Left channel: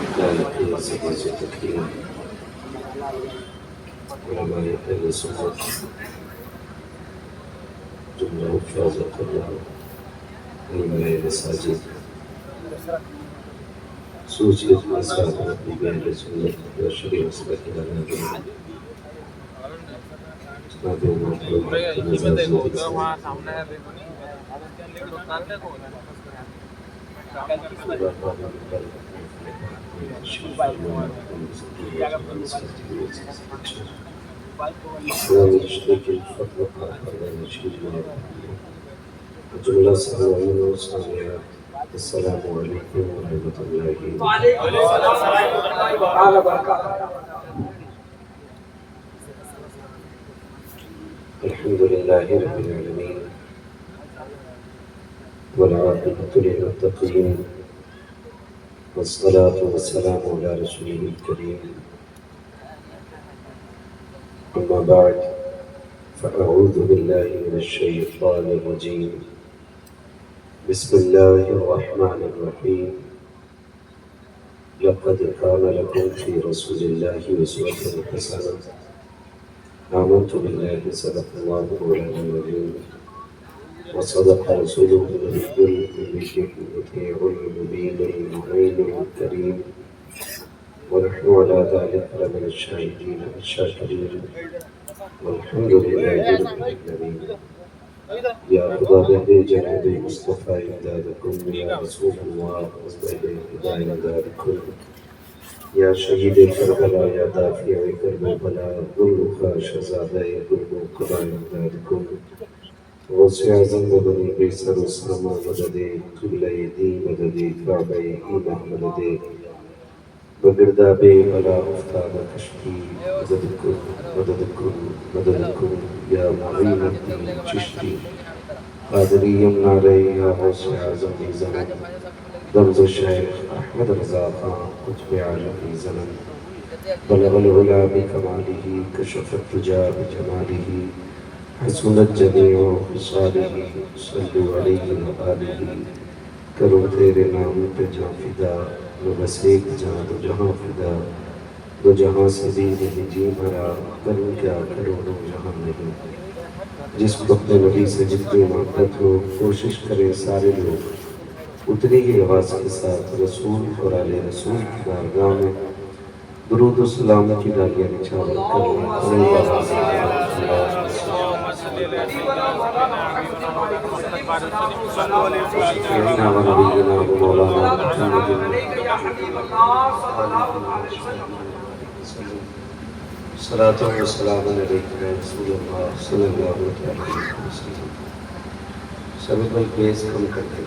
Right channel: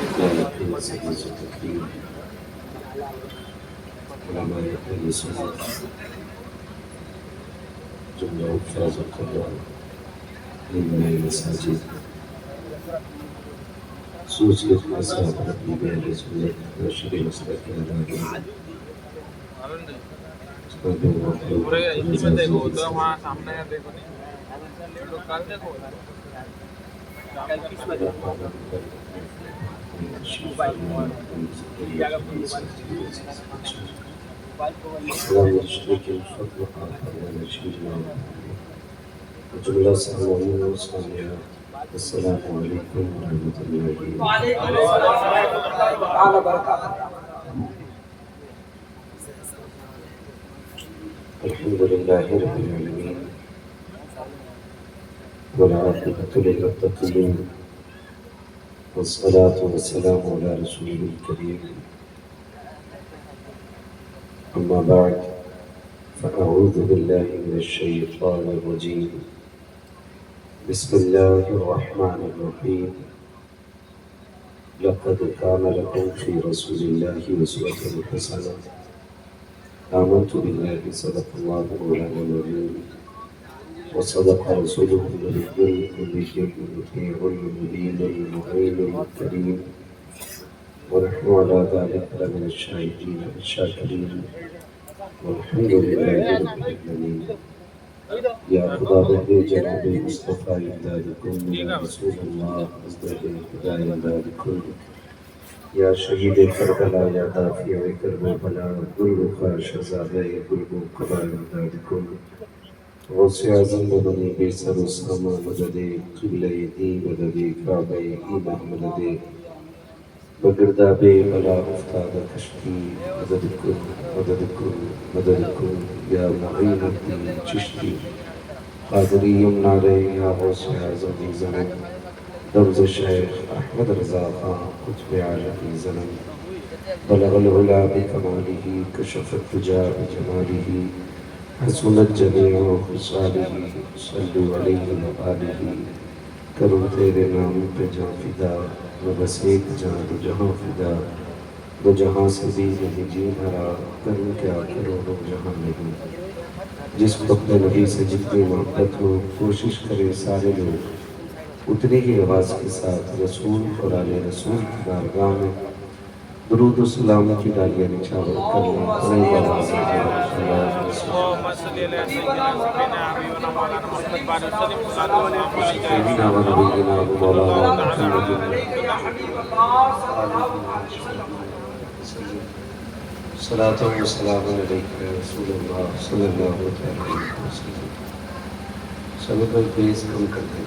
علامت سے تقریر علماء اہل سنت جملہ حفاظ قرآن علماء مساجد سوچ خاصہ اپنی اہل سنت و شریع مسئلہ کی علامات اسلامی رشتے کے فتح کا نشید میں جملہ سامعین و سامعات السلام علیکم ورحمۃ اللہ وبرکاتہ۔ الحمد للہ رب العالمین والعاقبۃ للمتقین والصلاة والسلام علی رسول الکریم اما بعد فاعوذ باللہ من الشیطان الرجیم بسم اللہ الرحمن الرحیم لقد كان لكم في رسول الله أسوة حسنة آمنت بالله صدق الله مولانا العظيم وصدق رسوله النبي الأمي المطيع المبين المعين الكريم ونحن على ذلك لمن الشاهدين الشاكرين والحمد لله رب العالمين۔ یا خدا بہر جناب مصطفیٰ امدادکم یا رسول اللہ ازدہ امدادکم یا شہید کربلا یا دافع کرب و بلا گلرخا شہزادہ گلب و قبا امدادکم غوث اعظم مدد بے سر و سامہ مدد قبلہ دی مدد کعبہ ایمان مدد بگرداب بلا افتاد کشتی مددکم یا معین الدین چشتی قادری یمن علیہ یا غوث اعظم زمن رمز شیخ احمد رضا خان قطب عالمی زمن بلغ العلا بکمالہ کشف الدجا بجمالہ حسنت جمیع خصالہ صلو علیہ وآلہ کرو تیرے نام پہ جاں فدا وہ بس ایک جہاں دو جہاں فدا دو جہاں سے بھی نہیں جی بھرا کروں کیا کرو دو جہاں نہیں۔ جس کو اپنے نبی سے جتنی محبت ہو کوشش کرے سارے لوگ اتنی ہی آواز کے ساتھ رسول اور آل رسول کی بارگاہ میں درود و سلام کی ڈالیاں نچھاور صلاۃ و سلام علیکم رسول اللہ صلی اللہ علیہ وسلم۔ سب کوئی بیس کم کر کے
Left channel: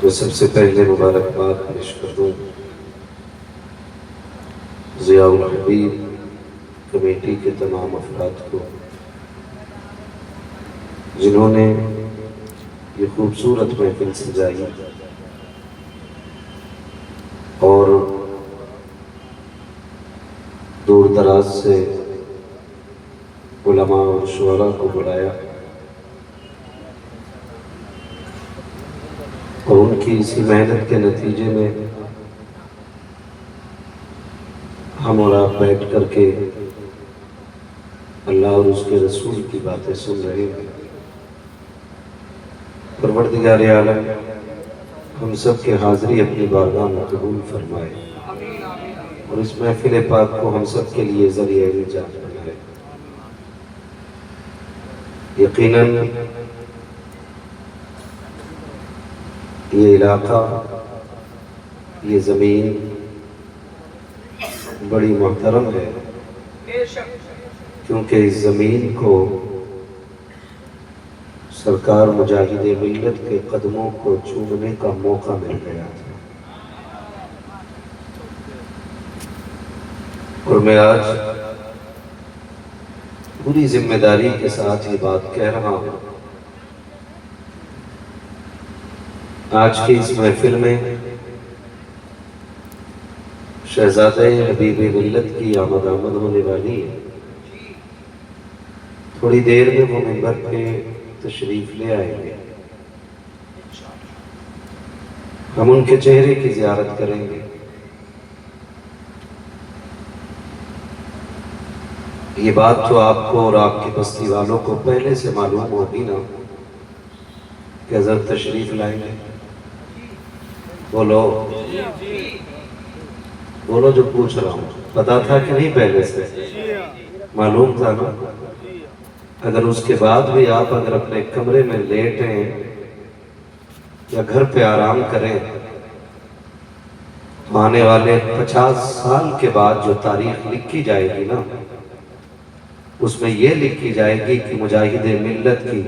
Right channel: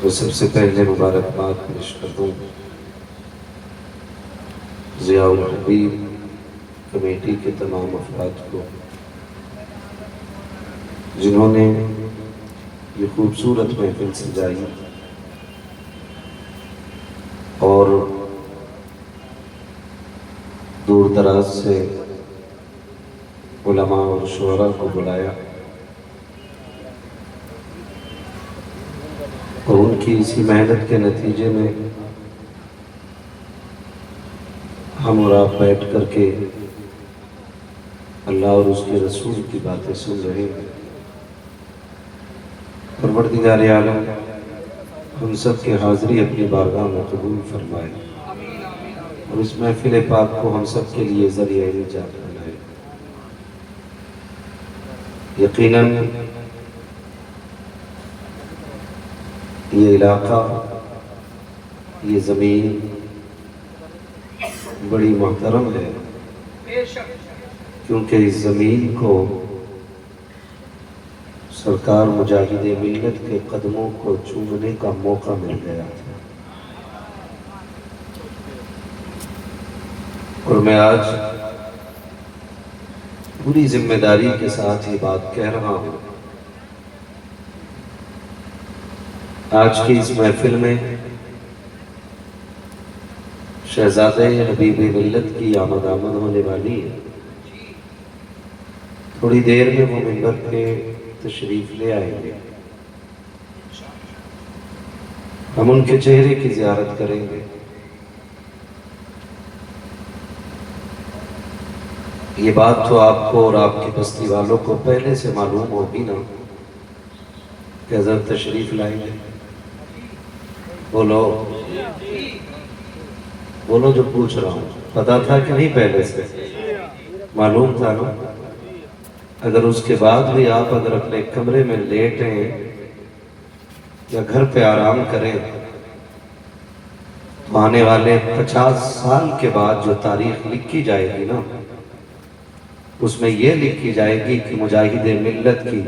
تو سب سے پہلے مبارکباد پیش کروں ضیاء الحبیب کمیٹی کے تمام افراد کو جنہوں نے یہ خوبصورت محفل سجائی اور دور دراز سے علماء اور شعراء کو بلایا اور ان کی اسی محنت کے نتیجے میں ہم اور آپ بیٹھ کر کے اللہ اور اس کے رسول کی باتیں سن رہے ہیں۔ پروردگار عالم ہم سب کے حاضری اپنی بارگاہ میں قبول فرمائے اور اس محفل پاک کو ہم سب کے لیے ذریعہ نجات بنائے۔ یقیناً یہ علاقہ، یہ زمین بڑی محترم ہے کیونکہ اس زمین کو سرکار مجاہد ملت کے قدموں کو چومنے کا موقع مل گیا تھا۔ اور میں آج پوری ذمہ داری کے ساتھ یہ بات کہہ رہا ہوں۔ آج کی اس محفل میں شہزادہ حبیب ملت کی آمد ہونے والی ہے۔ تھوڑی دیر میں وہ منبر پہ تشریف لے آئیں گے۔ ہم ان کے چہرے کی زیارت کریں گے۔ یہ بات تو آپ کو اور آپ کی بستی والوں کو پہلے سے معلوم ہوگی نا کہ حضرت تشریف لائیں گے۔ بولو بولو جو پوچھ رہا ہوں، پتا تھا کہ نہیں؟ پہلے سے معلوم تھا نا؟ اگر اس کے بعد بھی آپ اگر اپنے کمرے میں لیٹیں یا گھر پہ آرام کریں تو آنے والے 50 سال کے بعد جو تاریخ لکھی جائے گی نا، اس میں یہ لکھی جائے گی کہ مجاہد ملت کی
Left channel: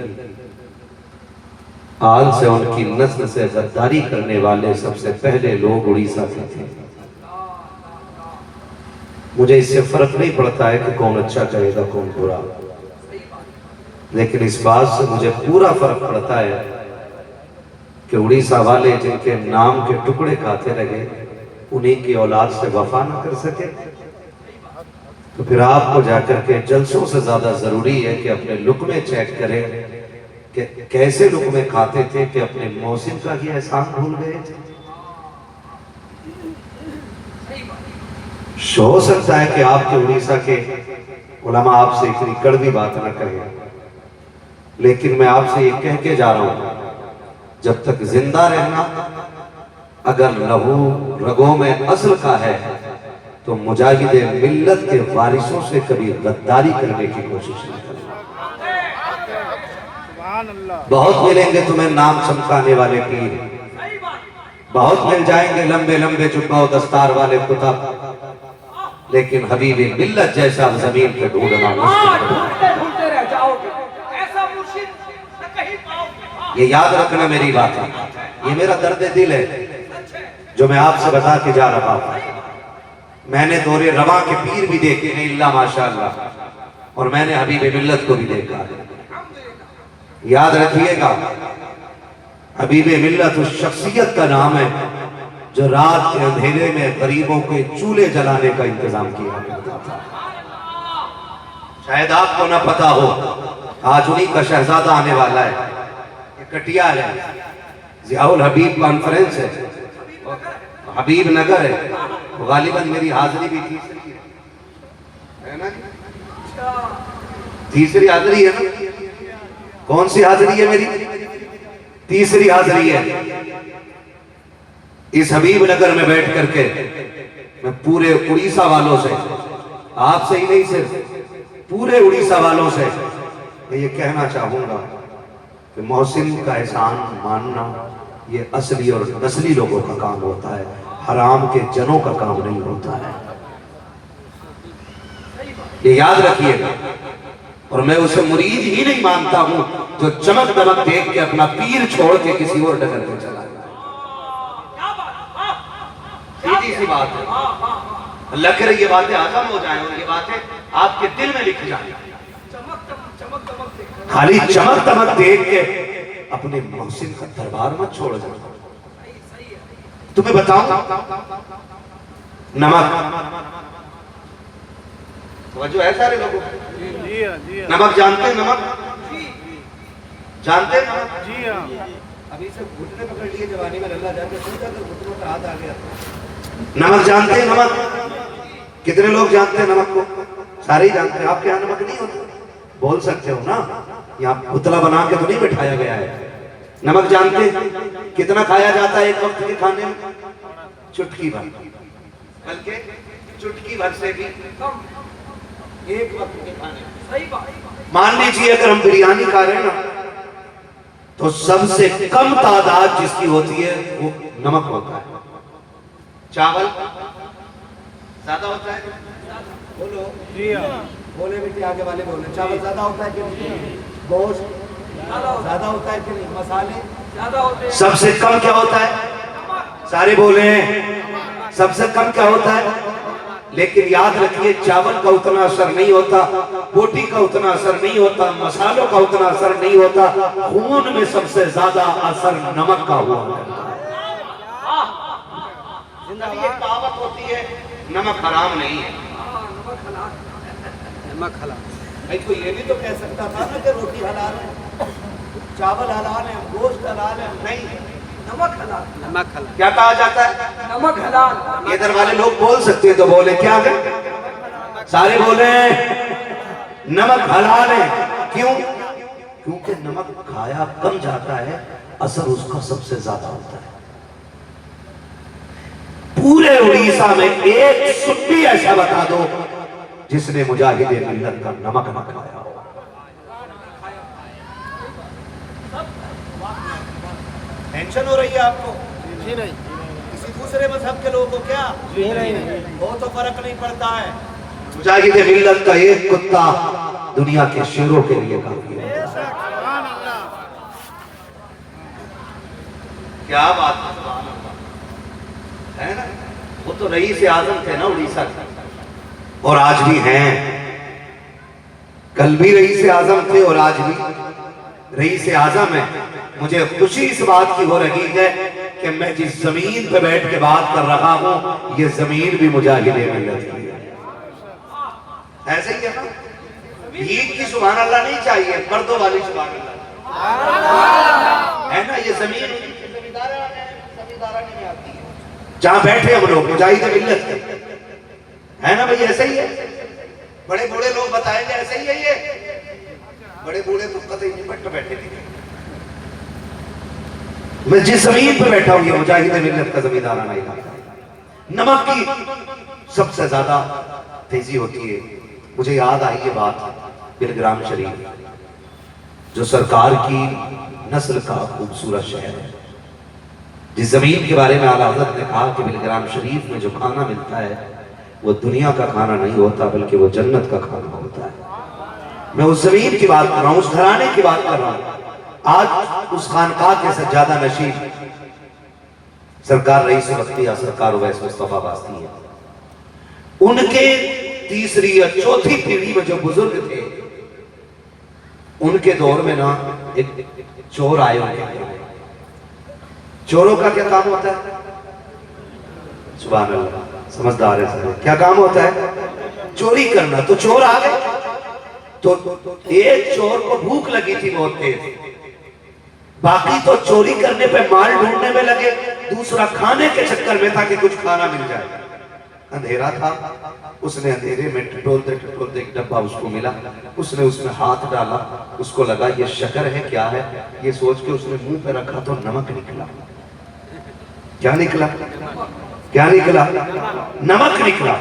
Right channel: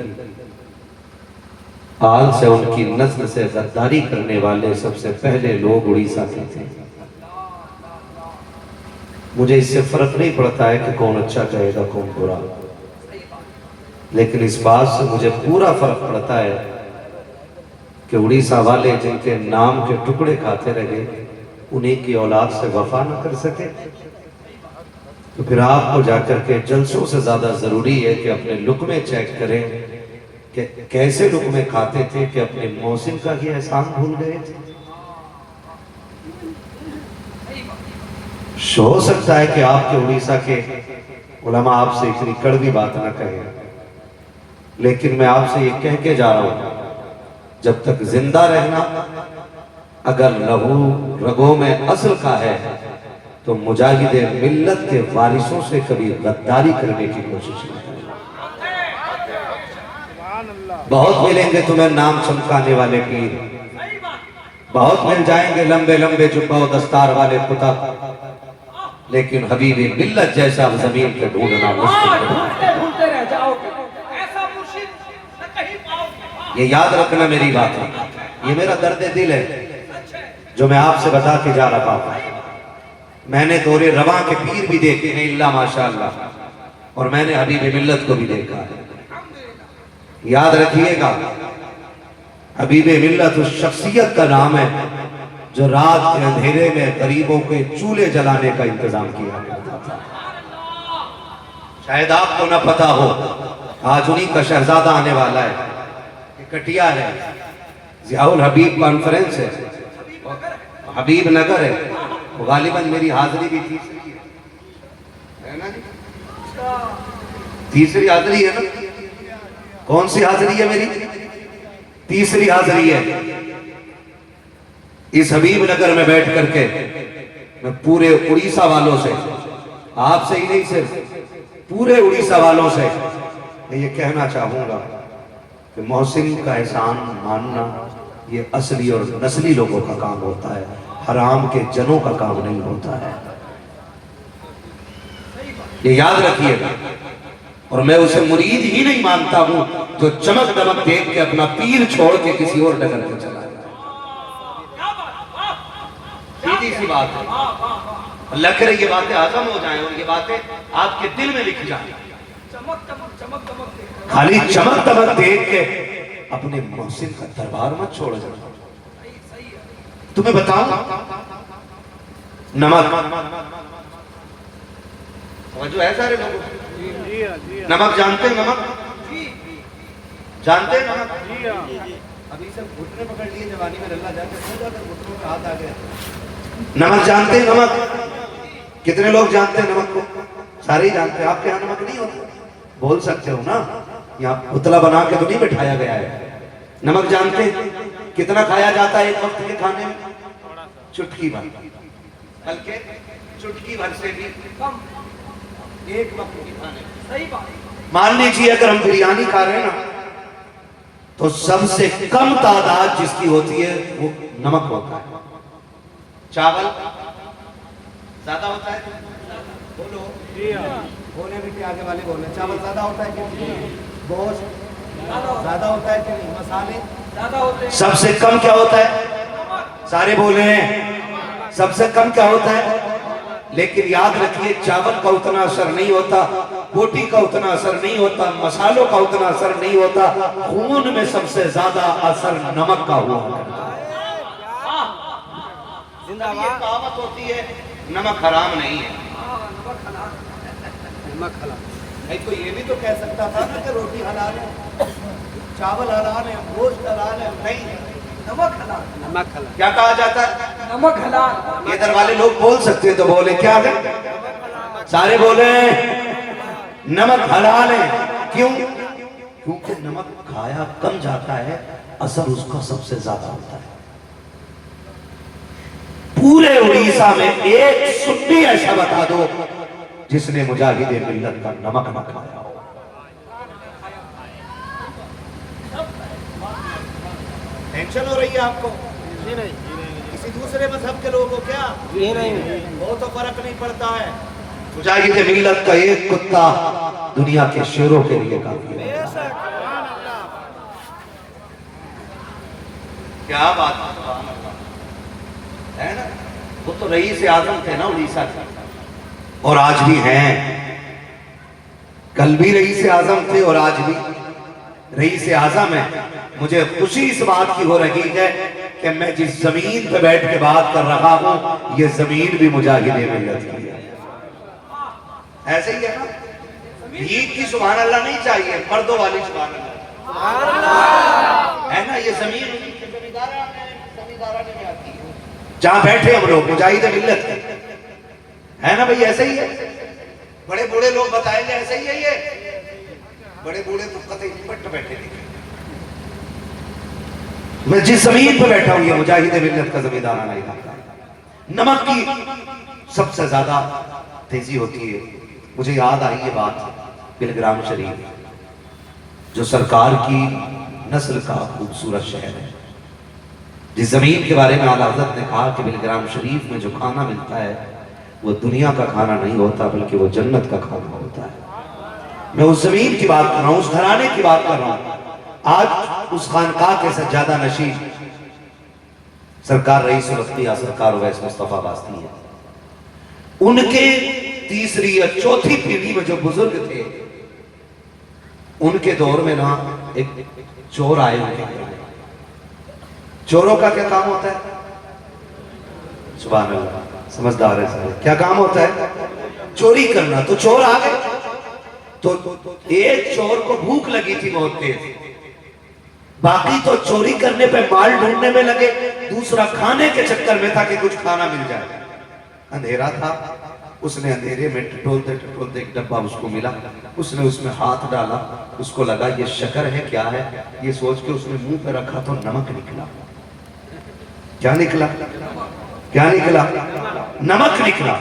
آل سے ان کی نسل سے غداری کرنے والے سب سے پہلے لوگ اڑیسہ کے تھے۔ مجھے اس سے فرق نہیں پڑتا ہے کہ کون اچھا کہے گا کون برا، لیکن اس بات سے مجھے پورا فرق پڑتا ہے کہ اڑیسہ والے جن کے نام کے ٹکڑے کھاتے رہے انہیں کی اولاد سے وفا نہ کر سکے، تو پھر آپ کو جا کر کے جلسوں سے زیادہ ضروری ہے کہ اپنے لقمے چیک کریں کہ کیسے لقمے کھاتے تھے کہ اپنے موسم کا ہی احسان بھول گئے تھے۔ ہو سکتا ہے کہ آپ کے اڑیسہ کے علماء آپ سے اتنی کڑوی بات نہ کہیں، لیکن میں آپ سے یہ کہہ کے جا رہا ہوں، جب تک زندہ رہنا اگر لہو رگوں میں اصل کا ہے تو مجاہد ملت کے وارثوں سے کبھی غداری کرنے کی کوشش نہیں کرنا۔ بہت ملیں گے تمہیں نام چمکانے والے پیر، بہت مل جائیں گے لمبے لمبے جبہ و دستار والے کتب، لیکن حبیب ملت جیسا زمین پہ ڈھونڈنا مشکل ہے۔ یہ یاد رکھنا میری بات ہے، یہ میرا درد دل ہے جو میں آپ سے بتا کے جا رہا ہوں۔ میں نے دور رواں کے پیر بھی دیکھے ہیں اللہ ماشاءاللہ، اور میں نے حبیب ملت کو بھی دیکھا ہے۔ یاد رکھیے گا، حبیب ملت اس شخصیت کا نام ہے جو رات کے اندھیرے میں غریبوں کے چولہے جلانے کا انتظام کیا کرتا تھا۔ شاید آپ کو نہ پتا ہو، آج انہی کا شہزادہ آنے والا ہے، یہ کٹیار ہے، ضیاء الحبیب کانفرنس ہے، حبیب نگر ہے، غالباً میری حاضری بھی تیسری ہے نا؟ تیسری حاضری ہے نا؟ کون سی حاضری ہے میری؟ تیسری حاضری ہے۔ اس حبیب نگر میں بیٹھ کر کے میں پورے اڑیسہ والوں سے، آپ سے ہی نہیں صرف پورے اڑیسہ والوں سے میں یہ کہنا چاہوں گا کہ محسن کا احسان ماننا یہ اصلی اور نسلی لوگوں کا کام ہوتا ہے، حرام کے جنوں کا کام نہیں ہوتا ہے۔ یہ یاد رکھیے گا، اور میں اسے مرید ہی نہیں مانتا ہوں جو چمک دمک دیکھ کے اپنا پیر چھوڑ کے کسی اور ڈگر پہ چلا جائے۔ سیدھی سی بات ہے، اللہ کرے یہ باتیں آزم ہو جائیں اور یہ باتیں آپ کے دل میں لکھ جائیں۔ خالی چمک دمک دیکھ کے اپنے محسن کا دربار مت چھوڑ جائیں۔ تمہیں بتاؤں نمک، سمجھو ہے سارے لوگوں، نمک جانتے ہیں؟ نمک جانتے ہیں؟ نمک ابھی سب گھٹنے پکڑ لیے جوانی میں، اللہ جاتے سو جا کر گھٹنوں پہ ہاتھ آ گیا۔ نمک جانتے ہیں؟ نمک کتنے لوگ جانتے ہیں نمک کو؟ سارے ہی جانتے ہیں۔ آپ کے یہاں نمک نہیں ہوتا؟ بول سکتے ہو نا، یہاں پتلا بنا کے تو نہیں بٹھایا گیا ہے۔ نمک جانتے ہیں؟ کتنا کھایا جاتا ہے ایک وقت کے کھانے میں؟ چٹکی بھر، بلکہ چٹکی بھر سے بھی کم ایک وقت کے کھانے میں۔ مان لیجیے اگر ہم بریانی کھا رہے ہیں نا تو سب سے کم تعداد جس کی ہوتی ہے وہ نمک ہوتا ہے۔ چاول زیادہ ہوتا ہے؟ بولو بولے بیٹے، آگے والے بولے، چاول زیادہ ہوتا ہے کہ نہیں؟ گوشت زیادہ ہوتا ہے کہ نہیں؟ مسالے زیادہ ہوتے ہیں؟ سب سے کم کیا ہوتا ہے؟ سارے بولے ہیں، سب سے کم کیا ہوتا ہے؟ لیکن یاد رکھیے چاول کا اتنا اثر نہیں ہوتا، بوٹی کا اتنا اثر نہیں ہوتا، مسالوں کا اتنا اثر نہیں ہوتا، خون میں سب سے زیادہ اثر نمک کا ہوا ہے۔ زندگی یہ کہاوت ہوتی ہے نمک حرام نہیں ہے، نمک حلال۔ بھائی کوئی یہ بھی تو کہہ سکتا تھا نا کہ روٹی حلال ہے، چاول حلال ہے، گوشت حلال ہے، نہیں، نمک حلال کیا کہا جاتا ہے؟ نمک حلال ادھر والے لوگ بول سکتے ہیں تو بولے کیا ہے؟ سارے بولے نمک حلال ہے. کیوں؟ کیونکہ نمک کھایا کم جاتا ہے، اثر اس کا سب سے زیادہ ہوتا ہے. پورے اڑیسہ میں ایک سنی ایسا بتا دو جس نے مجاہد ملت کا نمک نہ کھایا ہو. ٹینشن ہو رہی ہے آپ کو؟ جی نہیں کسی دوسرے مذہب کے لوگوں کو کیا؟ جی نہیں وہ تو فرق نہیں پڑتا ہے. مجاہد ملت کا ایک کتا دنیا کے شیروں کے لیے کافی ہے. کیا بات ہے نا؟ وہ تو رئیس اعظم تھے نا اڑیسہ کے، اور آج بھی ہیں. کل بھی رئیس اعظم تھے اور آج بھی رئیس اعظم ہیں. مجھے خوشی اس بات کی ہو رہی ہے کہ میں جس زمین پہ بیٹھ کے بات کر رہا ہوں یہ زمین بھی مجاہد ملت کی ہے. ایسے ہی ہے نا؟ بھیک کی سبحان اللہ نہیں چاہیے، مردوں والی سبحان اللہ ہے نا. یہ زمین زمیندارانہ میں آتی ہے. جہاں بیٹھے ہم لوگ مجاہد ملت ہے نا بھائی. ایسے ہی ہے. بڑے بوڑھے لوگ بتائیں گے ایسے ہی ہے. یہ بڑے بوڑھے تو قطعی نہیں بٹ بیٹھے نہیں. میں جس زمین پہ بیٹھا ہوں یہ مجاہد ملت کا زمیندارانہ علاقہ ہے. نمک کی سب سے زیادہ تیزی ہوتی ہے. مجھے یاد آئی یہ بات بلگرام شریف جو سرکار کی نسل کا خوبصورت شہر ہے. جس زمین کے بارے میں اعلیٰ حضرت نے کہا کہ بلگرام شریف میں جو کھانا ملتا ہے وہ دنیا کا کھانا نہیں ہوتا بلکہ وہ جنت کا کھانا ہوتا ہے. میں اس زمین کی بات کر رہا ہوں، اس گھرانے کی بات کر رہا ہوں. آج اس خانقاہ کے سجادہ نشین سرکار رئیس الانبیاء سرکار اویس مصطفیٰ باستی ہیں. ان کے تیسری یا چوتھی پیڑھی میں جو بزرگ تھے ان کے دور میں نا ایک چور آئے ان کے گھر. چوروں کا کیا کام ہوتا ہے؟ سبحان اللہ، سمجھدار ہے. کیا کام ہوتا ہے؟ چوری کرنا. تو چور آ گئے تو ایک چور کو بھوک لگی تھی بہت تیز، باقی تو چوری کرنے پہ مال ڈھونڈنے میں لگے، دوسرا کھانے کے چکر میں تھا کہ کچھ کھانا مل جائے. اندھیرا تھا، اس نے اندھیرے میں ٹٹولتے ایک ڈبہ اس کو ملا. اس نے اس میں ہاتھ ڈالا، اس کو لگا یہ شکر ہے کیا ہے، یہ سوچ کے اس نے منہ پہ رکھا تو نمک نکلا. کیا نکلا؟ کیا نکلا؟ نمک نکلا.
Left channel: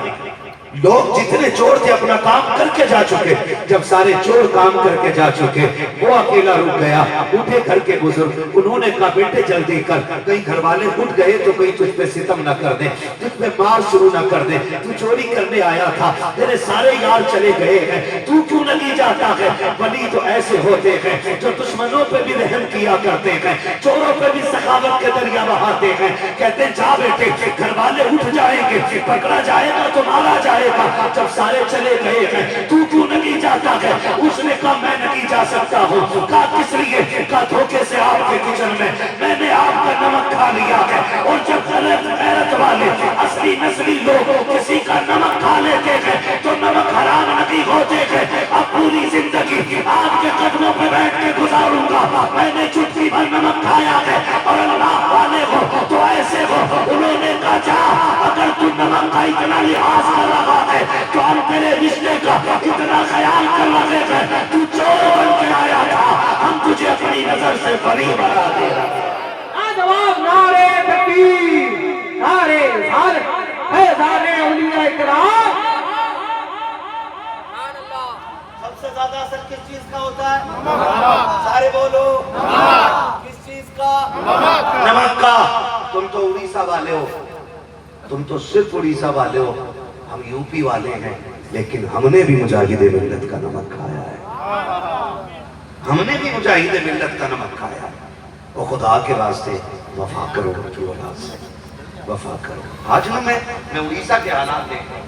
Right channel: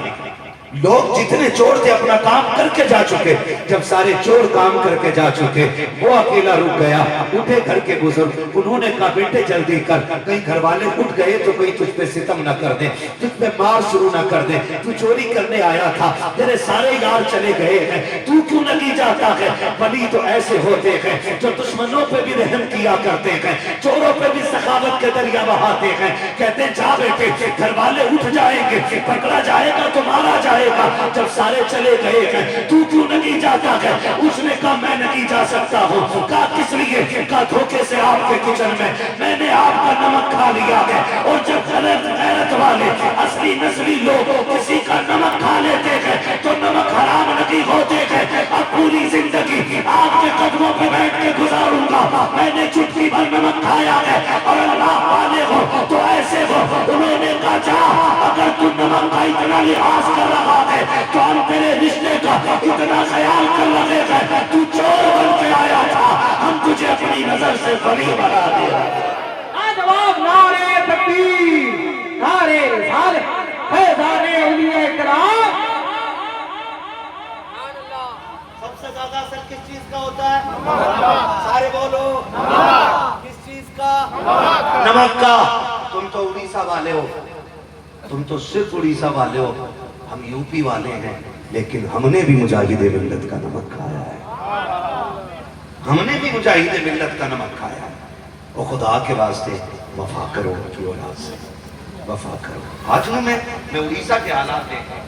لوگ جتنے چور تھے اپنا کام کر کے جا چکے. جب سارے چور کام کر کے جا چکے وہ اکیلا رک گیا. اٹھے گھر کے بزرگ، انہوں نے کہا بیٹے جلدی کر، کہیں گھر والے اٹھ گئے تو کہیں تجھ پہ ستم نہ کر دیں، تجھ پہ مار شروع نہ کر دیں. تو چوری کرنے آیا تھا، تیرے سارے یار چلے گئے ہیں، تو کیوں نہیں جاتا ہے؟ ولی تو ایسے ہوتے ہیں جو دشمنوں پہ بھی رحم کیا کرتے ہیں، چوروں پہ بھی سخاوت کے دریا بہاتے ہیں. کہتے ہیں جا بیٹے، گھر والے اٹھ جائیں گے، پکڑا جائے گا تو مارا جائے گا. جب سارے چلے گئے ہیں تو کیوں نہیں جاتا ہے؟ اس نے کہا میں نہیں جا سکتا ہوں. کہا کس لیے؟ کہا دھوکے سے آپ کے کچن میں نے آپ کا نمک کھا لیا ہے. اور جب غیرت والے اصلی نسلی لوگ کسی کا نمک کھا لیتے ہیں تو نمک حرام نہیں ہوتے ہیں. اب پوری زندگی آپ کے قدموں پہ بیٹھ کے گزاروں گا. میں نے چٹکی بھر نمک کھایا ہے اور اللہ والے ہو تو ایسے ہو. انہوں نے کہا جا، اگر تو نمک کا اتنا لحاظ کر رہا ہے تو ہم تیرے رشتے کا اتنا خیال کر رہے ہیں. تو چور بن کے آیا تھا، ہم تجھے اپنی نظر سے بری بنا دے. جواب نعرے تکبیر، نعرے رسالت، فیضان اولیاء کرام. سب سے زیادہ اثر کس چیز کا ہوتا ہے؟ سارے بولو کس چیز کا؟ نمک کا. تم تو اڑیسہ والے ہو، تم تو صرف اڑیسہ والے ہو، ہم یو پی والے ہیں، لیکن ہم نے بھی مجاہد ملت کا نمک کھایا ہے. ہم نے بھی مجاہد ملت کا نمک کھایا ہے. اور خدا کے واسطے وفا کرو ان کی اولاد سے، وفا کرو. آج میں اڑیسہ کے حالات دیکھ رہا ہوں،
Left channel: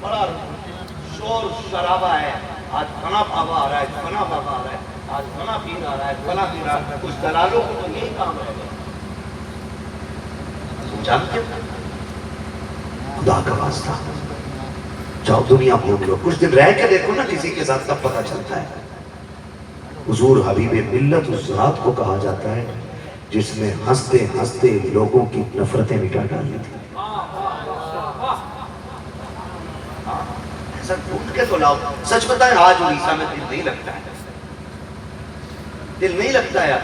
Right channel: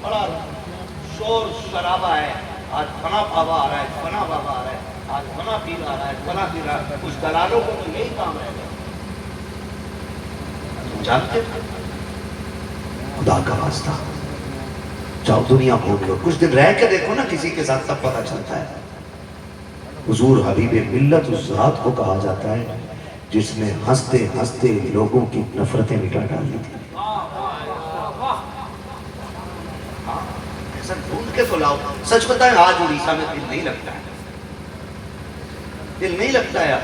بڑا شور شرابہ ہے. آج فنا بابا آ رہا ہے، فنا بابا آ رہا ہے، آج فنا پیر آ رہا ہے، فنا پیر آ رہا ہے. کچھ دلالوں کو تو یہی کام رہ گیا. تم جانتے ہو خدا کا واسطہ جاؤ دنیا بھول لو، کچھ دن رہ کے دیکھو نا کسی کے ساتھ، تب پتہ چلتا ہے. حضور حبیب ملت اس ذات کو کہا جاتا ہے جس نے ہنستے ہنستے لوگوں کی نفرتیں مٹا ڈالی تھی. ایسا ڈھونڈ کے تو لاؤ. سچ بتائیں آج اڑیسہ میں دل نہیں لگتا ہے, دل نہیں لگتا ہے.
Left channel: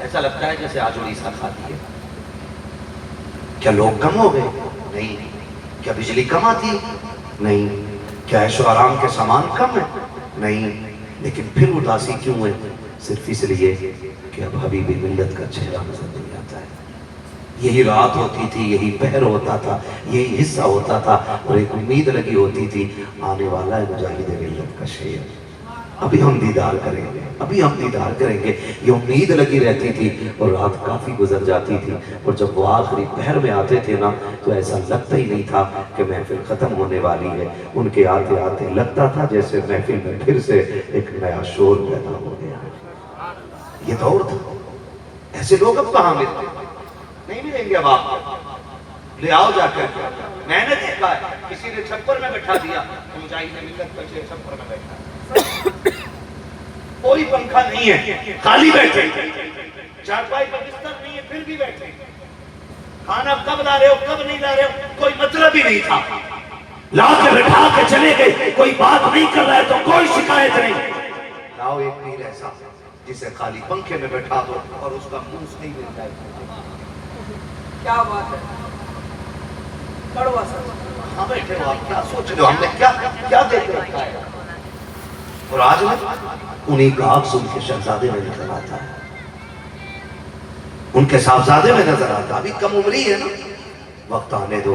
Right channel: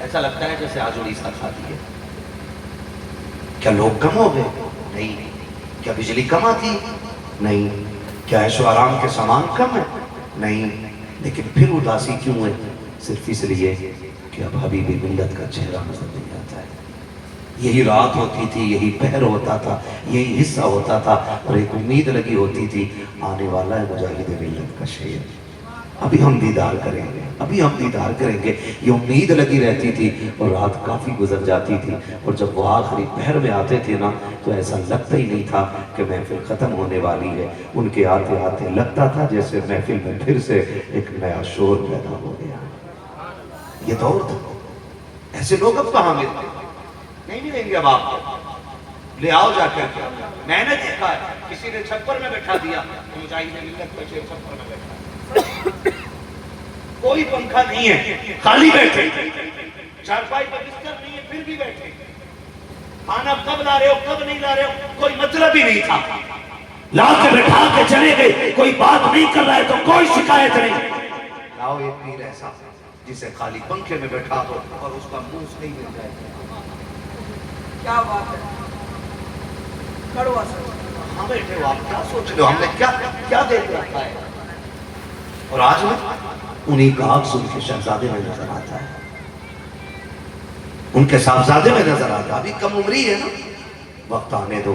ایسا لگتا ہے جیسے آج اڑیسہ کھاتی ہے. کیا لوگ کم ہو گئے؟ نہیں. کیا بجلی کم آتی؟ نہیں. کیا عیش و آرام کے سامان کم ہے؟ نہیں. لیکن پھر اداسی کیوں ہے؟ صرف اس لیے کہ اب حبیب ملت کا چہرہ نظر نہیں آتا ہے. یہی رات ہوتی تھی, یہی پہر ہوتا تھا, یہی حصہ ہوتا تھا, اور ایک امید لگی ہوتی تھی آنے والا ہے مجاہد ملت کا شیر, ابھی ہم دیدار کریں گے, ابھی ہم دیدار کریں گے. یہ امید لگی رہتی تھی اور رات کافی گزر جاتی تھی, اور جب وہ آخری پہر میں آتے تھے نا تو ایسا لگتا ہی نہیں تھا کہ محفل ختم ہونے والی ہے. ان کے آتے آتے لگتا تھا جیسے محفل میں پھر سے ایک نیا شور پیدا ہو گیا. یہ دور تھا. ایسے لوگ اب کہاں ملتے؟ نہیں ملیں گے اب. آپ لے آؤ جا کر. میں نے دیکھا ہے کسی نے چھپر میں بٹھا دیا, مجاہد ملت کا شیر چھپر میں بیٹھا, کوئی پنکھا نہیں ہے, خالی بیٹھے, چارپائی پر بستر نہیں ہے پھر بھی بیٹھے. کھانا کب لا رہے ہو کب نہیں لا رہے ہو کوئی مطلب ہی نہیں تھا. لا کے بٹھا کے چلے گئے, کوئی بات نہیں کر رہا ہے تو کوئی شکایت نہیں. لاؤ ایک پیر ایسا جسے خالی پنکھے میں بیٹھا دو اور اس کا منہ نہیں مل جائے. کیا بات ہے, کڑوا سر. ہاں بیٹھے ہو آپ, کیا سوچ رہے ہو, ہم نے کیا دیکھ رکھا ہے. اور آج میں انہیں کا عکس ان کے شہزادے میں نظر آتا ہے, ان کے صاحبزادے میں نظر آتا ہے. ابھی کم عمری ہے نا, وقت آنے دو.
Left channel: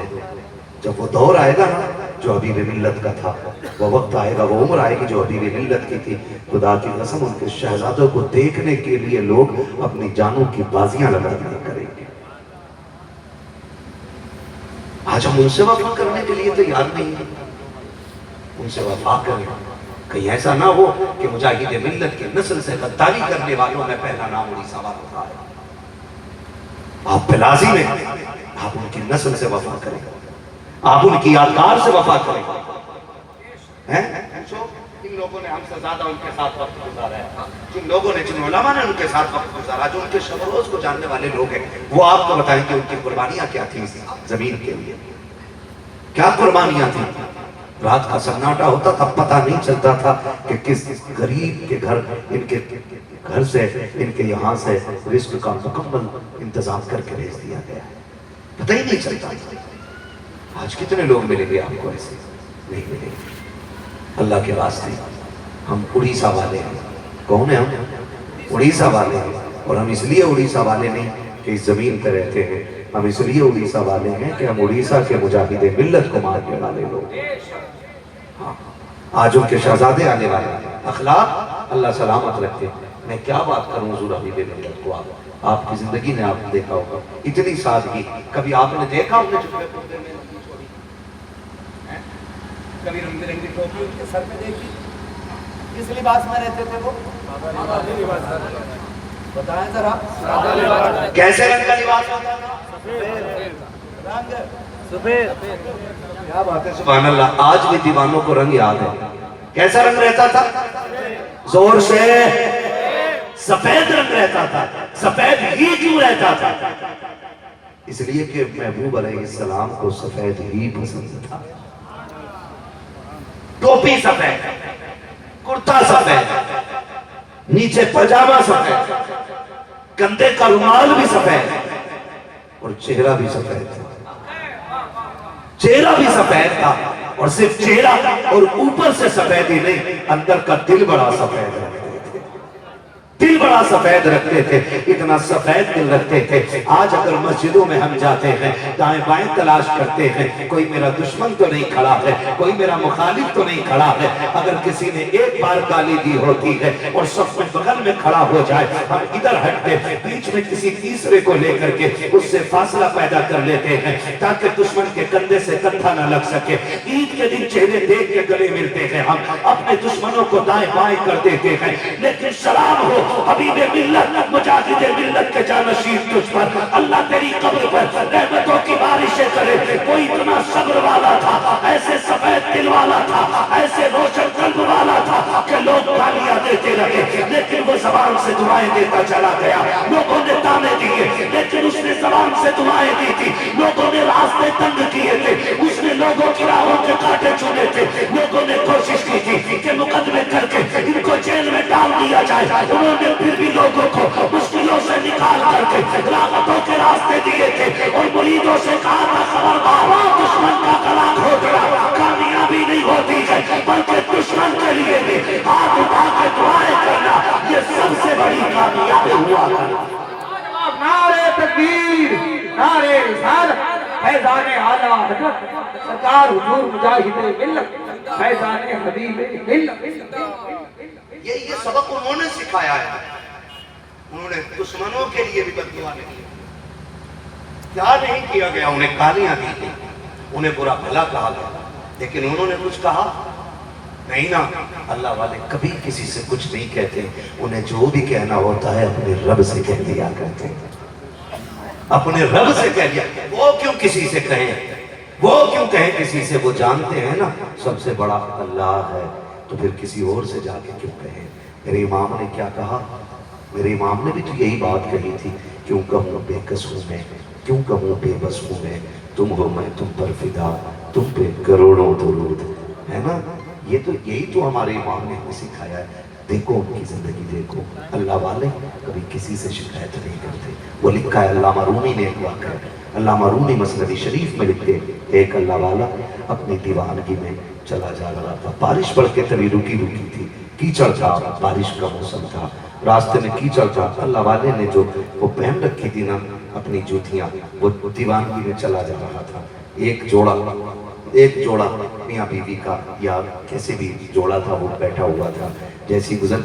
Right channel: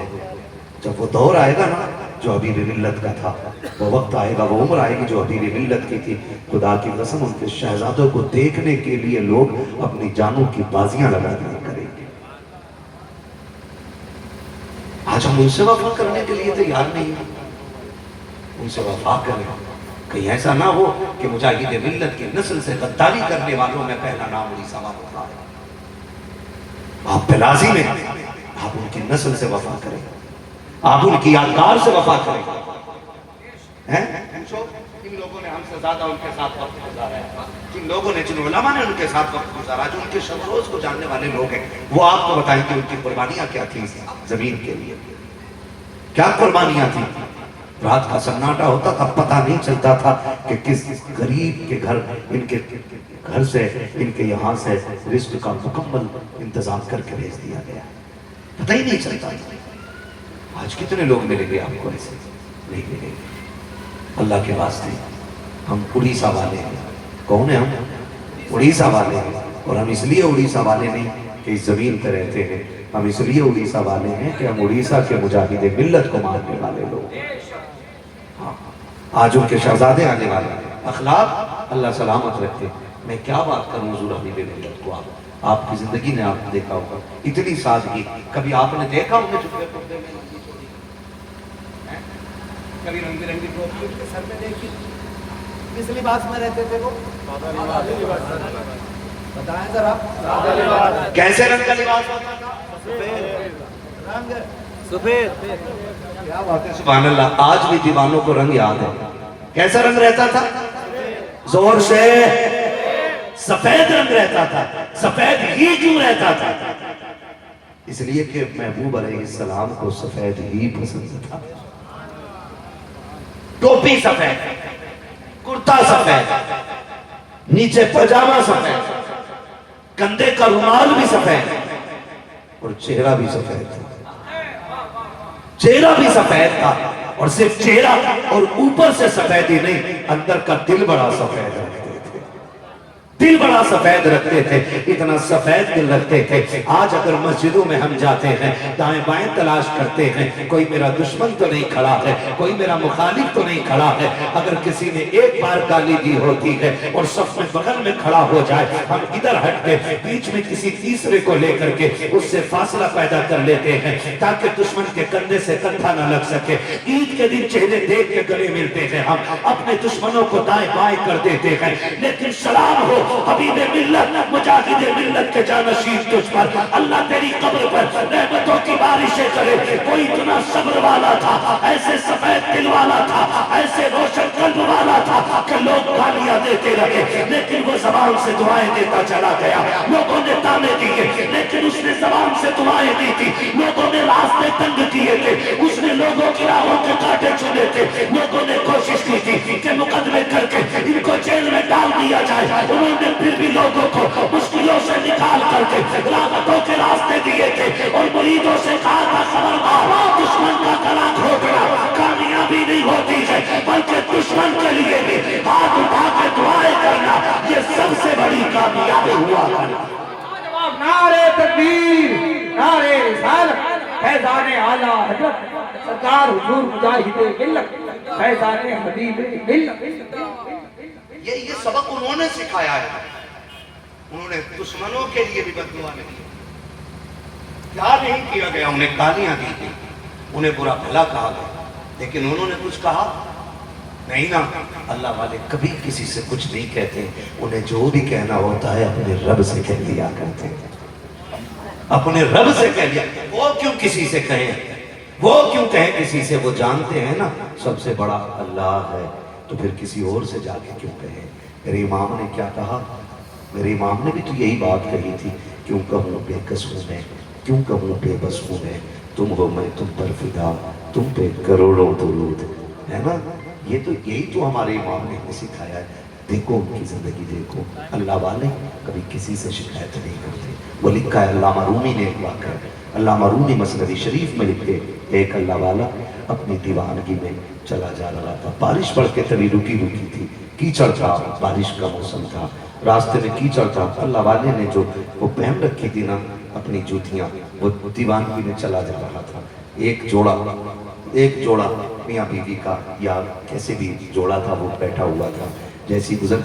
جب وہ دور آئے گا نا جو حبیب ملت کا تھا, وہ وقت آئے گا, وہ عمر آئے گی جو حبیب ملت کی تھی. خدا کی قسم ان کے شہزادوں کو دیکھنے کے لیے لوگ اپنی جانوں کی بازیاں لگا دیا کریں گے. آج ہم ان سے وفا کرنے کے لیے تیار نہیں ہیں. ان سے وفا کریں, کہیں ایسا نہ ہو کہ مجاہد ملت کی نسل سے غداری کرنے والوں میں پہلا نام اڑیسہ والا ہے. آپ پہ لازم ہے آپ ان کی نسل سے وفا کریں, آپ ان کی یادگار سے وفا کریں. جن لوگوں نے ہم سے زیادہ ان کے ساتھ وقت گزارا ہے, جن لوگوں نے, جن علماء نے ان کے ساتھ وقت گزارا, جو ان کے شب و روز کو جاننے والے لوگ ہیں, وہ آپ کو بتائیں کہ ان کی قربانیاں کیا تھیں زمین کے لیے. کیا قربانیاں تھیں. رات کا سناٹا ہوتا تھا, پتہ نہیں چلتا تھا کہ کس غریب کے گھر, ان کے گھر سے, ان کے یہاں سے رزق کا مکمل انتظام کر کے بھیج دیا گیا. پتہ ہی نہیں چلتا. آج کتنے لوگ ملیں گے آپ کو ایسے؟ نہیں ملیں گے. اللہ کے واسطے ہم اڑیسہ والے ہیں. کون ہیں ہم؟ اڑیسہ والے ہیں. اور ہم اس لیے اڑیسہ والے نہیں کہ اس زمین پہ رہتے ہیں, ہم اس لیے اڑیسہ والے ہیں کہ ہم اڑیسہ کے مجاہد ملت کو ماننے والے لوگ. آج ان کے شہزادے آنے والے ہیں. اخلاق اللہ سلامت رکھتے. میں کیا بات کروں حضور حبیب ملت کو. آپ کی زندگی میں آپ نے دیکھا ہوگا اتنی سادگی, کبھی آپ نے دیکھا انہیں چپے پردے میں لمبی چوڑی, کبھی رنگ برنگی ٹوپی ان کے سر میں دیکھی. کس لباس میں رہتے تھے وہ؟ بتائیں ذرا. کیسے رنگ کا لباس ہوتا تھا؟ رنگ سفید. کیا بات ہے, سبحان اللہ. آج بھی دیوانوں کو رنگ یاد ہے. کیسا رنگ رہتا تھا؟ زور سے سفید رنگ رہتا تھا. سفید ہی کیوں رہتا تھا؟ اس لیے کہ محبوب علیہ السلام کو سفید ہی پسند تھا. ٹوپی سفید, کرتا سفید, نیچے پاجامہ سفید, کندھے کا رومال بھی سفید, اور چہرہ بھی سفید تھا. چہرہ بھی سفید تھا, اور صرف چہرہ اور اوپر سے سفید ہی نہیں, اندر کا دل بڑا سفید رکھتے تھے. دل بڑا سفید رکھتے تھے. اتنا سفید دل رکھتے تھے. آج اگر مسجدوں میں ہم جاتے ہیں, دائیں بائیں تلاش کرتے ہیں, کوئی میرا دشمن تو نہیں کھڑا ہے, کوئی میرا مخالف تو نہیں کھڑا ہے. اگر کسی نے ایک بار گالی دی ہوتی ہے اور صف میں بغل میں کھڑا ہو جائے, ہم ادھر ہٹ کے بیچ میں کسی تیسرے کو لے کر کے اس سے فاصلہ پیدا کر لیتے ہیں تاکہ دشمن کے کندھے سے کندھا نہ لگ سکے. عید کے دن چہرے دیکھ کے گلے ملتے ہیں, ہم اپنے دشمنوں کو دائیں بائیں کر دیتے ہیں. لیکن سلام ہو حبیب ملت, مجاہد ملت کے جانشین تجھ پر, اللہ تیری قبر پر رحمتوں کی بارشیں کرے. کوئی اتنا صبر والا تھا, ایسے سفید دل والا تھا, ایسے روشن قلب والا تھا کہ لوگ گالیاں دیتے رہے لیکن وہ زبان سے دعائیں دیتا چلا گیا. لوگوں نے تانے دیے, تھے لیکن اس نے زبان سے دعائیں دی تھی. لوگوں نے راستے تنگ کیے تھے, اس نے لوگوں کی راہوں کے کانٹے چنے تھے. لوگوں نے کوشش کی تھی کہ مقدمے کر کے ان کو جیل میں ڈال دیا جائے. انہوں نے پھر بھی لوگوں کو مشکلوں سے نکال کر کے راحتوں کے راستے دیے تھے اور مریدوں سے کہا تھا خبردار, دشمن کا گلا گھونٹنا کامیابی نہیں ہوتی ہے بلکہ دشمن کے لیے بھی ہاتھ اٹھا کے دعائیں کرنا یہ سب سے بڑی کامیابی ہوا کرنا. نعرہ تکبیر, نعرہ رسالت, فیضان اعلیٰ حضرت سرکار حضور مجاہد ملت, فیضان حبیب ملت. یہ سبق انہوں نے سکھایا ہے. انہوں نے دشمنوں کے لیے بھی بد دعا نہیں کی. کیا نہیں کیا گیا, انہیں گالیاں دی گئی, انہیں برا بھلا کہا گیا, لیکن انہوں نے کچھ کہا نہیں نا. اللہ والے کبھی کسی سے کچھ نہیں کہتے, انہیں جو بھی کہنا ہوتا ہے اپنے رب سے کہہ دیا کرتے ہیں. اپنے رب سے کہہ دیا. وہ کیوں کسی سے کہیں, وہ کیوں کہیں کسی سے, وہ جانتے ہیں نا سب سے بڑا اللہ ہے, تو پھر کسی اور سے جا کے کیوں کہیں. میرے امام نے کیا کہا, میرے امام نے بھی تو یہی بات کہی تھی, کیوں کہوں بے کس ہوں میں, کیوں کہوں بے بس ہوں میں, تم ہو میں تم پر فدا, تم پہ کروڑوں درود. ہے نا, یہی تو ہمارے امام نے ہمیں سکھایا ہے. دیکھو ان کی زندگی دیکھو, اللہ والے کبھی کسی سے شکایت نہیں کرتے. وہ لکھا ہے علامہ رومی نے ایک واقعہ, علامہ رومی مثنوی شریف میں لکھتے, ایک اللہ والا اپنی دیوانگی میں چلا جا رہا تھا. بارش پڑھ کے تبھی رکی تھی, کیچڑ تھا, بارش کا موسم تھا, راستے میں کیچڑ تھا. اللہ والے نے جو وہ پہن رکھی تھی نا اپنی جوتیاں, وہ دیوانگی میں چلا جا رہا تھا. ایک جوڑا میاں بیوی کا یا کیسے بھی جوڑا تھا, وہ بیٹھا ہوا تھا. جیسی گزر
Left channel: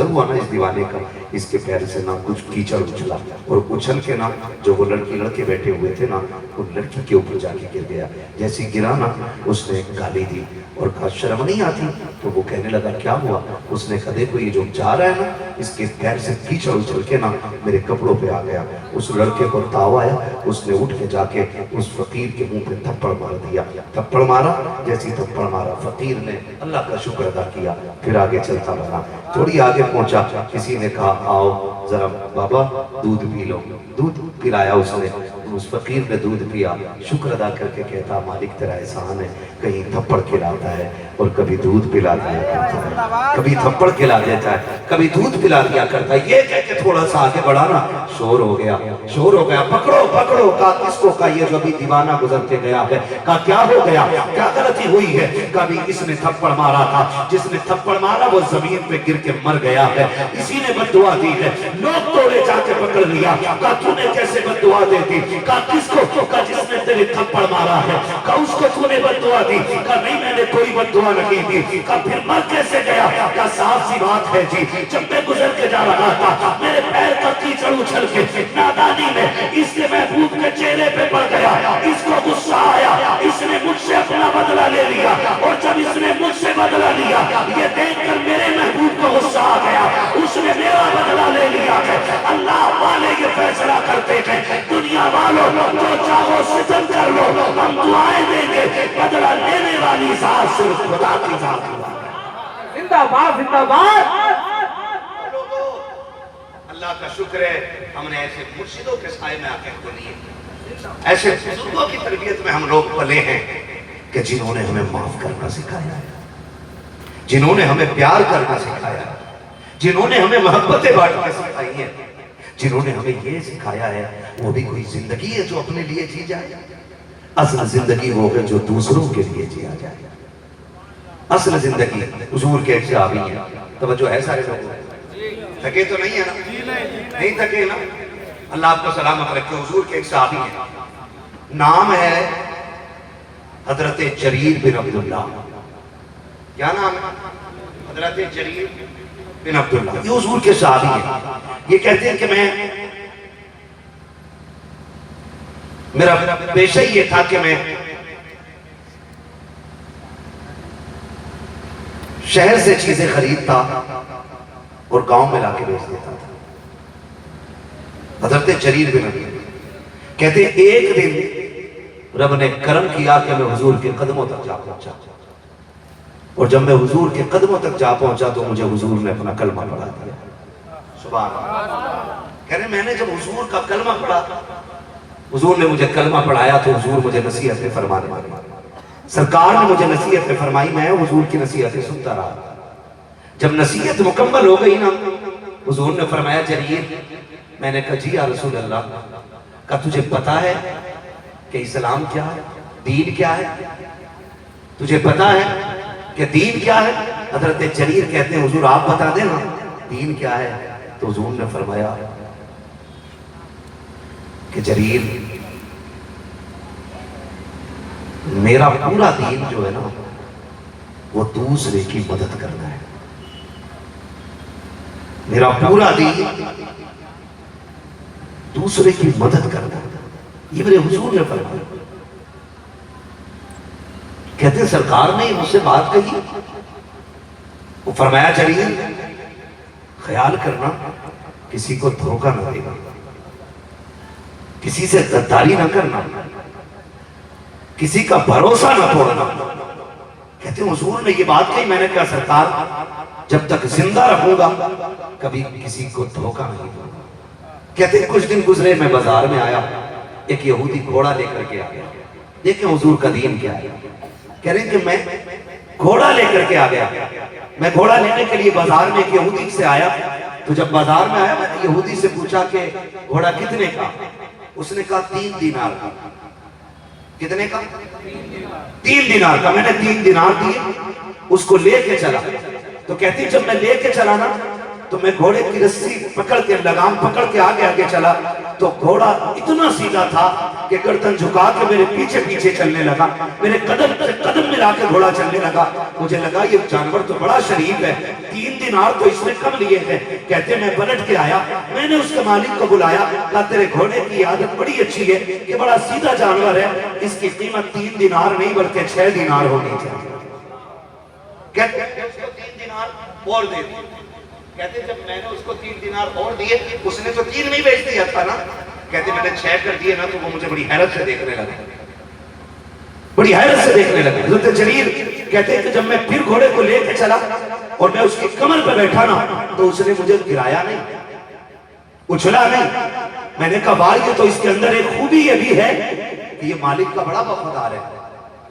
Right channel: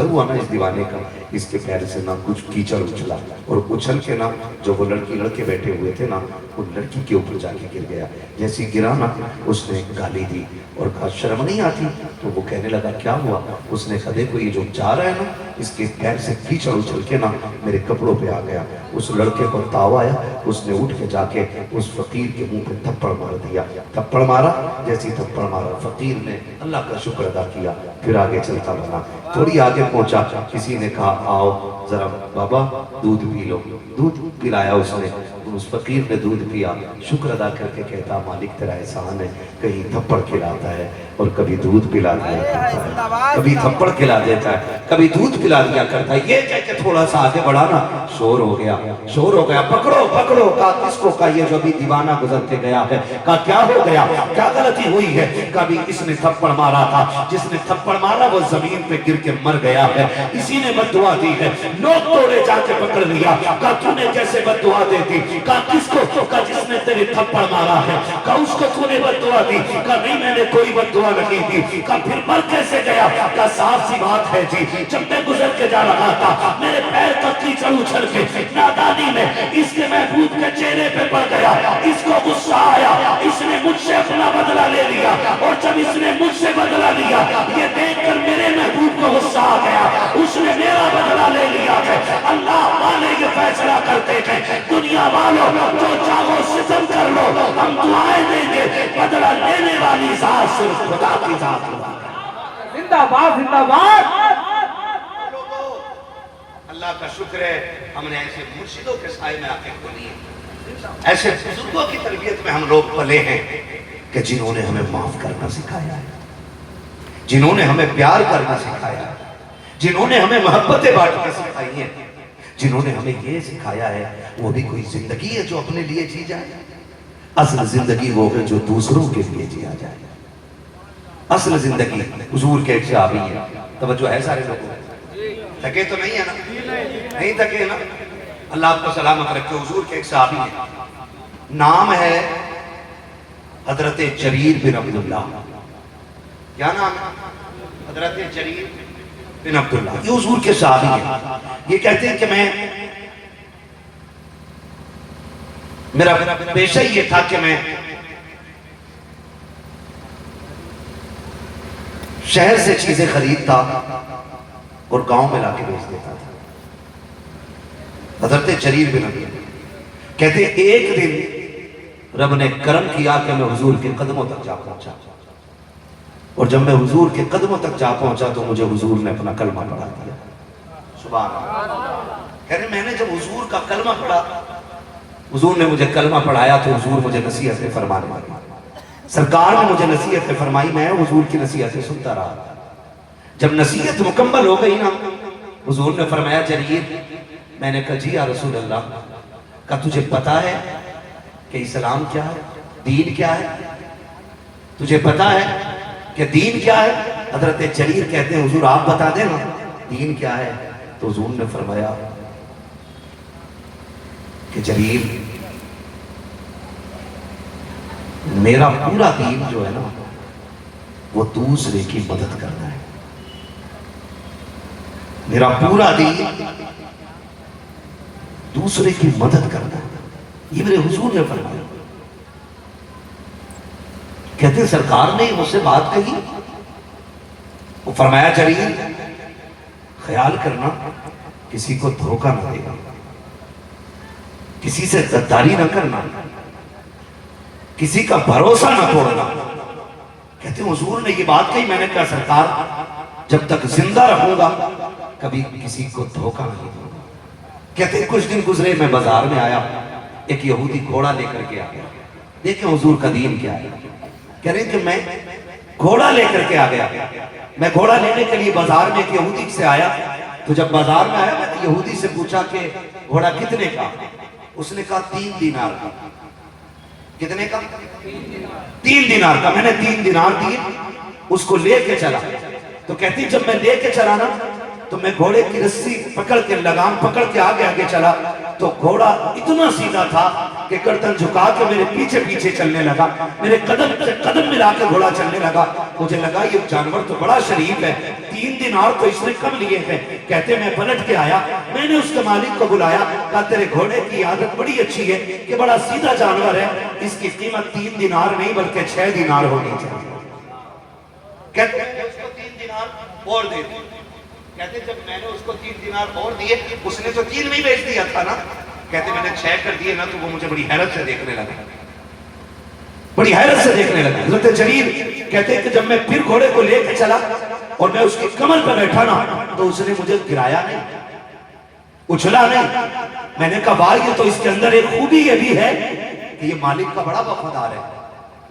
ہوا نا اس دیوانے کا, اس کے پیر سے نا کچھ کیچڑ اچھلا, اور اچھل کے نا جو وہ لڑکے بیٹھے ہوئے تھے نا, وہ لڑکی کے اوپر جا کے گر گیا. جیسی گرا نا اس نے گالی دی اور کہا شرم نہیں آتی. تو وہ کہنے لگا کیا ہوا. اس نے کہا دیکھو یہ جو جا رہا ہے نا, اس کے پیر سے کیچڑ اچھل کے نا میرے کپڑوں پہ آ گیا. اس لڑکے کو تاؤ آیا, اس نے اٹھ کے جا کے اس فقیر کے منہ پہ تھپڑ مار دیا. تھپڑ مارا, جیسی تھپڑ مارا فقیر نے اللہ کا شکر ادا کیا, پھر آگے چلتا رہا. تھوڑی آگے پہنچا, کسی نے کہا آؤ ذرا بابا دودھ پی لو. دودھ پلایا اس نے, اس فقیر نے دودھ پیا, شکر ادا کر کے کہتا مالک تیرا احسان ہے, کہیں تھپڑ کھلاتا ہے اور کبھی دودھ پلا دیا کرتا ہے, کبھی تھپڑ کھلا دیتا ہے, کبھی دودھ پلا دیا کرتا ہے. یہ کہہ کے تھوڑا سا آگے بڑھا نا, شور ہو گیا. پکڑو کہا کس کو, کہا یہ جو ابھی دیوانہ گزر کے گیا ہے. کہا کیا ہو گیا, کیا غلطی ہوئی ہے. کبھی اس نے تھپڑ مارا تھا, جس نے تھپڑ مارا وہ زمین پہ گر کے مر گیا ہے, اسی نے بد دعا دی ہے. لوگ توڑے جا کے پکڑ لیا. کہا تو نے کیسے بد دعا دے دی. کہا کس کو, کہا جس نے تیرے تھپڑ مارا ہے. کہا اس کو تو نے بد دعا دی. کہا نہیں میں نے کوئی بد دعا نہیں دی. کہا پھر مر کیسے گیا. کہا صاف سی بات ہے جی, جب میں گزر کے جا رہا تھا میرے پیر کا کیچڑ اچھل کے نادانی میں اس کے محبوب کے چہرے پہ پڑ گیا. اس کو غصہ آیا, اس نے مجھ سے اپنا بدلہ لے لیا, اور جب اس نے مجھ سے بدلہ لیا یہ دیکھ کر میرے محبوب کو غصہ آ گیا, اس نے میرا بدلہ لے لیا ہے. اللہ والے یہ فیصلہ کرتے ہیں دنیا والوں جو چاہو ستم کر لو, ہم دعائیں دیں گے, بدلہ لینے والی ذات صرف خدا کی ذات ہوتی ہے. زندہ باد, زندہ باد. اللہ کا شکر ہے ہم نے ایسے مرشدوں کے سائے میں آتے بنی ہے, ایسے بزرگوں کی تربیت میں ہم لوگ پلے ہیں کہ جنہوں نے ہمیں معاف کرنا سکھایا ہے, جنہوں نے ہمیں پیار کرنا سکھایا ہے, جنہوں نے ہمیں محبتیں بانٹنا سکھائی ہیں, جنہوں نے ہمیں یہ سکھایا ہے. وہ بھی کوئی زندگی ہے جو اپنے لیے جی جائے. اصل زندگی وہ ہے جو دوسروں کے لیے جیا جائے. اصل زندگی حضور کے ایک صحابی ہیں, توجہ ہے سارے لوگوں, تھکے تو نہیں ہے نا, نہیں تھکے نا, اللہ آپ کو سلامت رکھے. حضور کے ایک صحابی ہیں, نام ہے حضرت جریر بن عبداللہ. کیا نام ہے, حضرت جریر بن عبداللہ. یہ حضور کے صحابی ہیں. یہ کہتے ہیں کہ میرا پیشہ یہ تھا کہ میں شہر سے چیزیں خریدتا اور گاؤں میں لا کے بیچ دیتا تھا. حضرت جریر بن عبداللہ کہتے ہیں ایک دن رب نے کرم کیا کہ میں حضور کے قدموں تک جا پہنچا, اور جب میں حضور کے قدموں تک جا پہنچا تو مجھے حضور نے اپنا کلمہ پڑھا دیا. سبحان اللہ. کہہ رہے میں نے جب حضور کا کلمہ پڑھا، حضور نے مجھے کلمہ پڑھایا تو حضور مجھے نصیحتیں فرمانے لگے، سرکار نے مجھے نصیحتیں فرمائی، میں حضور کی نصیحتیں سنتا رہا۔ جب نصیحت مکمل ہو گئی نا، حضور نے فرمایا جریر، میں نے کہا جی یا رسول اللہ، کہا تجھے پتا ہے کہ اسلام کیا ہے، دین کیا ہے؟ تجھے پتا ہے کہ دین کیا ہے؟ حضرت جریر کہتے ہیں حضور آپ بتا دیں نا دین کیا ہے؟ تو حضور نے فرمایا کہ جریر، میرا پورا دین جو ہے نا وہ دوسرے کی مدد کرنا ہے، میرا پورا دین دوسرے کی مدد کرنا ہے، یہ میرے حضور نے فرمایا۔ کہتے ہیں سرکار نے مجھ سے بات کہی، وہ فرمایا جریر خیال کرنا کسی کو دھوکہ نہ دے گا، کسی سے غداری نہ کرنا، کسی کا بھروسہ نہ توڑنا۔ کہتے ہیں حضور نے یہ بات کہی، میں نے کہا سرکار جب تک زندہ رہوں گا کبھی کسی کو دھوکہ نہیں دوں گا۔ کہتے ہیں کچھ دن گزرے، میں بازار میں آیا، ایک یہودی گھوڑا لے کر کے آیا، دیکھیں حضور کا دین کیا ہے۔ کہہ رہے ہیں کہ میں گھوڑا لے کر کے آ گیا، میں گھوڑا لینے کے لیے بازار میں ایک یہودی سے آیا، تو جب بازار میں آیا میں نے یہودی سے پوچھا کہ گھوڑا کتنے کا؟ اس نے کہا 3 دینار کا۔ کتنے کا؟ 3 دینار کا۔ میں نے 3 دینار دیے، اس کو لے کے چلا۔ تو کہتی جب میں لے کے چلا نا تو میں گھوڑے کی رسی پکڑ کے، لگام پکڑ کے آگے آگے چلا، تو گھوڑا اتنا سیدھا تھا کہ گردن جھکا کے میرے پیچھے پیچھے چلنے لگا، میرے قدم سے قدم ملا کے گھوڑا چلنے لگا۔ مجھے لگا یہ جانور تو بڑا شریف ہے، 3 دینار تو اس نے کم لیے ہیں۔ کہتے میں پلٹ کے آیا، میں نے اس کے مالک کو بلایا، کہا تیرے گھوڑے کی عادت بڑی اچھی ہے کہ بڑا سیدھا جانور ہے، اس کی قیمت 3 دینار نہیں بلکہ 6 دینار ہونی چاہیے۔ کہتے ہیں اس کو 3 دینار اور دے دیے۔ کہتے جب میں نے اس کو 3 دینار اور دیے، اس نے تو 3 نہیں بیچ دیا تھا نا، کہتے میں نے 6 کر دیے نا، تو وہ مجھے بڑی حیرت سے دیکھنے لگا، بڑی حیرت سے دیکھنے لگا۔ حضرت جریر کہتے ہیں کہ جب میں پھر گھوڑے کو لے کے چلا اور میں اس کی کمر پہ بیٹھا نا، تو اس نے مجھے گرایا نہیں، اچھلا نہیں۔ میں نے کہا واہ، یہ تو اس کے اندر ایک خوبی یہ بھی ہے کہ یہ مالک کا بڑا وفادار ہے،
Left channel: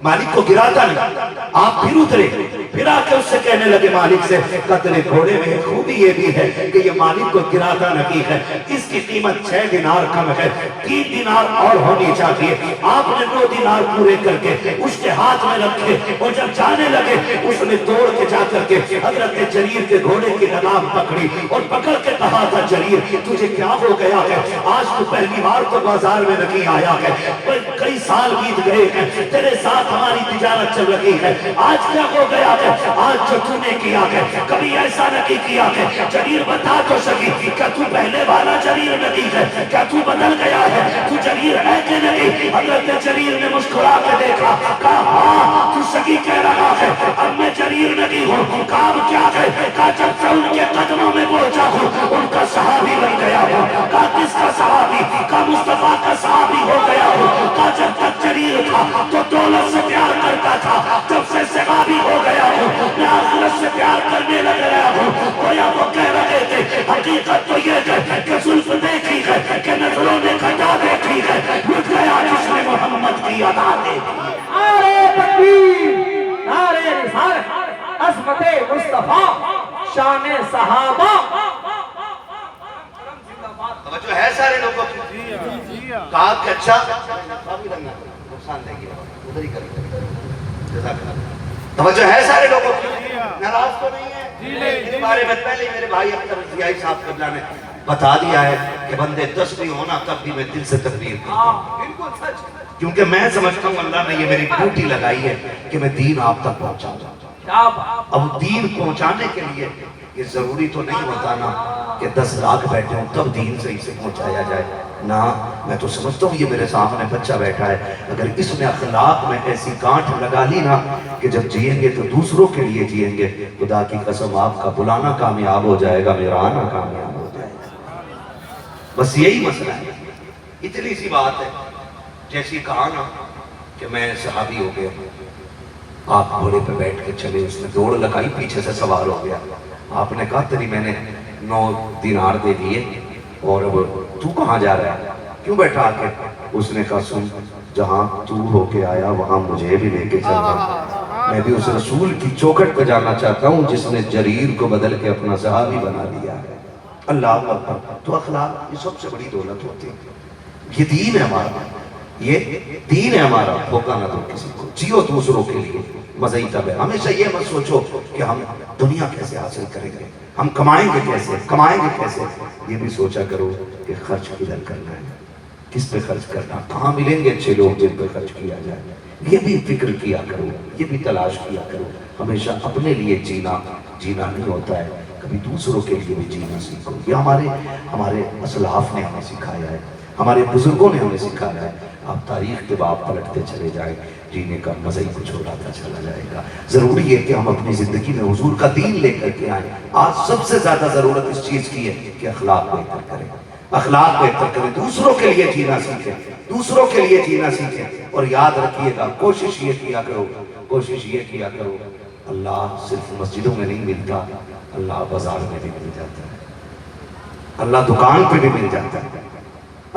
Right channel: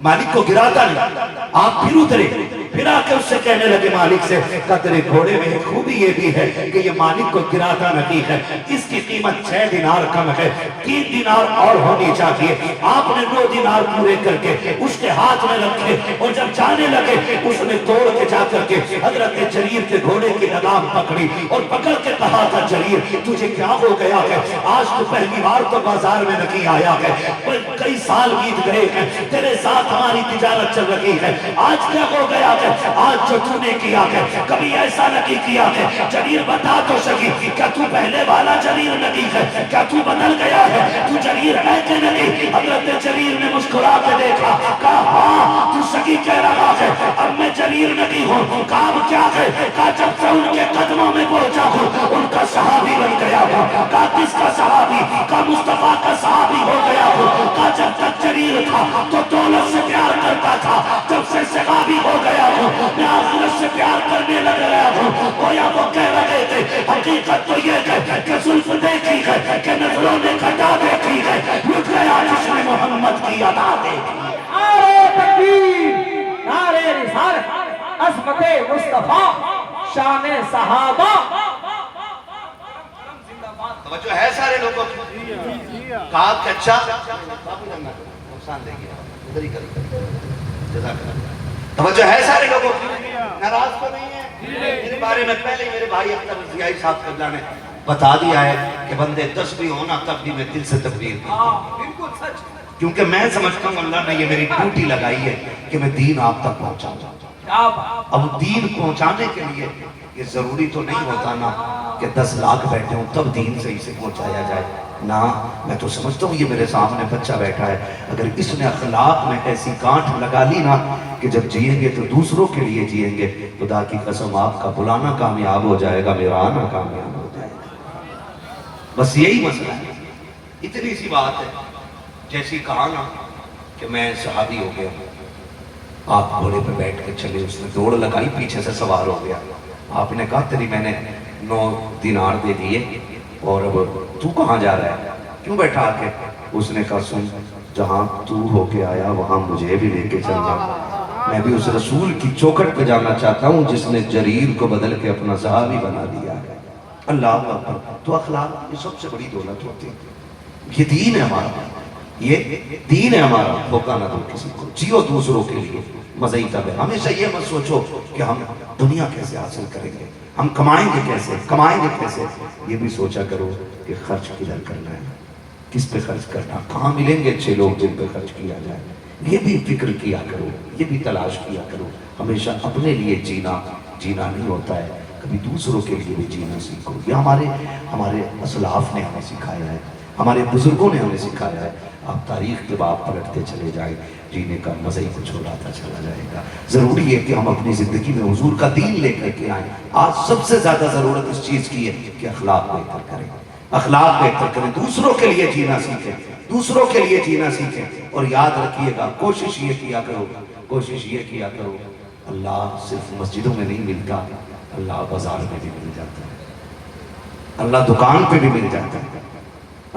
مالک کو گراتا نہیں۔ آپ پھر اترے، پھر آ کے اس سے کہنے لگے مالک سے، کہا تیرے گھوڑے میں ایک خوبی یہ بھی ہے کہ یہ مالک کو گراتا نہیں ہے، اس کی قیمت 6 دینار کم ہے، 3 دینار اور ہونی چاہیے۔ آپ نے 9 دینار پورے کر کے اس کے ہاتھ میں رکھے، اور جب جانے لگے اس نے توڑ کے جا کر کے حضرت جریر کے گھوڑے کی لگام پکڑی اور پکڑ کے کہا تھا جریر تجھے کیا ہو گیا ہے؟ آج تو پہلی بار تو بازار میں نہیں آیا ہے، کئی سال بیت گئے ہیں، تیرے ساتھ ہماری تجارت چل رہی ہے، آج کیا ہو گیا ہے؟ آج جو تو نے کیا ہے کبھی ایسا نہیں کیا ہے۔ جریر بتا تو سکی، کیا تو پہلے والا جریر نہیں ہے؟ کیا تو بدل گیا ہے؟ تو جریر ہے کہ نہیں؟ حضرت جریر نے مسکرا کے دیکھا، کہا ہاں تو سکی کہہ رہا ہے، اب میں جریر نہیں ہوں۔ کہا کیا ہے؟ کہا جب سے ان کے قدموں میں پہنچا ہوں ان کا صحابی بن گیا ہوں۔ کہا کس کا صحابی؟ کہا مصطفیٰ کا صحابی ہو گیا ہوں۔ کہا جب تک جریر تھا تو دولت سے پیار کرتا تھا، جب سے صحابی ہو گیا ہوں میں آخرت سے پیار کرنے لگ گیا ہوں۔ گویا وہ کہہ رہے تھے حقیقت تو یہ ہے کہ زلف دیکھی ہے کہ نظروں نے گھٹا دیکھی ہے، لٹ گیا جس نے محمد کی ادا دیکھی۔ نعرہ تکبیر، نعرہ رسالت، عظمت مصطفیٰ، شان صحابہ۔ توجہ ہے سارے لوگوں کو؟ کہا کہ اچھا نقصان دے گیا، ادھر ہی کریں، جزاک اللہ۔ توجہ ہے سارے لوگوں کو؟ ناراض تو نہیں ہے؟ میرے بارے میں پہلے میرے بھائی اختر رضیائی صاحب قبلہ نے بتا دیا ہے کہ بندے 10 بھی ہونا تب بھی میں دل سے تکبیر کرتا ہوں، کیونکہ میں سمجھتا ہوں اللہ نے یہ میری ڈیوٹی لگائی ہے کہ میں دین آپ تک پہنچا دوں۔ اب دین پہنچانے کے لیے یہ ضروری تو نہیں ہوتا نا کہ 10 لاکھ بیٹھے ہوں تب دین صحیح سے پہنچایا جائے نا۔ میں تو سمجھتا ہوں یہ میرے سامنے بچہ بیٹھا ہے، اگر اس نے اخلاق میں ایسی گانٹھ لگا لی نا کہ جب جئیں گے تو دوسروں کے لیے جئیں گے، خدا کی قسم آپ کا بلانا کامیاب ہو جائے گا، میرا آنا کامیاب ہو جائے گا۔ بس یہی مسئلہ ہے، اتنی سی بات ہے۔ جیسی کہا نا کہ میں صحابی ہو گیا، آپ گھوڑے پہ بیٹھ کے چلے، اس نے دوڑ لگائی، پیچھے سے سوار ہو گیا۔ آپ نے کہا تیری میں نے 9 دینار دے دیے، اور اب تو کہاں جا رہا ہے, کیوں بیٹھا آ کے؟ اس نے کہا سن, جہاں تو ہو کے آیا وہاں مجھے بھی لے کے چلنا, میں بھی اس رسول کی چوکھٹ پہ جانا چاہتا ہوں جس نے جریر کو بدل کے اپنا صحابی بنا دیا ہے. اللہ اکبر. تو اخلاق یہ سب سے بڑی دولت ہوتی ہے. یہ دین ہے ہمارا, یہ دین ہے ہمارا. دھوکہ نہ دو کسی کو, جیو دوسروں کے لیے. مزید طب ہے, ہمیشہ یہ مت سوچو کہ ہم دنیا کیسے حاصل کریں گے, ہم کمائیں گے کیسے. یہ بھی سوچا کرو کہ خرچ کدھر کرنا ہے, کس پہ خرچ کرنا, کہاں ملیں گے اچھے لوگ جن پہ خرچ کیا جائے. یہ بھی فکر کیا کرو, یہ بھی تلاش کیا کرو. ہمیشہ اپنے لیے جینا نہیں ہوتا ہے, کبھی دوسروں کے لیے بھی جینا سیکھو. یہ ہمارے اسلاف نے ہمیں سکھایا ہے, ہمارے بزرگوں نے ہمیں سکھایا ہے. آپ تاریخ کے بعد پلٹتے چلے جائیں, جینے کا مزہ ہی کچھ اڑاتا چلا جائے گا. ضروری ہے کہ ہم اپنی زندگی میں حضور کا دین لے کر کے آئیں. آج سب سے زیادہ ضرورت اس چیز کی ہے کہ اخلاق بہتر کریں, اخلاق بہتر کریں, دوسروں کے لیے جینا سیکھیں. اور یاد رکھیے گا, کوشش یہ کیا کرو, اللہ صرف مسجدوں میں نہیں ملتا, اللہ بازار میں بھی مل جاتا ہے, اللہ دکان پہ بھی مل جاتا ہے,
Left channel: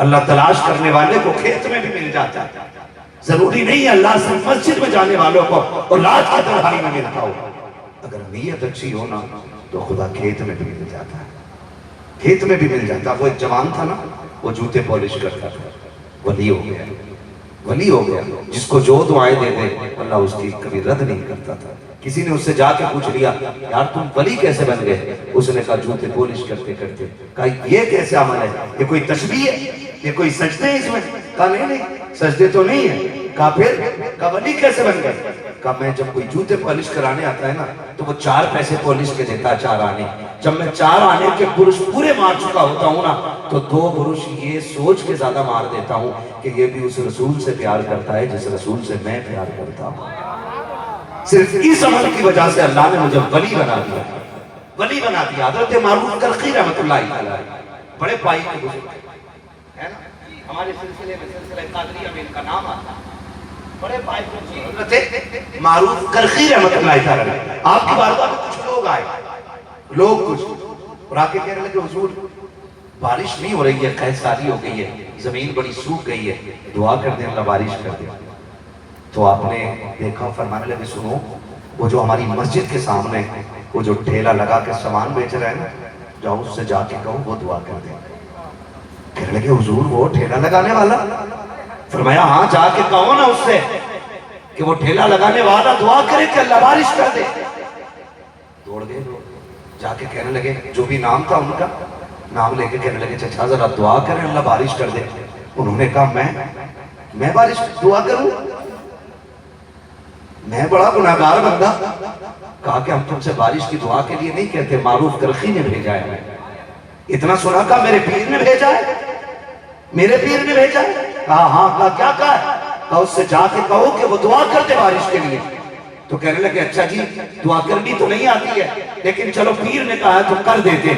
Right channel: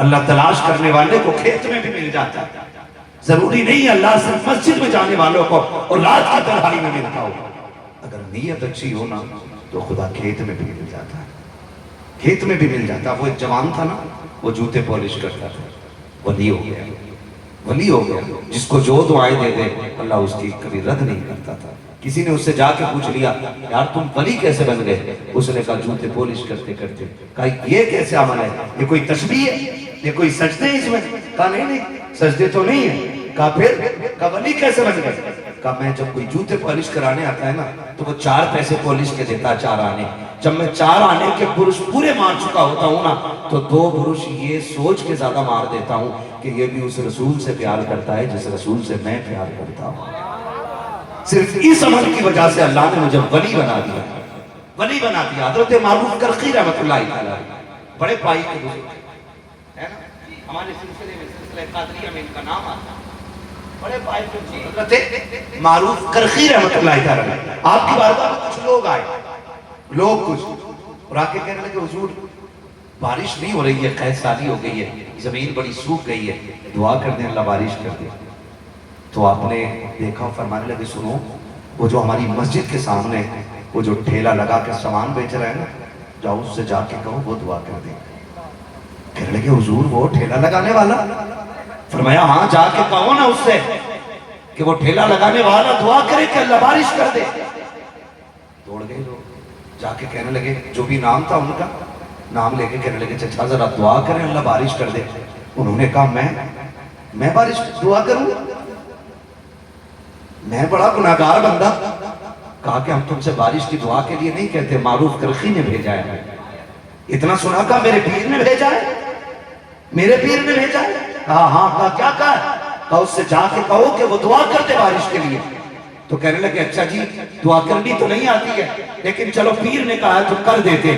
اللہ تلاش کرنے والے کو کھیت میں بھی مل جاتا ہے. ضروری نہیں اللہ صرف مسجد میں جانے والوں کو اور رات کی تنہائی میں ملتا ہو. اگر نیت اچھی ہو نا تو خدا کھیت میں بھی مل جاتا ہے, کھیت میں بھی مل جاتا. وہ ایک جوان تھا نا, وہ جوتے پالش کرتا تھا, ولی ہو گیا. جس کو جو دعائیں دے دے اللہ اس کی کبھی رد نہیں کرتا تھا. کسی نے اس سے جا کے پوچھ لیا, یار تم ولی کیسے بن گئے؟ اس نے کہا جوتے پالش کرتے. کہا یہ کیسے عمل ہے, یہ کوئی تشبیہ ہے, یہ کوئی سجدے ہیں اس میں؟ کہا نہیں سجدے تو نہیں ہے. کہا پھر؟ کہا ولی کیسے بن گئے؟ کہا میں جب کوئی جوتے پالش کرانے آتا ہے نا تو وہ 4 پیسے پالش کے دیتا, 4 آنے. جب میں 4 آنے کے برش پورے مار چکا ہوتا ہوں نا تو 2 برش یہ سوچ کے زیادہ مار دیتا ہوں کہ یہ بھی اس رسول سے پیار کرتا ہے جس رسول سے میں پیار کرتا ہوں. صرف اس عمل کی وجہ سے اللہ نے مجھے ولی بنا دیا. حضرت معروف کرخی رحمۃ اللہ علیہ, بڑے پائی کے بزرگ ہے نا, ہمارے سلسلے میں سلسلہ قادریہ میں ان کا نام آتا ہے. بڑے پائی کے بزرگ حضرت معروف کرخی رحمۃ اللہ علیہ. آپ کی بارگاہ میں کچھ لوگ آئے, اور آ کے کہنے لگے حضور بارش نہیں ہو رہی ہے, قحط سالی ہو گئی ہے, زمین بڑی سوکھ گئی ہے, دعا کر دیں اللہ بارش کر دے. تو آپ نے دیکھا, فرمانے لگے سنو, وہ جو ہماری مسجد کے سامنے وہ جو ٹھیلا لگا کے سامان بیچ رہا ہے نا, جاؤ اس سے جا کے کہو وہ دعا کر دے. کہنے لگے حضور وہ ٹھیلا لگانے والا؟ فرمایا ہاں, جا کے کہو نا اس سے کہ وہ ٹھیلا لگانے والا دعا کرے کہ اللہ بارش کر دے. دوڑ گئے لوگ, جا کے کہنے لگے, جو بھی نام تھا ان کا نام لے کے کہنے لگے چچا ذرا دعا کریں اللہ بارش کر دے. انہوں نے کہا میں بارش دعا کروں, میں بڑا گناہگار بندہ. کہا کہ ہم تم سے بارش کی دعا کے لیے نہیں کہتے, معروف کرخی نے بھیجا ہے. اتنا سنا, کہا میرے پیر نے بھیجا ہے. کہا ہاں. کہا کیا کہا اس سے جا کے کہو کہ وہ دعا کر دے بارش کے لیے. تو کہنے لگے اچھا جی دعا کرنی تو نہیں آتی ہے, لیکن چلو پیر نے کہا ہے تو کر دیتے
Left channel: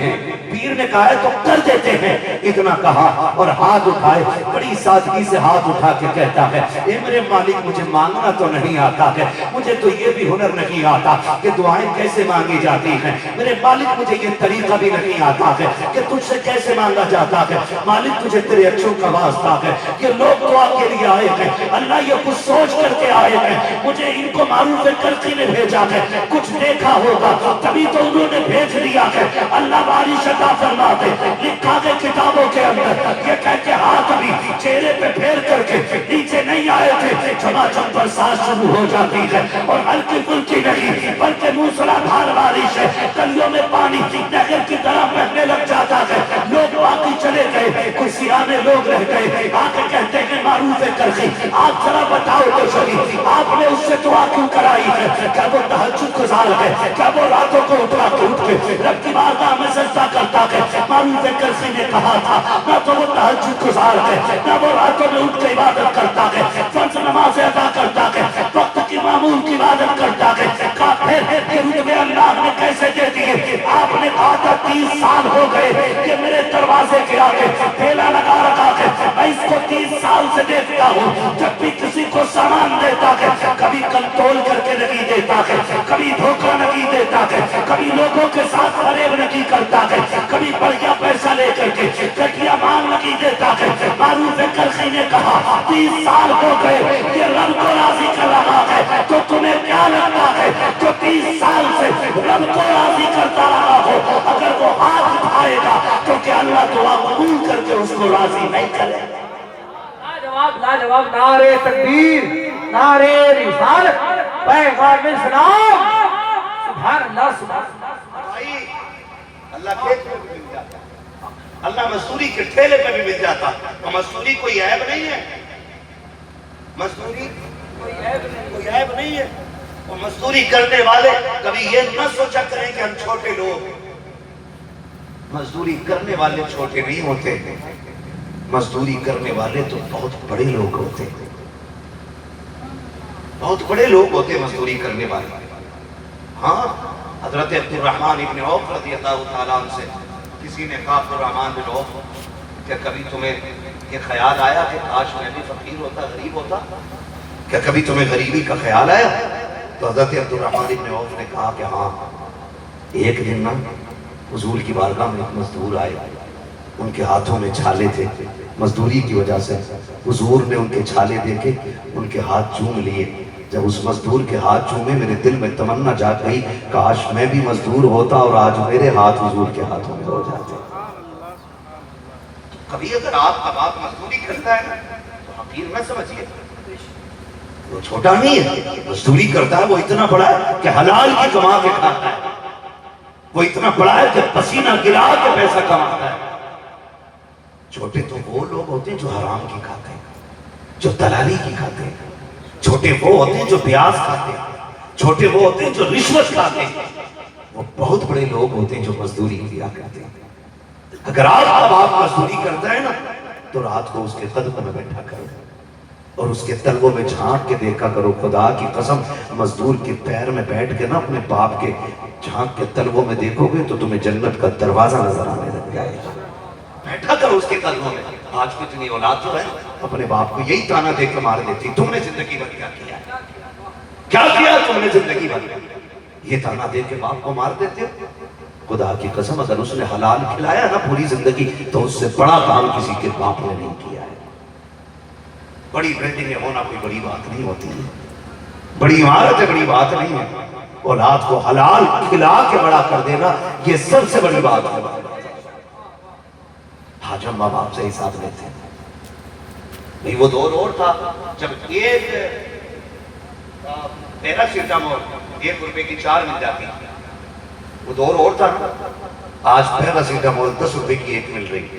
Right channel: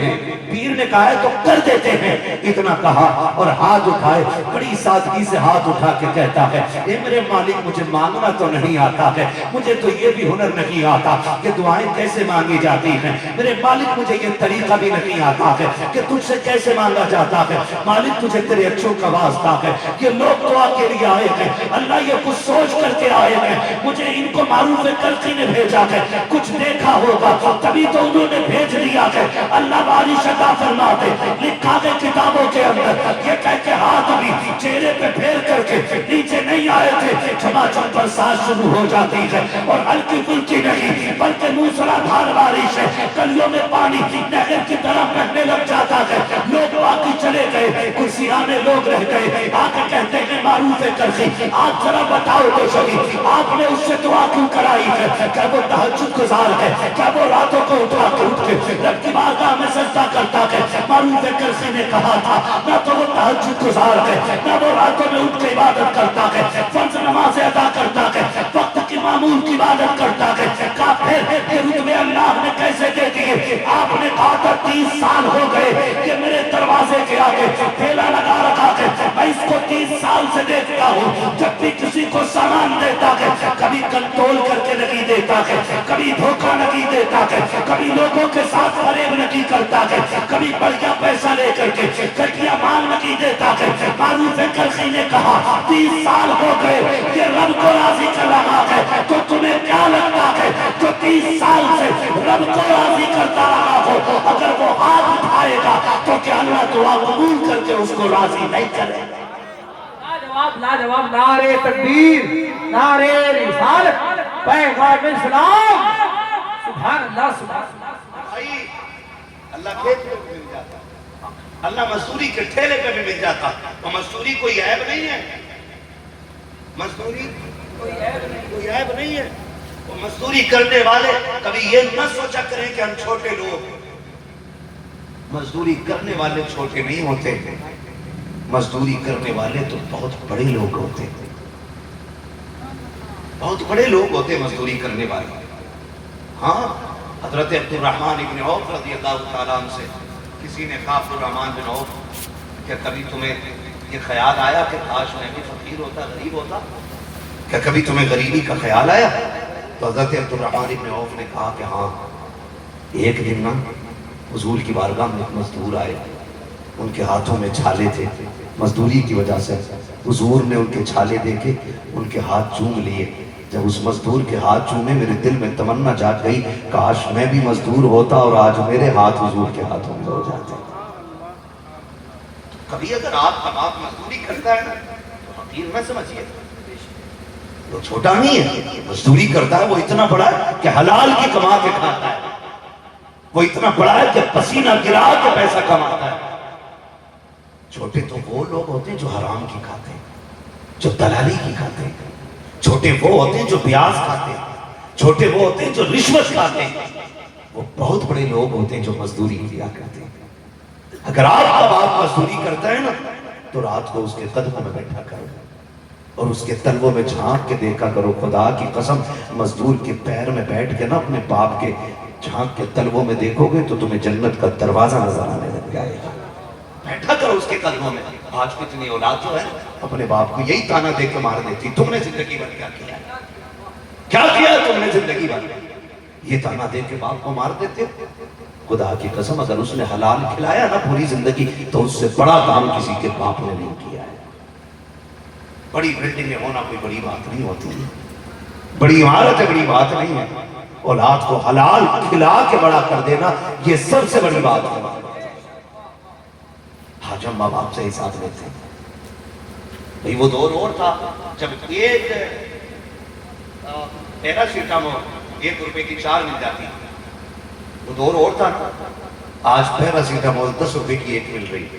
ہیں. اتنا کہا اور ہاتھ اٹھائے, بڑی سادگی سے ہاتھ اٹھا کے کہتا ہے, اے میرے مالک مجھے مانگنا تو نہیں آتا ہے, مجھے تو یہ بھی ہنر نہیں آتا کہ دعائیں کیسے مانگی جاتی ہیں. میرے مالک مجھے یہ طریقہ بھی نہیں آتا ہے کہ تجھ سے کیسے مانگا جاتا ہے. مالک تجھے تیرے اچھوں کا واسطہ ہے کہ لوگ دعا کے لیے آئے ہیں, اللہ یہ کچھ سوچ کر کے آئے ہیں, مجھے ان کو معروف کرخی نے بھیجا ہے, کچھ دیکھا ہوگا تبھی تو انہوں نے بھیج دیا ہے, اللہ بارش عطا فرما دے. لکھا ہے کتابوں کے اندر, یہ کہہ کے ہاتھ بھی چہرے پہ پھیر کر کے نیچے نہیں آئے تھے, چھماچم برسات شروع ہو جاتی ہے اور ہلکی پھلکی نہیں بلکہ موسلادھار بارش ہے. گلیوں میں پانی نہر کی طرح بہنے لگ جاتا ہے. لوگ باقی چلے گئے, کسی آنے لوگ رہ گئے. آ کے کہتے ہیں معروف کرخی آپ ذرا بتاؤ تو صحیح, آپ نے اس سے دعا کیوں کرائی ہے؟ کیا وہ تہجد گزار ہے؟ کیا وہ راتوں کو اٹھا کے اٹھ کے رب کی بارگاہ میں سجدہ کرتا ہے؟ معروف کرخی نے کہا تھا نہ تو وہ تہجد گزار ہے, نہ وہ راتوں میں اٹھ کے عبادت کرتا ہے, فرض نمازیں ادا کرتا ہے, وقت کی معمول کی عبادت کرتا ہے. کہا پھر یہ رتبے اللہ نے کیسے دے دیے؟ آپ نے کہا تھا 30 سال ہو گئے کہ میرے دروازے کے آگے ٹھیلا لگا رکھا ہے, میں اس کو 30 سال سے دیکھتا ہوں، جب بھی کسی کو سامان دیتا ہے کبھی کنٹرول کر کے نہیں دیتا ہے، کبھی دھوکہ نہیں دیتا ہے، کبھی لوگوں کے ساتھ فریب نہیں کرتا ہے، کبھی بڑھیا پیسہ لے کر کے گٹیا مال نہیں دیتا ہے۔ معروف کرخی نے کہا 30 سال ہو گئے یہ رب کو راضی کر رہا ہے، تو تمہیں کیا لگتا ہے جو 30 سال سے رب کو راضی کرتا رہا ہو اگر وہ ہاتھ اٹھائے گا تو کیا اللہ دعا قبول کر کے اس کو راضی نہیں کرے گا؟ لاجواب نعرے تکبیر، نعرے رسالت، پیغام اسلام، سبحان اللہ سبحان اللہ۔ بھائی اللہ کھیت میں بھی مل جاتا، اللہ مزدوری کے ٹھیلے پہ بھی مل جاتا، تو مزدوری کوئی عیب نہیں ہے، مزدوری کوئی عیب نہیں ہے۔ اور مزدوری کرنے والے کبھی یہ نہ سوچا کریں کہ ہم چھوٹے لوگ، مزدوری کرنے والے چھوٹے نہیں ہوتے، مزدوری کرنے والے تو بہت بڑے لوگ ہوتے، بہت بڑے لوگ ہوتے مزدوری کرنے والے۔ ہاں حضرت عبد الرحمن ابن عوف رضی اللہ تعالیٰ عنہ سے کسی نے کہا عبد الرحمن بن عوف کہ کبھی تمہیں یہ خیال آیا کہ کاش میں بھی فقیر ہوتا، غریب ہوتا؟ کہ کبھی تمہیں غریبی کا خیال آیا؟ تو حضرت عبد الرحمن ابن عوف نے کہا کہ ہاں، ایک دن نا حضور کی بارگاہ میں ایک مزدور آئے، ان کے ہاتھوں میں چھالے تھے، مزدوری کی وجہ سے حضور نے ان کے چھالے دیکھے، ان کے ہاتھ چوم لیے۔ جب اس مزدور کے ہاتھ چومے میرے دل میں تمنا جاگ گئی، کاش میں بھی مزدور ہوتا اور آج میرے ہاتھ حضور کے ہاتھوں میں ہو جاتے۔ کبھی اگر آپ کا باپ مزدوری کرتا ہے نا تو حقیر نہ سمجھیے، وہ چھوٹا نہیں ہے، مزدوری کرتا ہے، وہ اتنا بڑا ہے کہ حلال کی کما کے کھاتا ہے، وہ اتنا بڑا ہے کہ پسینہ گرا کے پیسہ کماتا ہے۔ چھوٹے تو وہ لوگ ہوتے ہیں جو حرام کی کھاتے ہیں، جو دلالی کی کھاتے ہیں، چھوٹے وہ ہوتے ہیں جو بیاض کھاتے ہیں، چھوٹے وہ ہوتے ہیں جو رشوت کھاتے ہیں، وہ بہت بڑے لوگ ہوتے ہیں جو مزدوری کیا کرتے ہیں۔ اگر آپ کا باپ مزدوری کرتا ہے نا تو رات کو اس کے قدموں میں بیٹھا کرو اور اس کے تلووں میں جھانک کے دیکھا کرو، خدا کی قسم مزدور کے پیر میں بیٹھ کے نا اپنے باپ کے جھانک کے تلووں میں دیکھو گے تو تمہیں جنت کا دروازہ نظر آنے لگ جائے گا۔ بیٹھا کرو اس کے قدموں میں۔ آج کتنی اولاد جو ہے اپنے باپ کو یہی تانا دے کے مار دیتی، تم نے زندگی بھر کیا کیا، کیا کیا تم نے زندگی بھر؟ یہ تانا دے کے باپ کو مار دیتے ہو۔ خدا کی قسم اگر اس نے حلال کھلایا نا پوری زندگی تو اس سے بڑا کام کسی کے باپ نے نہیں کیا ہے۔ بڑی بلڈنگیں ہونا کوئی بڑی بات نہیں ہوتی ہے، بڑی عمارت بڑی بات نہیں ہے، اولاد کو حلال کھلا کے بڑا کر دینا یہ سب سے بڑی بات ہے۔ آج ہم ماں باپ سے حساب لیتے ہیں۔ بھئی وہ دور اور تھا جب ایک پیراسیٹامول 1 روپے کی 4 مل جاتی، وہ دور اور تھا۔ آج پیراسیٹامول 10 روپے کی 1 مل رہی ہے،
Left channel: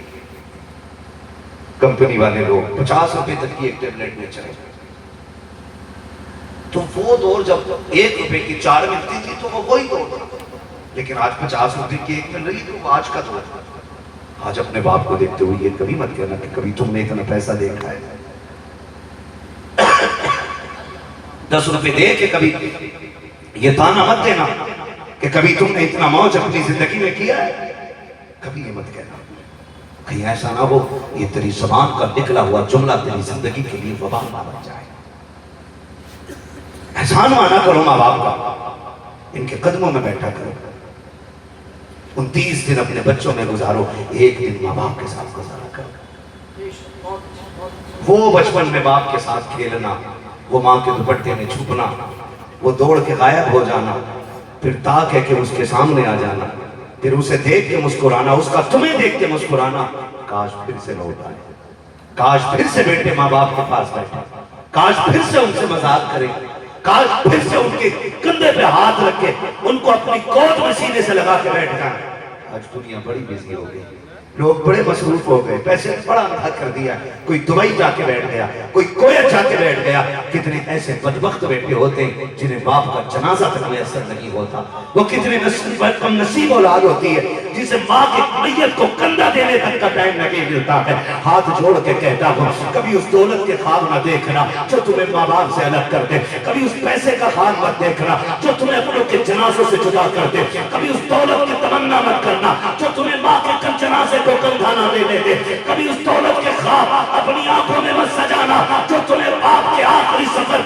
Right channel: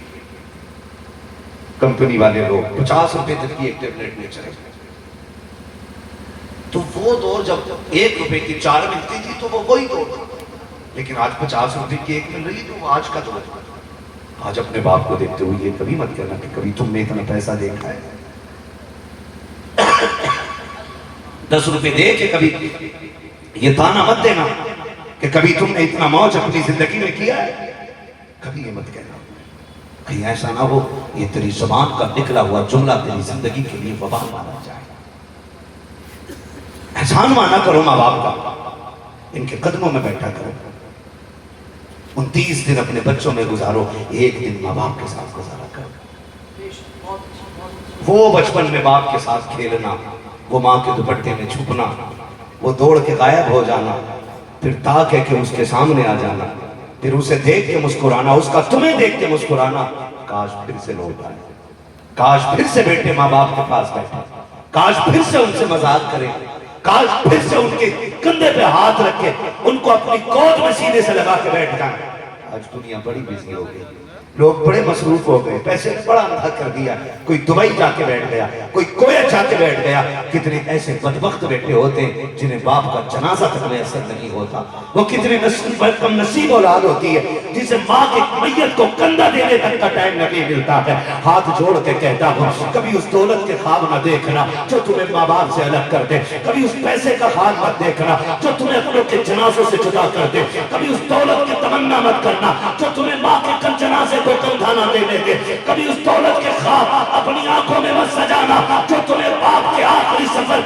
کمپنی والے لوگ 50 روپے تک کی 1 ٹیبلٹ میں چلے۔ تو وہ دور جب 1 روپے کی 4 ملتی تھی تو وہ وہی دور تھا، لیکن آج 50 روپے کی 1 مل رہی تو وہ آج کا دور ہے۔ آج اپنے باپ کو دیکھتے ہوئے یہ کبھی مت کہنا کہ کبھی تم نے اتنا پیسہ دیکھا ہے۔ 10 روپے دے کے کبھی یہ تانا مت دینا کہ کبھی تم نے اتنا موج اپنی زندگی میں کیا ہے، کبھی یہ مت کہنا، کہیں ایسا نہ ہو یہ تیری زبان کا نکلا ہوا جملہ تیری زندگی کے لیے وبال مانا جائے۔ احسان مانا کرو ماں باپ کا، ان کے قدموں میں بیٹھا کرو، 29 دن اپنے بچوں میں گزارو، 1 دن ماں باپ کے ساتھ گزارا کرو۔ وہ بچپن میں باپ کے ساتھ کھیلنا، وہ ماں کے دوپٹے میں چھپنا، وہ دوڑ کے غائب ہو جانا، پھر تاک ہے کہ اس کے سامنے آ جانا، پھر اسے دیکھ کے مسکرانا، اس کا تمہیں دیکھ کے مسکرانا۔ کاش پھر سے لوٹ آئے، کاش پھر سے بیٹے ماں باپ کے پاس بیٹھے، کاش پھر سے ان سے مذاق کرے، کاش پھر سے ان کے کندھے پہ ہاتھ رکھے، ان کو اپنی گود میں سینے سے لگا کے بیٹھ جائیں۔ آج دنیا بڑی بزی ہو گئی، لوگ بڑے مصروف ہو گئے، پیسے بڑا اندھا کر دیا، کوئی دبئی جا کے بیٹھ گیا، کوئی کویت جا کے بیٹھ گیا۔ کتنے ایسے بدبخت بیٹھے ہوتے جنہیں باپ کا جنازہ تک میسر نہیں ہوتا، وہ کتنے کم نصیب اولاد ہوتی ہے جسے ماں کے میت کو کندھا دینے تک کا ٹائم نہیں ملتا ہے۔ ہاتھ جوڑ کے کہتا ہوں کبھی اس دولت کے خواب نہ دیکھنا جو تمہیں ماں باپ سے الگ کر دے، کبھی اس پیسے کا خواب مت دیکھنا جو تمہیں اپنوں کے جنازوں سے جدا کر دے، کبھی اس دولت کی تمنا مت کرنا جو تمہیں ماں کے جنازے کو کندھا نہ دینے دے، کبھی اس دولت کے خواب اپنی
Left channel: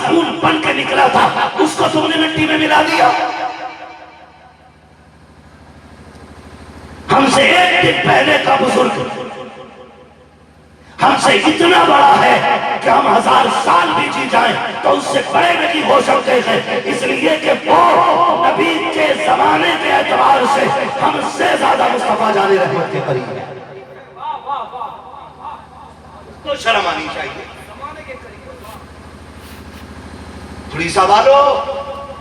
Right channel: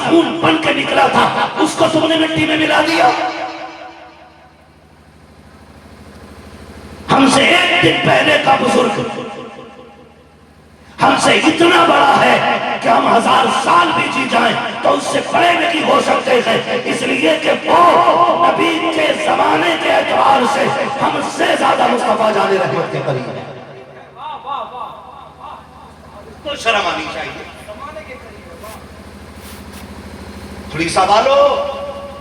خون بن کے نکلا تھا اس کو تم نے مٹی میں ملا دیا. ہم سے ایک دن پہلے کا بزرگ ہم سے اتنا بڑا ہے کہ ہم 1000 سال بھی جی جائیں تو اس سے بڑے نہیں ہو سکتے ہیں، اس لیے کہ وہ نبی کے زمانے کے اعتبار سے ہم سے زیادہ مصطفیٰ جان رحمت کے قریب ہیں. تو شرم آنی چاہیے. تھوڑی سوالو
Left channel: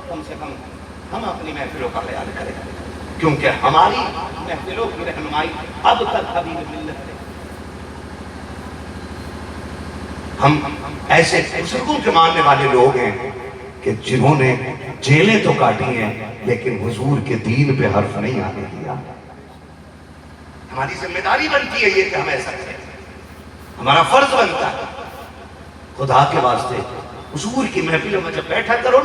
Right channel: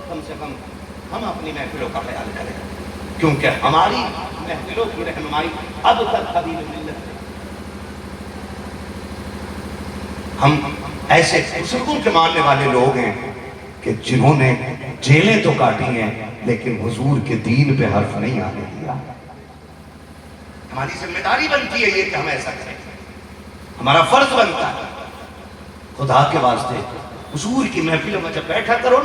کم سے کم ہم اپنی محفلوں کا خیال کریں، کیونکہ ہماری محفلوں کی رہنمائی اب تک حبیب ملت ہے. ہم ایسے بزرگوں کے ماننے والے لوگ ہیں کہ جنہوں نے جیلیں تو کاٹی ہیں لیکن حضور کے دین پہ حرف نہیں آنے دیا. ہماری ذمہ داری بنتی ہے یہ کہ ہم ایسا کریں، ہمارا فرض بنتا ہے. خدا کے واسطے حضور کی محفلوں میں جب بیٹھا کرو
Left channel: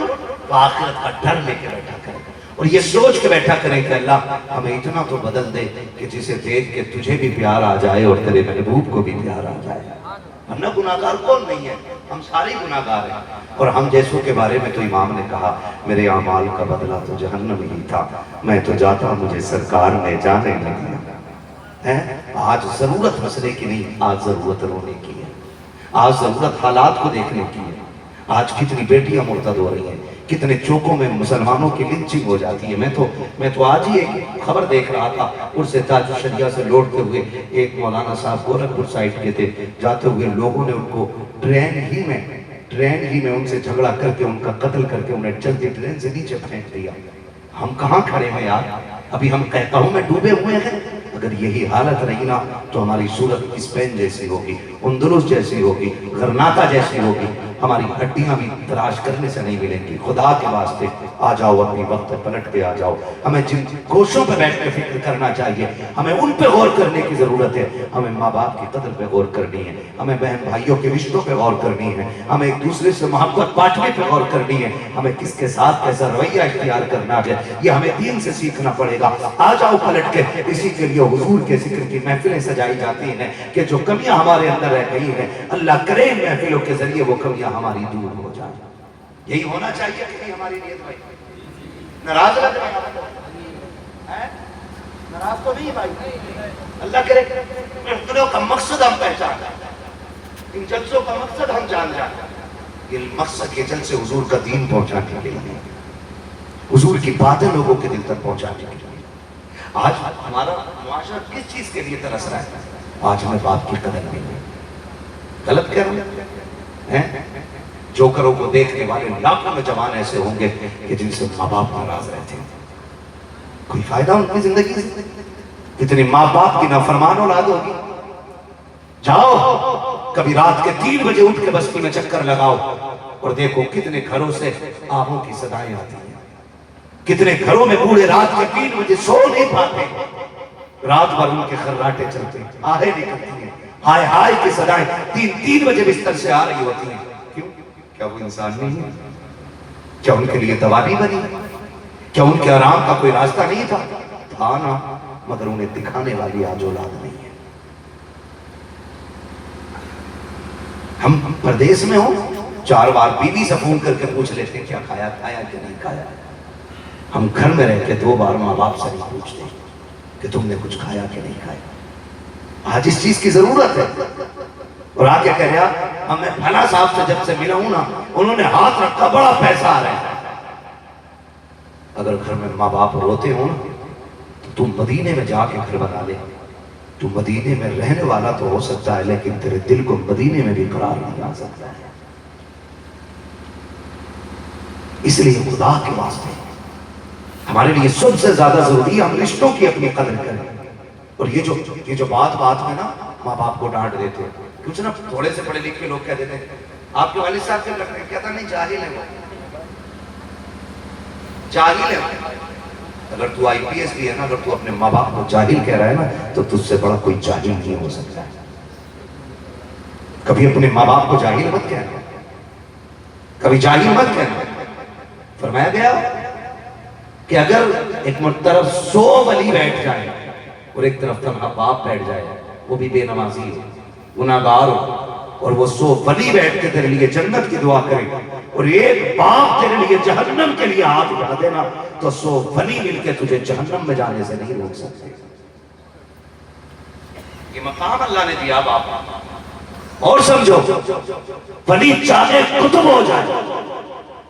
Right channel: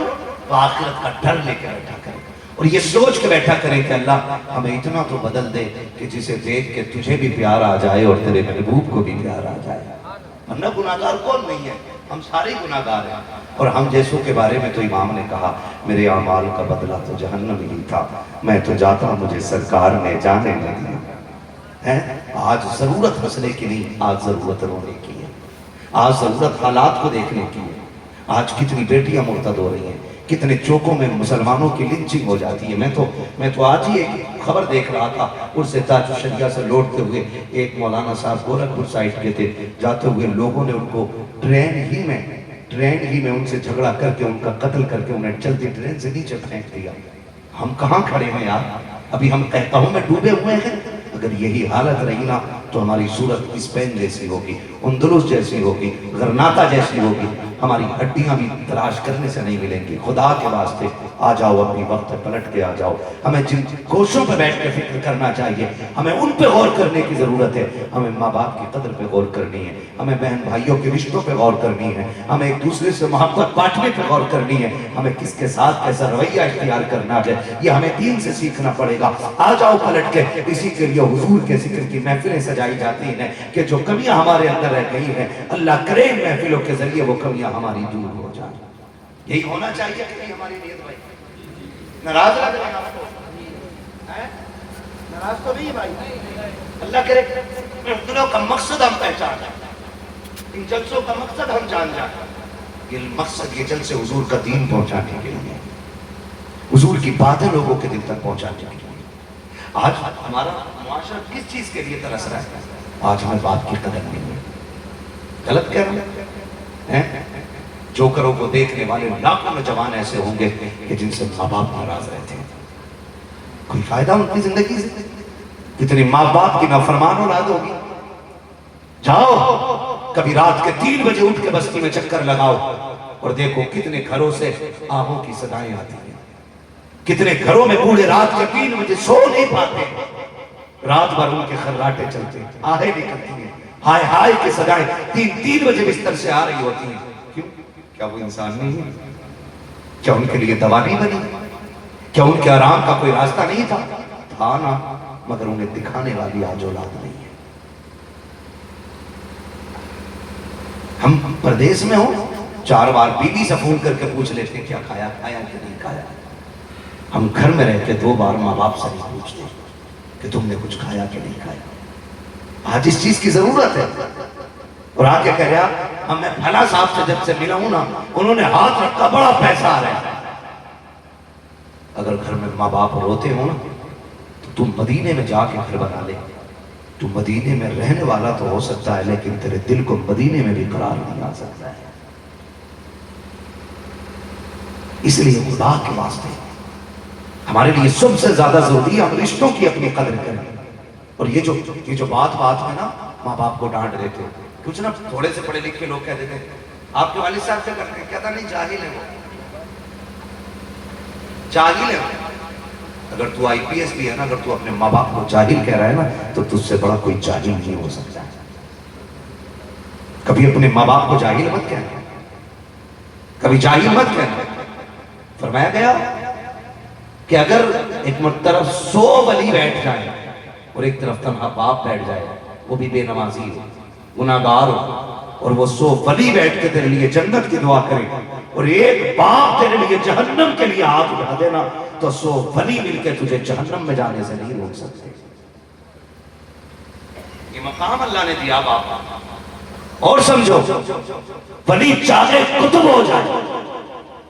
تو آخرت کا ڈر لے کے بیٹھا کرو اور یہ سوچ کے بیٹھا کریں کہ اللہ ہمیں اتنا تو بدل دے کہ جسے دیکھ کے تجھے بھی پیار آ جائے اور تیرے محبوب کو بھی پیار آ جائے. ورنہ گناہگار کون نہیں ہے؟ ہم سارے گناہگار ہیں. اور ہم جیسوں کے بارے میں تو امام نے کہا میرے اعمال کا بدلہ تو جہنم ہی تھا، میں تو جاتا مجھے سرکار نے جانے نہ دیا. آج ضرورت ہنسنے کی نہیں، آج ضرورت رونے کی ہے. آج ضرورت حالات کو دیکھنے کی ہے. آج کتنی بیٹیاں مرتد ہو رہی ہیں، کتنے چوکوں میں مسلمانوں کی لنچنگ ہو جاتی ہے. میں تو آج ہی ایک خبر دیکھ رہا تھا، اس سے تاج الشریعہ سے لوٹتے ہوئے ایک مولانا صاحب گورکھپور سائٹ کے تھے، جاتے ہوئے لوگوں نے ان کو ٹرین ہی میں ان سے جھگڑا کر کے ان کا قتل کر کے انہیں چلتی ٹرین سے نیچے پھینک دیا. ہم کہاں کھڑے ہیں یار؟ ابھی ہم کہوں میں ڈوبے ہوئے ہیں. اگر یہی حالت رہی نا تو ہماری صورت اسپین جیسی ہوگی، اندلس جیسی ہوگی، غرناطہ جیسی ہوگی. ہماری ہڈیاں بھی تلاش کرنے سے نہیں ملیں گی. خدا کے واسطے آ جاؤ، اپنی وقت پلٹ کے آ جاؤ. ہمیں جن گوشوں پہ بیٹھ کے فکر کرنا چاہیے، ہمیں ان پہ غور کرنے کی ضرورت ہے. ہمیں ماں باپ کی قدر پہ غور کرنی ہے، ہمیں بہن بھائیوں کے رشتوں پہ غور کرنی ہے، ہمیں ایک دوسرے سے محبت بانٹنے پہ غور کرنی ہے، ہمیں کس کے ساتھ کیسا رویہ اختیار کرنا ہے یہ ہمیں دین سے سیکھنا پڑے گا. آ جاؤ پلٹ کے. اسی کے لیے حضور کے ذکر کی محفلیں سجائی جاتی ہیں کہ جو کمیاں ہمارے اندر رہ گئی ہیں اللہ کرے ان محفلوں کے ذریعے وہ کمیاں ہماری دور ہو جائیں. یہی ہونا چاہیے کہ ہماری نیت بھائی. ناراض لگ رہے ہیں آپ کو؟ ناراض تو نہیں بھائی. اللہ کرے محفلوں کا مقصد ہم پہچان جائیں، ان جلسوں کا مقصد ہم جان جائیں. یہ مقصد یہ جلسے حضور کا دین پہنچانے کے لیے، حضور کی باتیں لوگوں کے دل تک پہنچانے کے لیے. آج ہمارا معاشرہ کس چیز کے لیے ترس رہا ہے؟ آج ہمیں بات کی قدر نہیں ہے. غلط کہہ رہے ہیں. جوکروں کو دیکھنے والے لاکھوں نوجوان ایسے ہوں گے کہ جن سے ماں باپ ناراض رہتے ہیں. کوئی فائدہ ان کی زندگی سے؟ کتنی ماں باپ کی نافرمان اولاد ہوگی. جاؤ کبھی رات کے 3 بجے اٹھ کے بستی میں چکر لگاؤ اور دیکھو کتنے گھروں سے آہوں کی صدائیں آتی ہیں. کتنے گھروں میں بوڑھے رات کے 3 بجے سو نہیں پاتے، رات بھر ان کے خراٹے چلتے ہیں، آہیں نکلتی ہیں، ہائے ہائے کی صدائیں 3 بجے بستر سے آ رہی ہوتی ہیں. کیوں؟ کیا وہ انسان نہیں ہے؟ کیا ان کے لیے دوا نہیں بنی؟ کیا ان کے آرام کا کوئی راستہ نہیں تھا؟ تھا نا، مگر انہیں دکھانے والی آج اولاد نہیں ہے. ہم پردیس میں ہوں 4 بار بیوی سے فون کر کے پوچھ لیتے کیا کھایا کہ نہیں کھایا. ہم گھر میں رہتے 2 بار ماں باپ سے نہیں پوچھتے کہ تم نے کچھ کھایا کہ نہیں کھایا. آج اس چیز کی ضرورت ہے. اور آگے کہہ رہا میں بھلا صاحب سے جب سے ملا ہوں نا انہوں نے ہاتھ رکھا بڑا پیسہ آ رہا ہے. اگر گھر میں ماں باپ روتے ہوں تو تم مدینے میں جا کے گھر بنا لے. تو مدینے میں رہنے والا تو ہو سکتا ہے لیکن تیرے دل کو مدینے میں بھی قرار نہیں آ سکتا ہے. اس لیے خدا کے واسطے ہمارے لیے سب سے زیادہ ضروری ہے ہم رشتوں کی اپنی قدر کریں. اور یہ جو بات میں نا ماں باپ کو ڈانٹ دیتے ہیں. کچھ نا تھوڑے سے پڑھے لکھ کے لوگ کہہ دیتے ہیں آپ کے والد صاحب کیا کرتے ہیں؟ کہتا نہیں جاہل ہے وہ، جاہل ہے. اگر تو IPS بھی ہے نا، اگر تو اپنے ماں باپ کو جاہل کہہ رہا ہے نا تو تجھ سے بڑا کوئی جاہل نہیں ہو سکتا ہے. کبھی اپنے ماں باپ کو جاہل مت کہنا، کبھی جاہل مت کہنا. فرمایا گیا کہ اگر ایک طرف 100 ولی بیٹھ جائے اور ایک طرف تنہا باپ بیٹھ جائے، وہ بھی بے نمازی ہو، گناہگار ہو، اور وہ 100 ولی بیٹھ کے تیرے لیے جنت کی دعا کرے، اور ایک باپ تیرے لیے جہنم کے لیے ہاتھ اٹھا دینا تو 100 ولی مل کے تجھے جہنم میں جانے سے نہیں روک سکتے۔ یہ مقام اللہ نے دیا باپ۔ اور سمجھو، ولی چاہے قطب ہو جائے،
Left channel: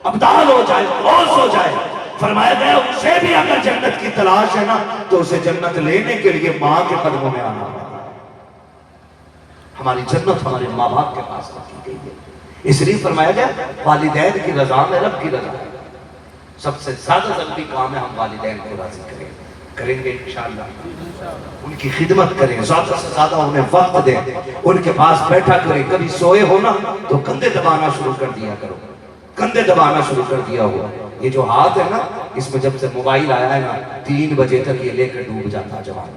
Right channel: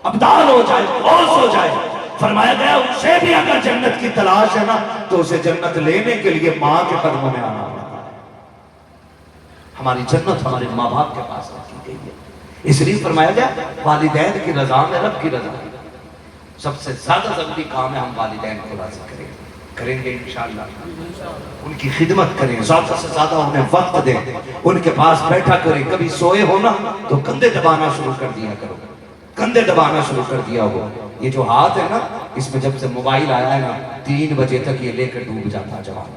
ابدال ہو جائے، غوث ہو جائے، فرمایا گیا اسے بھی اگر جنت کی تلاش ہے نا تو اسے جنت لینے کے لیے ماں کے قدموں میں آنا ہوگا۔ ہماری جنت ہمارے ماں باپ کے پاس رکھی گئی ہے، اس لیے فرمایا گیا والدین کی رضا میں رب کی رضا ہے۔ سب سے زیادہ ضروری کام ہے ہم والدین کو راضی کریں گے انشاءاللہ، ان کی خدمت کریں، زیادہ سے زیادہ انہیں وقت دیں، ان کے پاس بیٹھا کریں۔ کبھی سوئے ہو نا تو کندھے دبانا شروع کر دیا کرو، کندھے دبانا شروع کر دیا ہو۔ یہ جو ہاتھ ہے نا، اس میں جب سے موبائل آیا ہے نا 3 بجے تک یہ لے کر ڈوب جاتا جوان،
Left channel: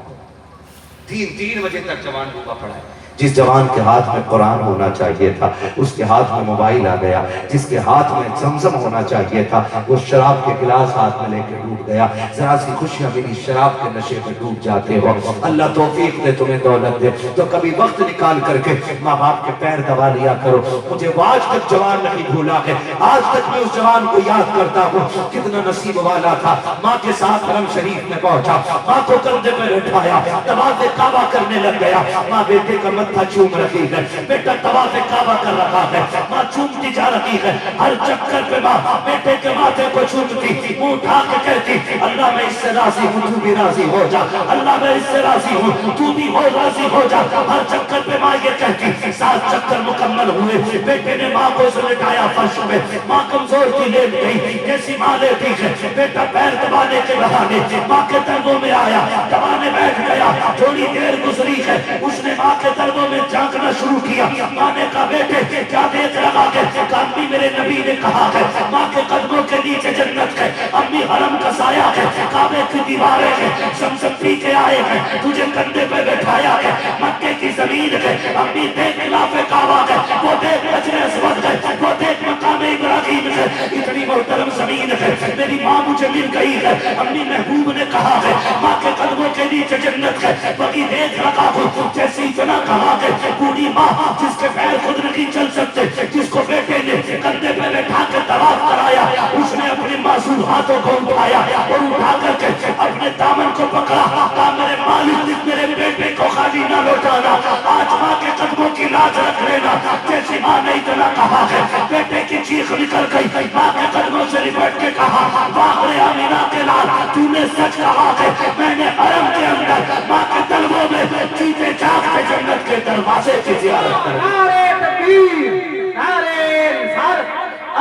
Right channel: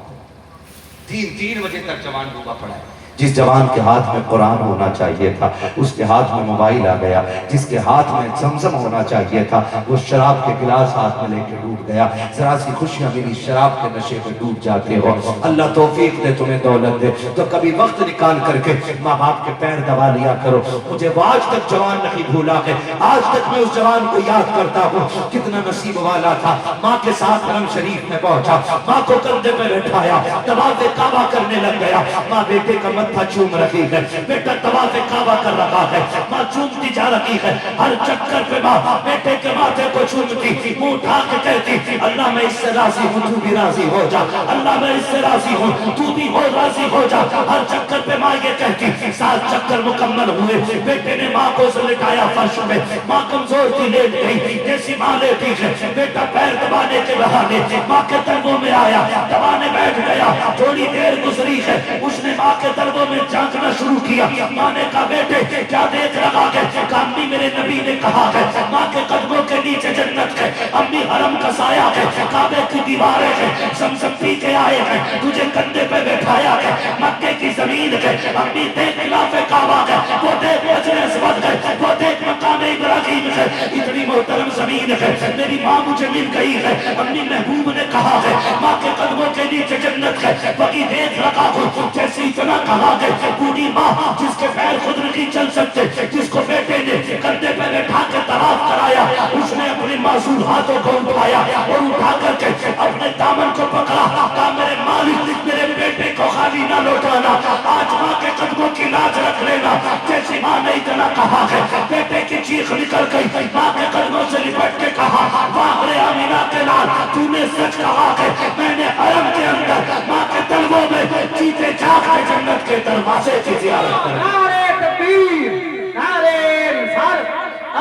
3 بجے تک جوان ڈوبا پڑا ہے۔ جس جوان کے ہاتھ میں قرآن ہونا چاہیے تھا اس کے ہاتھ میں موبائل آ گیا، جس کے ہاتھ میں زمزم ہونا چاہیے تھا وہ شراب کے گلاس ہاتھ میں لے کے ڈوب گیا۔ ذرا سی خوشیاں ملی، شراب کے نشے پہ ڈوب جاتے ہو۔ اللہ توفیق دے، تمہیں دولت دے، تو کبھی وقت نکال کر کے ماں باپ کے پیر دبا لیا کرو۔ مجھے وہ آج تک جوان نہیں بھولا ہے، آج تک میں اس جوان کو یاد کرتا ہوں کتنا نصیب والا تھا۔ ماں کے ساتھ حرم شریف میں پہنچا، ماں کو کندھے پہ بٹھایا، طواف کعبہ کرنے لگ گیا۔ ماں بیٹے کا متھا چوم رہی ہے، بیٹا طواف کعبہ کر رہا ہے، ماں چومتی جا رہی ہے۔ ہر چکر پہ ماں بیٹے کے ماتھے کو چومتی، منہ اٹھا کے کہتی اللہ میں اس سے راضی ہوں، تو بھی راضی ہو جا، اللہ میں اس سے راضی ہوں، تو بھی ہو راضی ہو جا۔ ہر چکر پہ ماں یہ کہتی۔ 7 چکر مکمل ہوئے، بیٹے نے ماں کو سلٹایا فرش پہ، ماں کمزور تھی لیٹ گئی، جیسی ماں لیٹی ہے بیٹا پیر دبانے کے بہانے ماں کے دربوں میں آیا، دبانے بیٹھ گیا۔ تھوڑی دیر گزری ہے، اس نے ماں کے دربوں میں جھانکنا شروع کیا۔ ماں نے کہا بیٹے کیا دیکھ رہا ہے؟ کہا امی میرے نبی نے کہا ہے ماں کے قدموں کے نیچے جنت ہے، امی حرم کا سایہ ہے، کعبے کی دیواریں ہیں، زمزم پی کے آئے ہیں، تجھے کندھے پہ بٹھایا ہے، مکے کی زمین ہے، امی دیکھ خلاف کعبہ ہے، وہ دیکھ حجر اسود ہے، وہ دیکھ مقام ابراہیم ہے، اتنی محترم زمین ہے، میری ماں مجھے مل گئی ہے۔ امی محبوب نے کہا ہے ماں کے قدموں کے نیچے جنت ہے، وہی دیکھ رکھا ہوں جیسی اتنا کہا ہے۔ بوڑھی ماں جس کے پیر خود نہیں چل سکتے، جس کو بیٹے نے کندھے پہ بٹھا کے طواف کرایا، اس نے اپنے معصوم ہاتھوں کو اٹھایا اور اٹھا کر کے اپنے دامن کو پکڑا، کہا میرے مالک میرے بیٹے کو خالی نہ لوٹانا، آج ماں کے قدموں کی لاج رکھ لینا۔ جیسی ماں نے اتنا کہا ہے بیٹے کی چیخ نکل گئی، ماں کے قدموں سے لپٹ کے کہا واہ رے آمینہ کے لال، تو نے سچ کہا ہے، میں نے حرم کے اندر ماں کے طلبوں میں چیتے جاگ کے جنت کے دروازے کی زیارت کر۔ نعرے تکبیر، نعرے رسالت،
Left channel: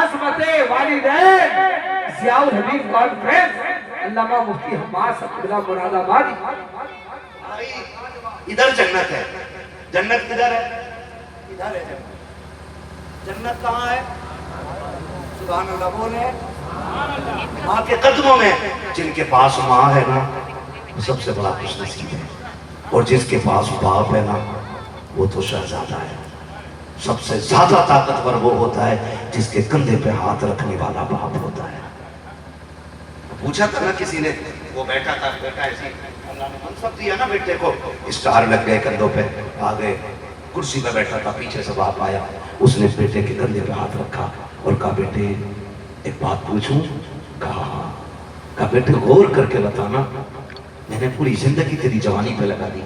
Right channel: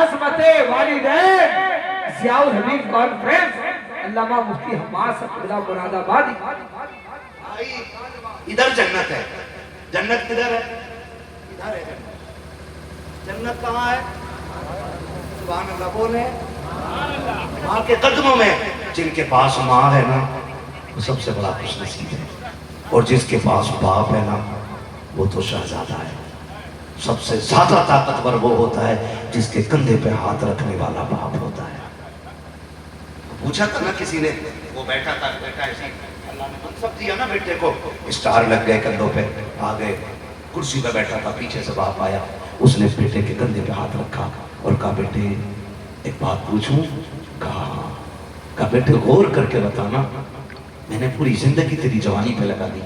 عظمت والدین، ضیاء الحبیب کانفرنس، علامہ مفتی حماس عبداللہ مراد آبادی۔ ادھر جنت ہے، جنت کدھر ہے؟ ادھر ہے جنت۔ جنت کہاں ہے؟ سبحان اللہ بولے، ماں کے قدموں میں۔ جن کے پاس ماں ہے نا وہ سب سے بڑا خوش نصیب ہے، اور جس کے پاس باپ ہے نا وہ تو شہزادہ ہے۔ سب سے زیادہ طاقتور وہ ہوتا ہے جس کے کندھے پہ ہاتھ رکھنے والا باپ ہوتا ہے۔ پوچھا تھا نا کسی نے، وہ بیٹھا تھا، بیٹا ایسی اللہ نے منصب دیا نا بیٹے کو، اسٹار لگ گئے کندھوں پہ، آ گئے، کرسی پہ بیٹھا تھا، پیچھے سے باپ آیا، اس نے بیٹے کے کندھے پہ ہاتھ رکھا اور کہا بیٹے ایک بات پوچھوں؟ کہا بیٹے غور کر کے بتانا، میں نے پوری زندگی تیری جوانی پہ لگا دی،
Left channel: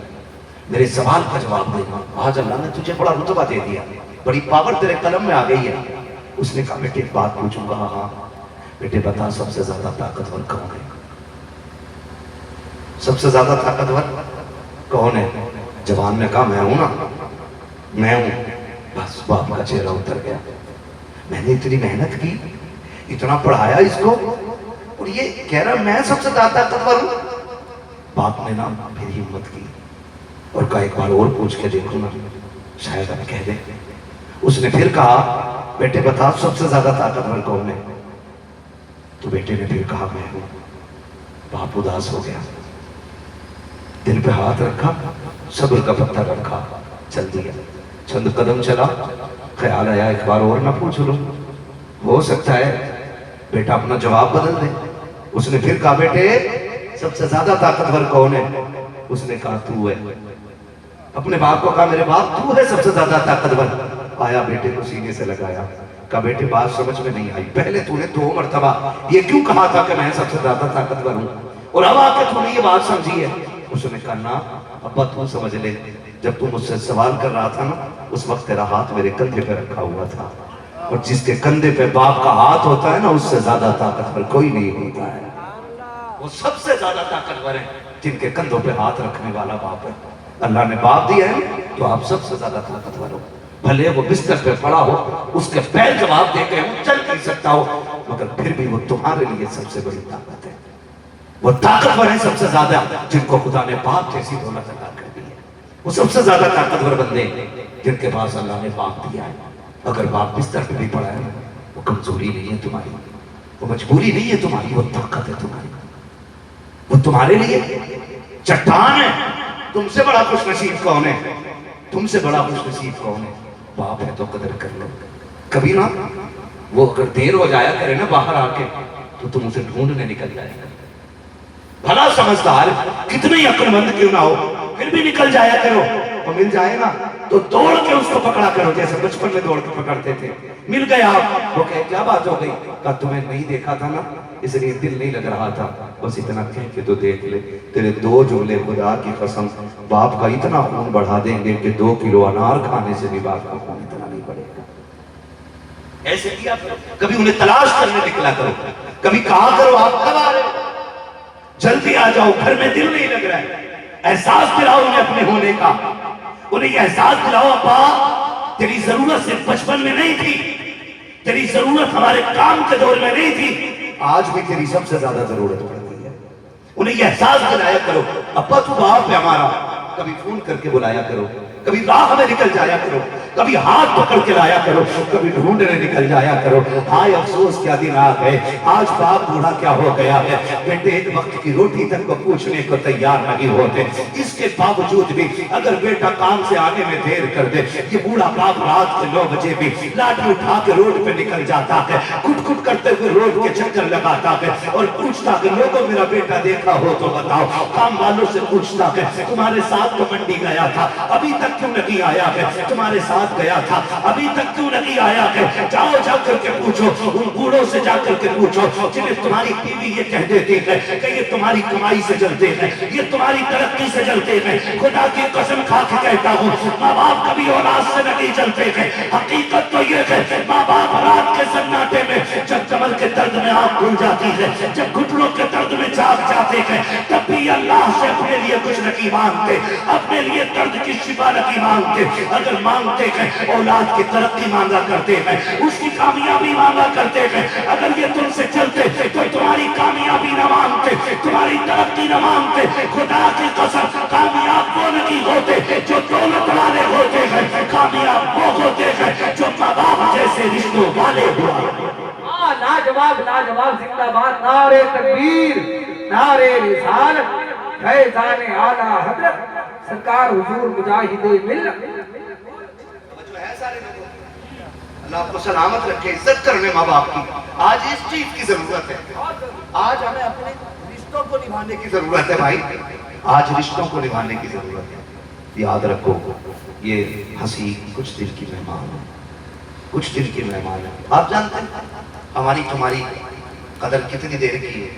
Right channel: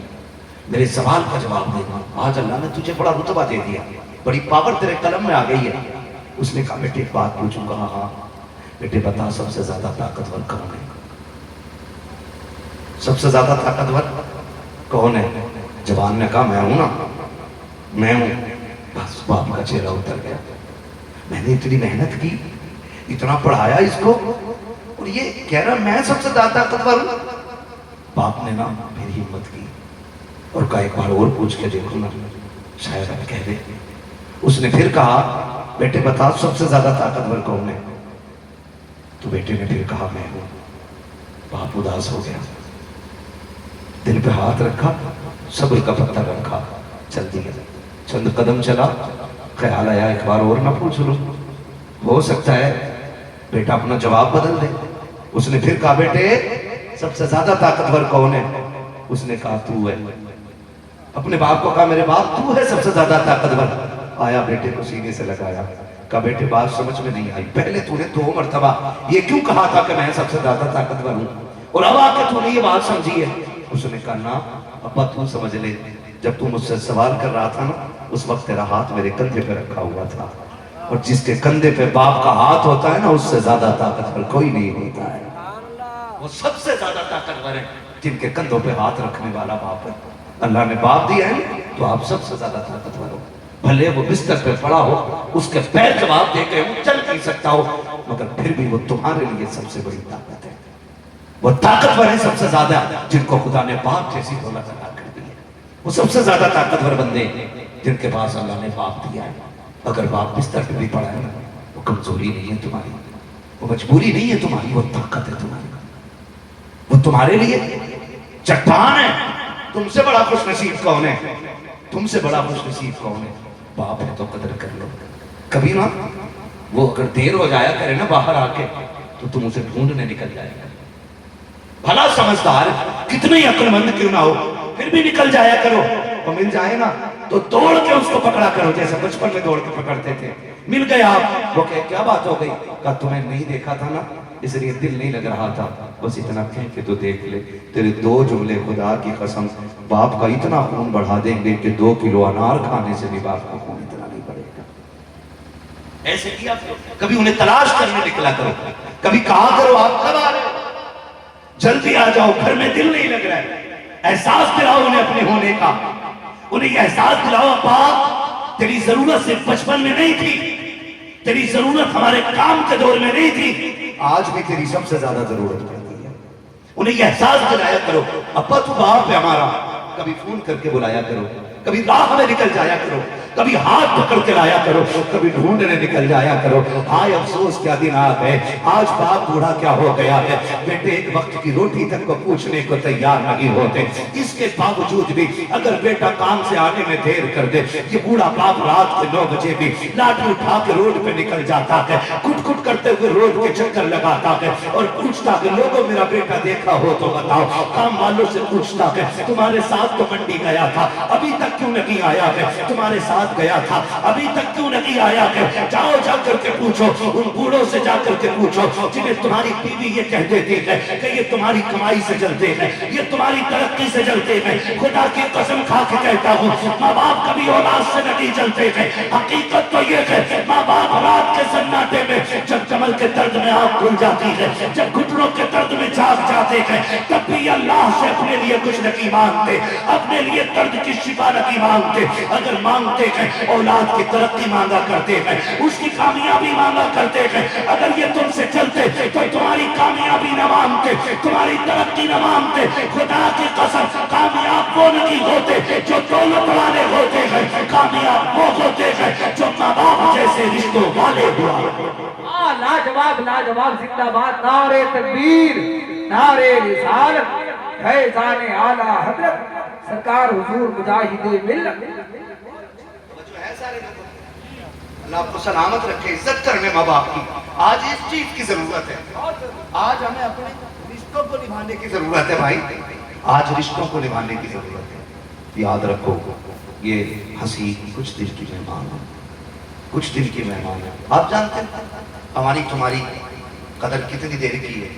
میرے سوال کا جواب دینا، آج اللہ نے تجھے بڑا رتبہ دے دیا، بڑی پاور تیرے قلم میں آ گئی ہے۔ اس نے کہا بیٹے ایک بات پوچھوں گا؟ ہاں بیٹے بتا سب سے زیادہ طاقتور کون ہے؟ سب سے زیادہ طاقتور کون ہے؟ جوان نے کہا میں ہوں نا، میں ہوں۔ بس باپ کا چہرہ اتر گیا، میں نے اتنی محنت کی، اتنا پڑھایا اس کو، اور یہ کہہ رہا میں سب سے زیادہ طاقتور ہوں۔ باپ نے نا پھر ہمت کی اور کہا ایک بار اور پوچھ کے دیکھوں نا، شاید اب کہہ دے۔ اس نے پھر کہا بیٹے بتا سب سے زیادہ طاقتور کون ہے؟ تو بیٹے نے پھر کہا میں ہوں۔ باپ اداس ہو گیا، دل پہ ہاتھ رکھا، صبر کا پتھر رکھا، چل دیا، چند قدم چلا، خیال آیا ایک بار اور نہ پوچھ لوں، ہو سکتا ہے بیٹا اپنا جواب بدل دے۔ اس نے پھر کہا بیٹے سب سے زیادہ طاقتور کون ہے؟ اس نے کہا تو ہے۔ اپنے باپ کو کہا میرے باپ تو ہے سب سے زیادہ طاقتور۔ آیا بیٹے کو سینے سے لگایا، کہا بیٹے بات سمجھ میں نہیں آئی، پہلے تو نے 2 مرتبہ یہ کیوں کہا تھا کہ میں سب سے زیادہ طاقتور ہوں، اور اب آ کے تو نے یہ بات سمجھی ہے؟ اس نے کہا نا ابا تو سمجھ لے، جب تم مجھ سے سوال کر رہا تھا نا اس وقت تیرا ہاتھ میرے کندھے پہ رکھا ہوا تھا، اور جس کے کندھے پہ باپ کا ہاتھ ہوتا ہے نا اس سے زیادہ طاقتور کوئی نہیں ہوتا ہے، وہ سب سے زیادہ طاقتور ہے جن کے کندھوں پہ ہاتھ رکھنے والا باپ ہے۔ اللہ نے باپ دیا ہے تو آپ سب سے زیادہ طاقتور ہو، بھلے وہ بستر پہ پڑا ہو، اس کے پیر جواب دے کے وہ چل نہیں سکتا ہو، مگر پھر بھی وہ تمہارے لیے سب سے بڑی طاقت ہے۔ وہ طاقتور ہیں سب سے زیادہ جن کو خدا نے باپ جیسی دولت عطا کر دی ہے، وہ سب سے زیادہ طاقتور بندے جن کے پاس اللہ نے باپ دیا ہے۔ اگر باپ بستر پہ بھی پڑا ہے وہ کمزوری نہیں ہے تمہاری، وہ مجبوری نہیں ہے تمہاری، وہ طاقت ہے تمہاری، وہ تمہارے لیے چٹان ہے۔ تم سے بڑا خوش نصیب کون ہے؟ تم سے بڑا خوش نصیب کون ہے؟ باپ ہے تو قدر کر لو۔ کبھی نا وہ اگر دیر ہو جایا کرے نا باہر آ کے تو تم اسے ڈھونڈنے نکل جائے گا، بھلا سمجھدار کتنے ہی عقل مند کیوں نہ ہو پھر بھی نکل جایا کرو، وہ مل جائے نا تو دوڑ کے اس کو پکڑا کرو، جیسے بچپن میں دوڑ کے پکڑتے تھے۔ مل گیا وہ کہے کیا بات ہو گئی؟ کہا تمہیں نہیں دیکھا تھا نا اس لیے دل نہیں لگ رہا تھا، بس اتنا کہہ کے تو دیکھ لے، تیرے 2 جملے خدا کی قسم باپ کا اتنا خون بڑھا دیں گے کہ 2 کلو انار کھانے سے بھی باپ کا خون اتنا نہیں بڑھے گا۔ ایسے کیا کبھی انہیں تلاش کرنے نکلا کرو، کبھی کہا کرو آپ کب آ رہے ہو؟ جلدی آ جاؤ، گھر میں دل نہیں لگ رہا ہے۔ احساس دلاؤ انہیں اپنے ہونے کا، انہیں یہ احساس دلاؤ باپ تیری ضرورت سے بچپن میں نہیں تھی، تیری ضرورت ہمارے کام کے دور میں نہیں تھی، آج بھی تیری سب سے زیادہ ضرورت پڑتی ہے۔ انہیں یہ احساس دلایا کرو ابا تو باپ ہے ہمارا، کبھی فون کر کے بلایا کرو، کبھی راہ میں نکل جایا کرو، کبھی ہاتھ پکڑ کے لایا کرو، کبھی ڈھونڈنے نکل جایا کرو۔ ہائے افسوس کیا دن آ گئے، آج باپ بوڑھا کیا ہو گیا ہے، بیٹے ایک وقت کی روٹی تک کو پوچھنے کو تیار نہیں ہوتے، اس کے باوجود بھی اگر بیٹا کام سے آنے میں دیر کر دے یہ بوڑھا باپ رات کے 9 بجے بھی لاٹھی اٹھا کے روڈ پہ نکل جاتا ہے، کٹ کٹ کرتے ہوئے روڈ کے چکر لگاتا ہے اور پوچھتا کہ لوگوں میرا بیٹا دیکھا ہو تو بتاؤ، کام والوں سے پوچھتا کہ تمہارے ساتھ تو منڈی گیا تھا ابھی تک کیوں نہیں آیا ہے، تمہارے ساتھ گیا تھا ابھی تک کیوں نہیں آیا ہے، جاؤ جا کر کے پوچھو، ان بوڑھوں سے جا کر کے پوچھو جنہیں تمہاری بیوی یہ کہہ دیتی ہے کہ یہ تمہاری کمائی سے جلتے ہیں، یہ تمہاری ترقی سے جلتے ہیں۔ خدا کی قسم کھا کے کہتا ہوں ماں باپ کبھی اولاد سے نہیں جلتے ہیں، حقیقت تو یہ ہے ماں باپ رات کے سناٹے میں جب کمر کے درد میں آنکھ کھل جاتی ہے، جب گھٹنوں کے درد میں جاگ جاتے ہیں، تب بھی اللہ سے اپنے لیے کچھ نہیں مانگتے، اپنے لیے درد کی شفا نہیں مانگتے، اگر مانگتے ہیں اولاد کی ترقی مانگا کرتے ہیں، اس کی کامیابی مانگا کرتے ہیں۔ اگر یہ تم سے چلتے تو تمہاری کامیابی نہ مانگتے، تمہاری ترقی نہ مانگتے۔ خدا کی قسم کامیاب وہ نہیں ہوتے جو دولت والے ہوتے ہیں، کامیاب وہ ہوتے ہیں جو ماں باپ جیسے رشتوں والے ہوا۔ لاجواب لاجواب زندہ باد، نعرے تکبیر، نعرے رسالت، فیضان اعلیٰ حضرت سرکار حضور مجاہد ملت۔ جو ہے سارے لوگوں اللہ آپ کو سلامت رکھے، عزت کرنے ماں باپ کی، آج اس چیز کی ضرورت ہے، آج ہمیں اپنے رشتوں کو نبھانے کی ضرورت ہے بھائی، آج رشتوں کو نبھانے کی ضرورت ہے۔ یاد رکھو یہ ہنسی کچھ دن کی مہمان ہے، کچھ دن کی مہمان ہے۔ آپ جانتے ہیں ہماری تمہاری قدر کتنی دیر کی ہے،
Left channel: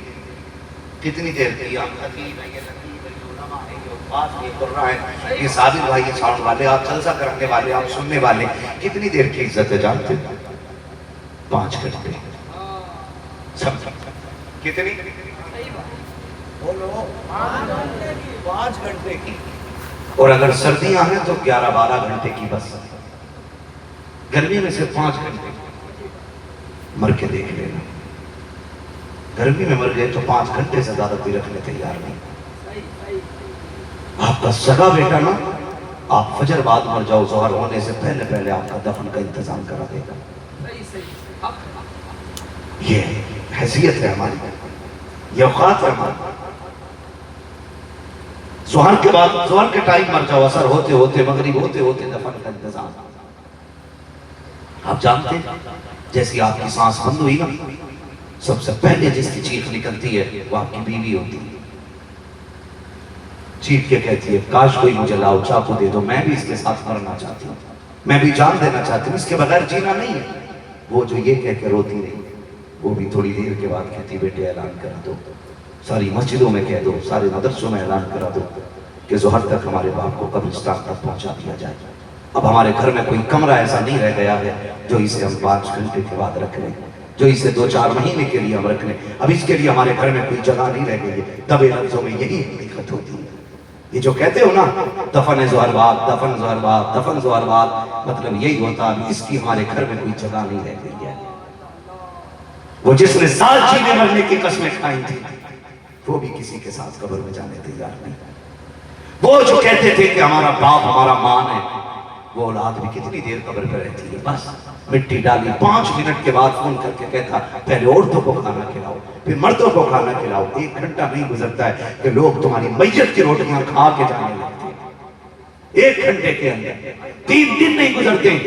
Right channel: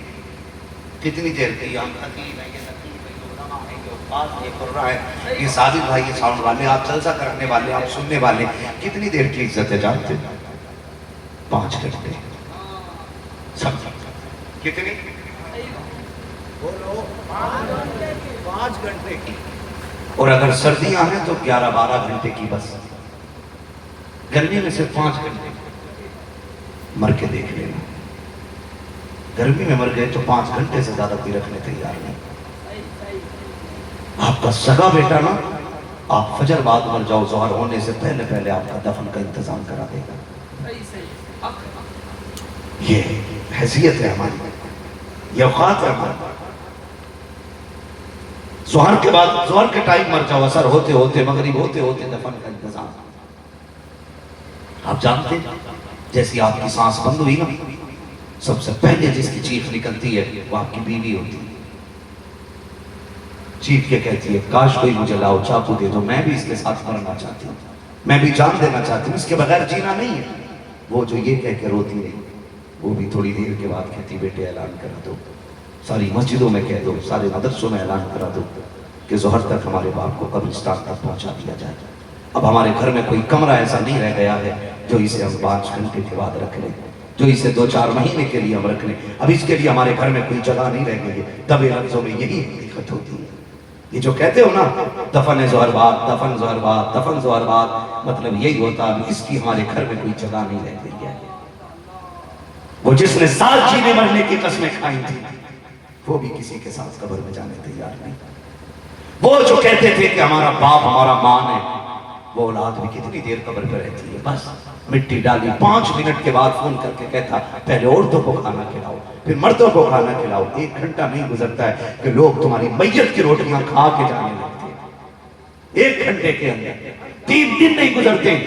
کتنی دیر کی ہے؟ آپ حکیم ہیں، یہ لطیف ہے، یہ علماء ہے، یہ اوقاف ہے، یہ قرآن ہے، یہ سابق بھائی، یہ ساؤنڈ والے، آپ جلسہ کرنے والے، آپ سننے والے، کتنی دیر کی عزت ہے جانتے ہیں؟ 5 گھنٹے۔ سب کتنی؟ بولو 5 گھنٹے کی، اور اگر سردیاں ہیں تو 11-12 گھنٹے کی بس، گرمی میں صرف 5 گھنٹے۔ مر کے دیکھ لینا، گرمی میں مر گئے تو 5 گھنٹے سے زیادہ کوئی رکھنے تیار نہیں۔ آپ کا سگا بیٹا نا، آپ فجر بعد مر جاؤ، ظہر ہونے سے پہلے پہلے آپ کا دفن کا انتظام کرا دے گا۔ یہ حیثیت ہے ہماری، یہ اوقات ہے ہماری۔ ظہر کے بعد، ظہر کے ٹائم مر جاؤ، اثر ہوتے ہوتے، مغرب ہوتے ہوتے دفن کا انتظام۔ آپ جانتے ہیں جیسی آپ کی سانس بند ہوئی نا، سب سے پہلے جس کی چیخ نکلتی ہے وہ آپ کی بیوی ہوتی ہے۔ چیخ کے کہتی ہے کاش کوئی مجھے لاؤ چاقو دے دو، میں بھی اس کے ساتھ مرنا چاہتی ہوں۔ میں بھی جان دینا چاہتی ہوں، اس کے بغیر جینا نہیں ہے۔ وہ جو یہ کہہ کے روتی رہی، وہ بھی تھوڑی دیر کے بعد کہتی بیٹے اعلان کرا دو، ساری مسجدوں میں کہہ دو، سارے مدرسوں میں اعلان کرا دو کہ ظہر تک ہمارے باپ کو قبرستان تک پہنچا دیا جائے۔ اب ہمارے گھر میں کوئی کمرہ ایسا نہیں رہ گیا ہے جو اسے ہم 5 گھنٹے کے بعد رکھ لیں، جو اسے 2-4 مہینے کے لیے ہم رکھ لیں۔ اب اس کے لیے ہمارے گھر میں کوئی جگہ نہیں رہ گئی ہے۔ دبے لفظوں میں یہی حقیقت ہوتی ہے۔ یہ جو کہتے ہو نا دفن ظہر بعد، دفن ظہر بعد، دفن ظہر بعد، مطلب یہی ہوتا اب اس کی ہمارے گھر میں کوئی جگہ نہیں رہ گئی ہے۔ وہ جس نے ساتھ جینے مرنے کی قسمیں کھائی تھی وہ بھی کسی کے ساتھ قبر میں جانے تیار نہیں۔ وہ جو کہتے تھے کہ ہمارا باپ ہمارا ماں ہے، وہ اولاد بھی کتنی دیر قبر پہ رہتی ہے، بس مٹی ڈالی 5 منٹ کے بعد فون کر کے کہتا پہلے عورتوں کو کھانا کھلاؤ پھر مردوں کو کھانا کھلاؤ۔ 1 گھنٹہ نہیں گزرتا ہے کہ لوگ تمہاری میت کی روٹیاں کھا کے جانے لگتے ہیں۔ 1 گھنٹے کے اندر 3 دن نہیں گزرتے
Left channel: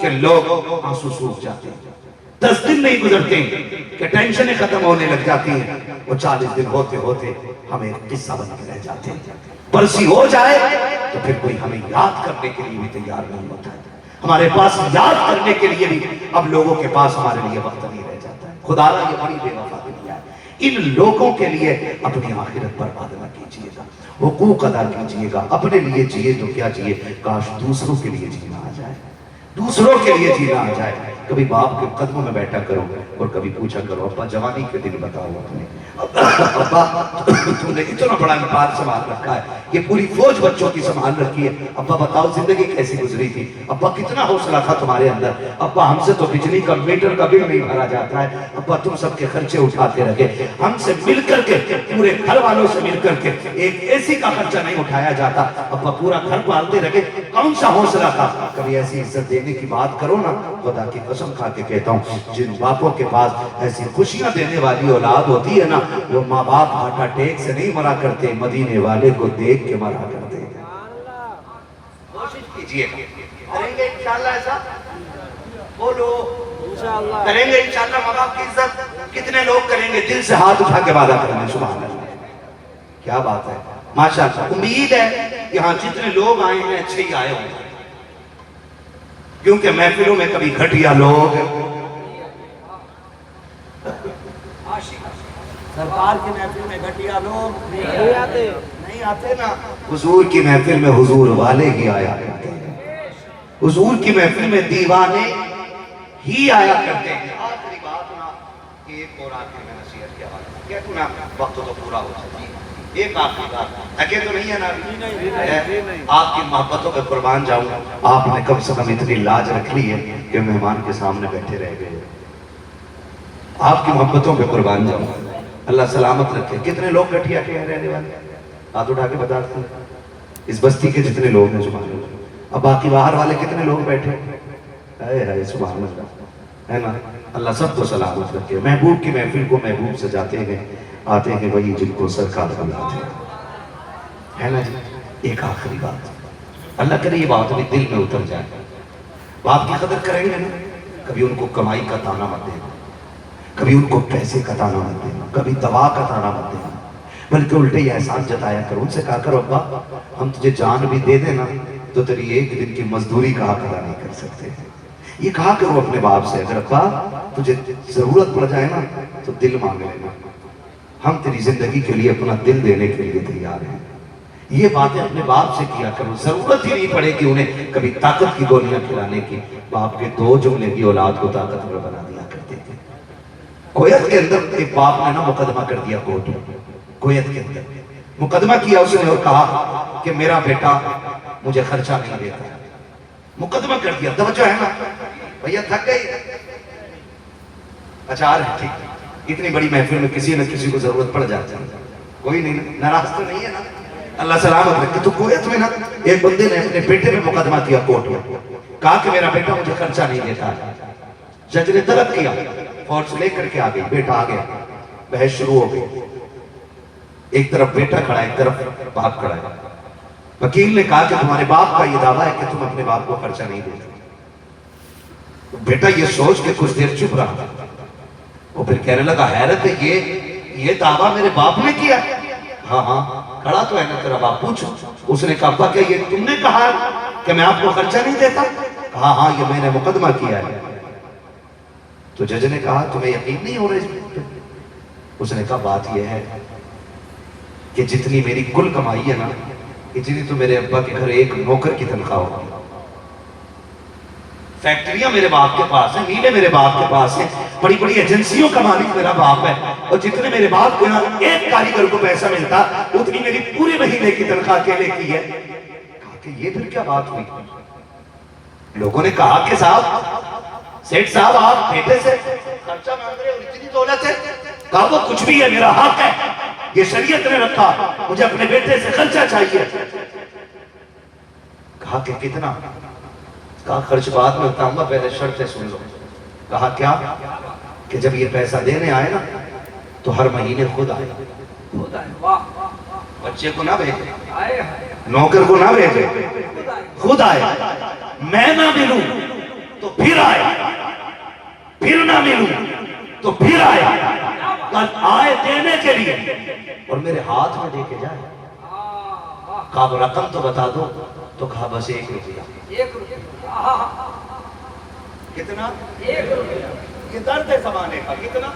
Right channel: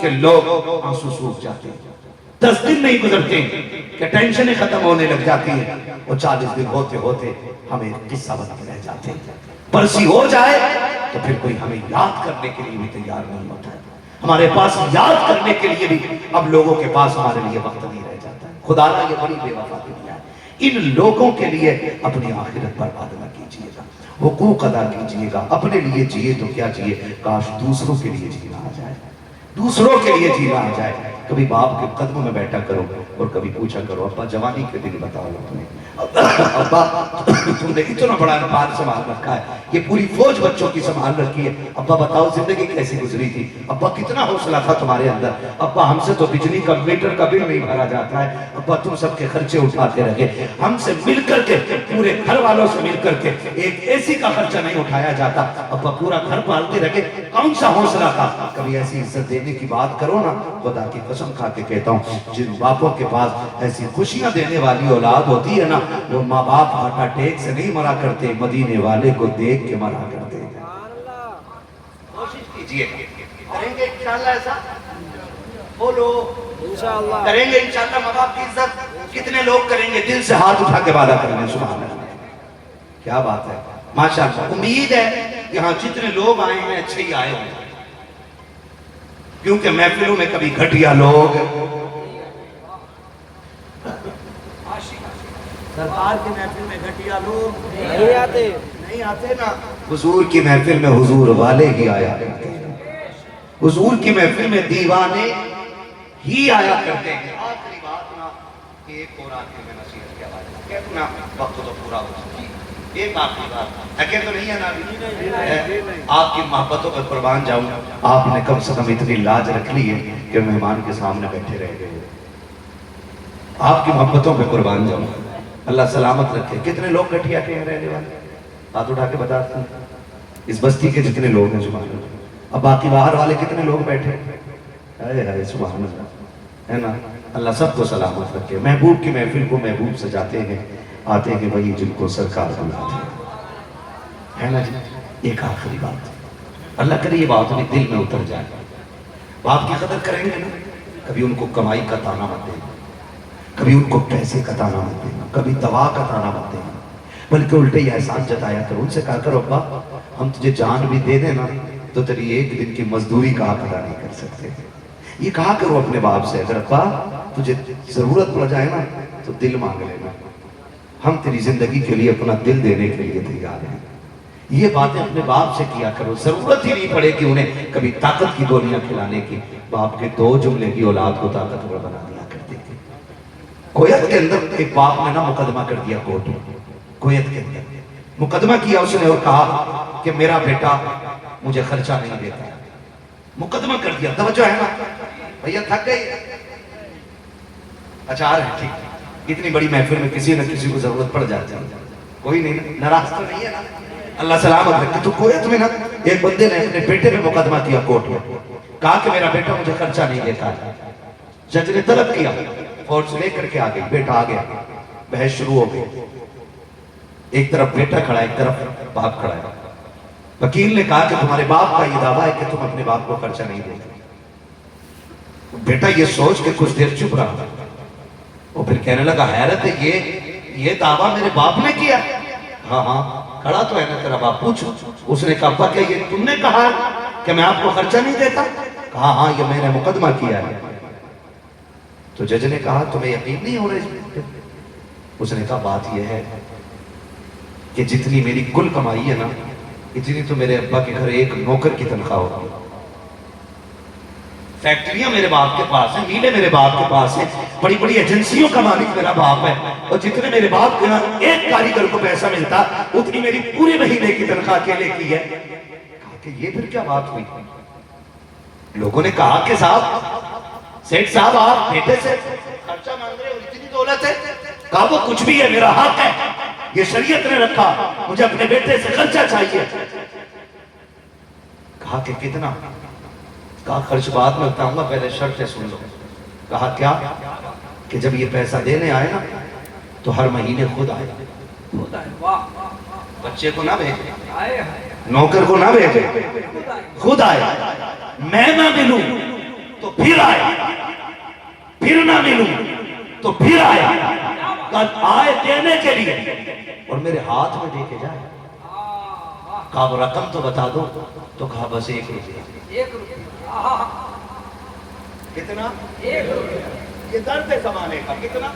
کہ لوگ آنسو سوکھ جاتے ہیں، 10 دن نہیں گزرتے کہ ٹینشنیں ختم ہونے لگ جاتی ہیں، اور 40 دن ہوتے ہوتے ہمیں قصہ بن کے رہ جاتے ہیں۔ برسی ہو جائے تو پھر کوئی ہمیں یاد کرنے کے لیے بھی تیار نہیں ہوتا ہے۔ ہمارے پاس یاد کرنے کے لیے بھی اب لوگوں کے پاس ہمارے لیے وقت نہیں رہ جاتا ہے۔ خدا نے یہ بڑی بے وفا دنیا ہے۔ ان لوگوں کے لیے اپنی آخرت برباد نہ کیجیے گا، حقوق ادا کیجیے گا۔ اپنے لیے جیے تو کیا جیے، کاش دوسروں کے لیے جینا آ جائے، دوسروں کے لیے جینا آ جائے۔ کبھی باپ کے قدموں میں بیٹھا کرو اور کبھی پوچھا کرو ابا جوانی کے دن بتاؤ اپنے، ابا تم نے اتنا بڑا امپائر سنبھال رکھا ہے، یہ پوری فوج بچوں کی سنبھال رکھی ہے، ابا بتاؤ زندگی کیسی گزری تھی، ابا کتنا حوصلہ تھا تمہارے اندر، ابا ہم سے تو بجلی کا میٹر کا بل نہیں بھرا جاتا ہے، ابا تم سب کے خرچے اٹھاتے رہے، ہم سے مل کر کے پورے گھر والوں سے مل کر کے ایک اے سی کا خرچہ نہیں اٹھایا جاتا، ابا پورا گھر پالتے رہے، کون سا حوصلہ تھا۔ کبھی ایسی عزت دینے کی بات کرو نا، خدا کی قسم کھا کے کہتا ہوں جن باپوں کے پاس ایسی خوشیاں دینے والی اولاد ہوتی ہے نا، وہ ماں باپ ہارٹ اٹیک سے نہیں مرا کرتے، مدینے والے کو دیکھ کے مرا کرتے ہیں۔ کوشش کیجئے کریں گے انشاءاللہ ایسا، بولو انشاءاللہ کریں گے انشاءاللہ۔ ماں باپ کی عزت کتنے لوگ کریں گے، دل سے ہاتھ اٹھا کے وعدہ کریں گے، سبحان اللہ، کیا بات ہے، ماشاءاللہ۔ امید ہے یہاں جتنے لوگ آئے ہیں اچھے ہی آئے ہوں، کیونکہ محفلوں میں کبھی گھٹیا لوگ سرکار کی محفل میں گھٹیا لوگ نہیں آتے نا، حضور کی محفل میں حضور والے ہی آیا کرتے ہیں، حضور کی محفل میں دیوانے ہی آیا کرتے ہیں۔ آخری بات نا، ایک اور آخری میں نصیحت کیا بات کہتے نا، وقت تو پورا ہو سکتی ہے، ایک آخری بات اکیل تو نہیں ہے نا، آپ کی محبتوں پر قربان جاؤں، آپ نے کم سے کم اتنی لاج رکھ لی ہے کہ مہمان کے سامنے بیٹھے رہ گئے، آپ کی محبتوں پہ قربان جاؤں، اللہ سلامت رکھے۔ کتنے لوگ گٹھیا کے ہیں رہنے والے، ہاتھ اٹھا کے بتاتے ہیں، اس بستی کے جتنے لوگ ہیں سبحان اللہ، اب باقی باہر والے کتنے لوگ بیٹھے ہیں، سبحان اللہ، ہے نا، اللہ سب کو سلامت رکھے۔ محبوب کی محفل کو محبوب سجاتے ہیں، آتے ہیں وہی جن کو سرکار بناتے ہیں، ہے نا جی۔ ایک آخری بات، اللہ کرے یہ بات بھی دل میں اتر جائے، باپ کی قدر کریں گے نا، کبھی ان کو کمائی کا تانا مت دینا، کبھی ان کو پیسے کا تانا مت دینا، کبھی دوا کا تانا مت دینا، بلکہ الٹے یہ احسان جتایا کرو، ان سے کہا کرو ابا ہم تجھے جان بھی دے دینا تو تیری 1 دن کی مزدوری کا آقا نہیں کر سکتے۔ یہ کہا کرو اپنے باپ سے، اگر ابا تجھے ضرورت پڑ جائے نا تو دل مانگ لینا، ہم تیری زندگی کے لیے اپنا دل دینے کے لیے تیار ہیں۔ یہ باتیں اپنے باپ سے کیا کرو، ضرورت ہی نہیں پڑے کہ انہیں کبھی طاقت کی گولیاں کھلانے کی، باپ کے 2 جملے کی اولاد کو طاقتور بنا دیا کرتے تھے۔ کویت کے اندر ایک باپ نے نا مقدمہ کر دیا کورٹ میں، کویت کے اندر مقدمہ کیا اس نے اور کہا کہ میرا بیٹا مجھے خرچہ نہیں دیتا، مقدمہ کر دیا، توجہ ہے نا بھیا، تھک گئی، اچھا آ رہے ٹھیک، اتنی بڑی محفل میں کسی نہ کسی کو ضرورت پڑ جاتی ہے، کوئی نہیں ناراض تو نہیں ہے نا، اللہ سلامت رکھے۔ تو کویت میں نا ایک بندے نے اپنے بیٹے پہ مقدمہ کیا کورٹ میں، کہا کہ میرا بیٹا مجھے خرچہ نہیں دیتا، جج نے طلب کیا، فورس لے کر کے آ گئی، بیٹا آ گیا، بحث شروع ہو گئی، ایک طرف بیٹا کھڑا ہے ایک طرف باپ کھڑا ہے، وکیل نے کہا کہ تمہارے باپ کا یہ دعویٰ ہے کہ تم اپنے باپ کو خرچہ نہیں دیتے، بیٹا یہ سوچ کے کچھ دیر چپ رہا، وہ پھر کہنے لگا حیرت ہے یہ دعویٰ میرے باپ نے کیا؟ ہاں ہاں کھڑا تو ہے نا تیرا باپ، پوچھو۔ اس نے کہا کہ یہ تم نے کہا کہ میں آپ کو خرچہ نہیں دیتا؟ کہا ہاں یہ میں نے مقدمہ کیا ہے. تو جج نے کہا تمہیں یقین نہیں ہو رہا؟ اس نے کہا بات یہ ہے کہ جتنی میری کل کمائی ہے نا اتنی تو میرے ابا کے گھر ایک نوکر کی تنخواہ ہوتی ہے. فیکٹریاں میرے باپ کے پاس ہیں, میلیں میرے باپ کے پاس ہیں, بڑی بڑی ایجنسیوں کا مالک میرا باپ ہے, اور جتنے میرے باپ کے یہاں ایک کاریگر کو پیسہ ملتا اتنی میری پورے مہینے کی تنخواہ اکیلے کی ہے. کہا کہ یہ پھر کیا بات ہوئی؟ لوگوں نے کہا کہ صاحب سیٹھ صاحب آپ بیٹے سے خرچہ مانگ رہے ہو, اتنی دولت ہے. کہا وہ کچھ بھی ہے, میرا حق ہے, یہ شریعت نے رکھا, مجھے اپنے بیٹے سے خرچہ چاہیے. کہا کہ کتنا؟ کہا خرچ بعد میں بتاؤں گا, پہلے شرطیں سن لو. کہا کیا؟ کہ جب یہ پیسہ دینے آئے نا تو ہر مہینے خود آئے, بچے کو نہ بھیجے, نوکر کو نہ بھیجے, خود آئے. میں نہ ملوں تو پھر آئے, پھر نہ ملوں تو پھر آئے. آئے دینے کے لیے اور میرے ہاتھ میں دے کے جائے. کہا وہ رقم تو بتا دو. تو کہا بس 1 روپیہ. کتنا؟ 1 روپیہ. یہ درد ہے زمانے کا. کتنا؟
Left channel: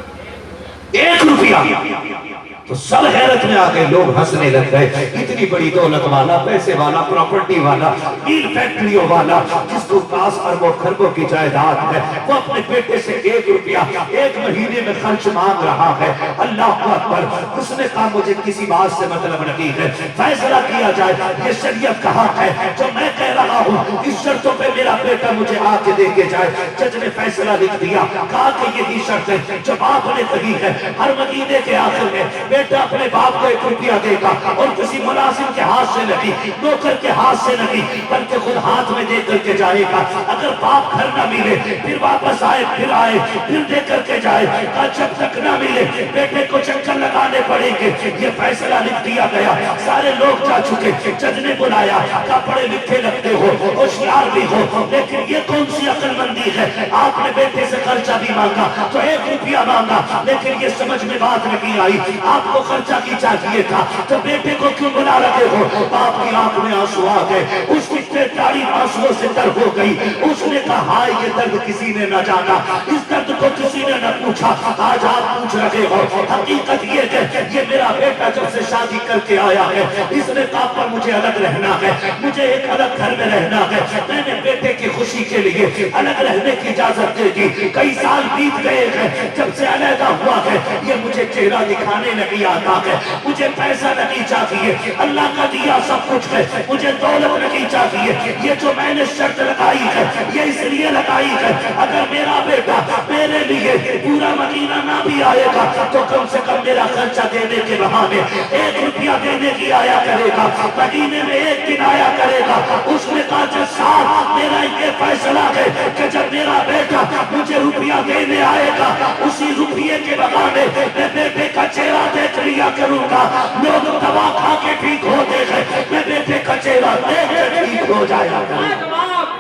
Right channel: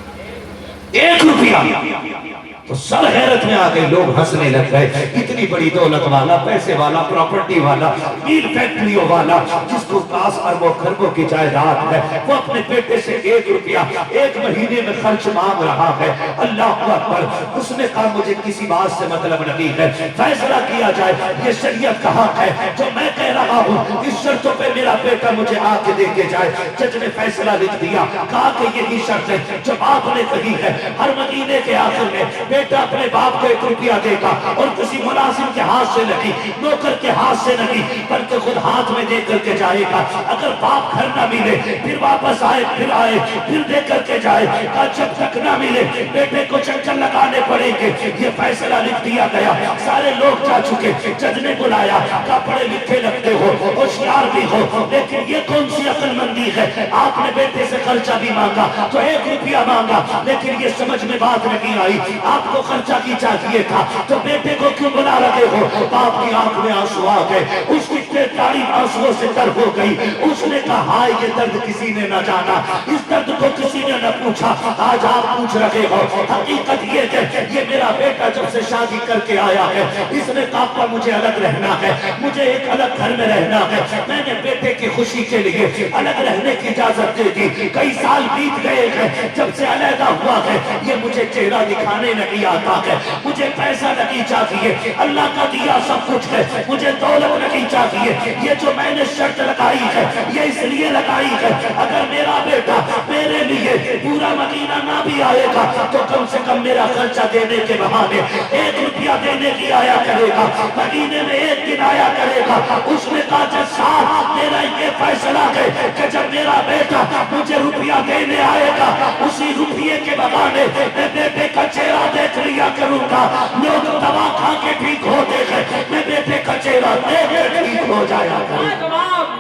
1 روپیہ. تو سب حیرت میں آ گئے, لوگ ہنسنے لگ گئے. اتنی بڑی دولت والا, پیسے والا, پراپرٹی والا, میل فیکٹریوں والا, جس کو 10 اربوں خربوں کی جائیداد ہے, وہ اپنے بیٹے سے 1 روپیہ 1 مہینے میں خرچ مانگ رہا ہے. اللہ اکبر. اس نے کہا مجھے کسی بات سے مطلب نہیں ہے, فیصلہ کیا جائے, یہ شریعت کا حق ہے, جو میں کہہ رہا ہوں اس شرطوں پہ میرا بیٹا مجھے آ کے دے کے جائے. جج نے فیصلہ لکھ دیا. کہا کہ یہی شرط ہے جو باپ نے کہی ہے, ہر مہینے کے آخر میں بیٹا اپنے باپ کو 1 روپیہ دے گا, اور کسی ملازم کے ہاتھ سے نہیں, نوکر کے ہاتھ سے نہیں, بلکہ خود ہاتھ میں دے کر کے جائے گا. اگر باپ گھر نہ ملے پھر واپس آئے, پھر آئے, پھر دے کر کے جائے. کہا جب تک نہ ملے بیٹے کو چکر لگانے پڑیں گے. یہ فیصلہ لکھ دیا گیا. سارے لوگ جا چکے. جج نے بلایا. کہا پڑھے لکھے لگتے ہو, ہوشیار بھی ہو, لیکن یہ کون سی عقل مندی ہے؟ آپ نے بیٹے سے خرچہ بھی مانگا تو 1 روپیہ مانگا, لیکن یہ سمجھ میں بات نہیں آئی. آپ کو خرچہ کی چاہیے تھا تو بیٹے کو کیوں بنا رہے ہو؟ باپ کی آنکھ میں آنسو آ گئے, اس کی داڑھی آنسوؤں سے تر ہو گئی. اس نے کہا ہائے یہ درد کسی نے نہ جانا, اس درد کو کسی نے نہ پوچھا, آج آپ پوچھ رہے ہو. حقیقت یہ ہے یہ میرا بیٹا جب سے شادی کر کے آیا ہے اس نے کہا پر مجھے الگ رہنا ہے, مجھے ایک الگ گھر میں رہنا ہے. میں نے بیٹے کی خوشی کے لیے الگ رہنے کی اجازت دے دی. کئی سال بیت گئے ہیں جب سے علیحدہ ہوا ہے. یہ مجھے چہرہ دکھانے نہیں آتا ہے, مجھے پیسہ نہیں چاہیے, اللہ کا دیا سب کچھ ہے, مجھے دولت نہیں چاہیے. یہ جو میں نے شرط لگائی ہے یہ اس لیے لگائی ہے اگر میرا بیٹا میرے لیے پورا مہینہ نہ بھی آئے گا تو کم سے کم میرا خرچہ دینے کے بہانے 1 روپیہ دینے کی آیا کرے گا, مہینے میں 1 دن آیا کرے گا. اس نے کہا جج صاحب میرا یہ فیصلہ ہے کہ جب میرا بیٹا مجھے روپیہ دینے آئے گا اسی روپیے کے بہانے میں بیٹے کا چہرہ دیکھ لیا کروں گا. لوگ دوا کھا کے ٹھیک ہوتے ہیں, میں بیٹے کا چہرہ دیکھ کے ٹھیک ہو جایا کروں.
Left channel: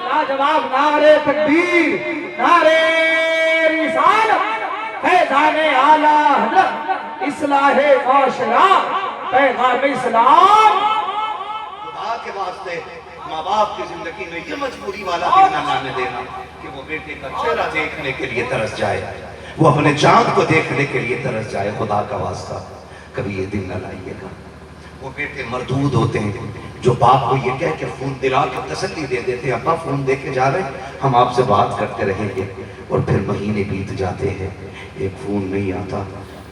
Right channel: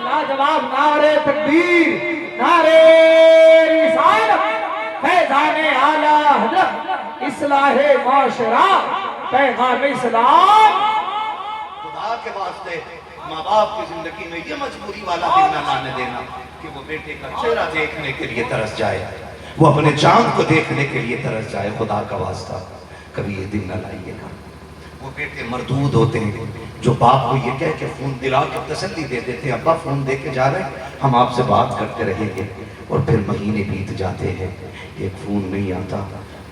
لاجواب نعرے تکبیر, نعرے رسالت, فیضان اعلیٰ حضرت, اصلاح معاشرہ, پیغام اسلام. خدا کے واسطے ماں باپ کی زندگی میں یہ مجبوری والا دن نہ لانے دینا کہ وہ بیٹے کا چہرہ دیکھنے کے لیے ترس جائے, وہ اپنے چاند کو دیکھنے کے لیے ترس جائے. خدا کا واسطہ کبھی یہ دن نہ لائیے گا. وہ بیٹے مردود ہوتے ہیں جو باپ کو یہ کہہ کہ فون دلا کے تسلی دے دیتے, ابا فون دے کے جا رہے ہیں, ہم آپ سے بات کرتے رہیں گے, اور پھر مہینے بیت جاتے ہیں, ایک فون نہیں آتا.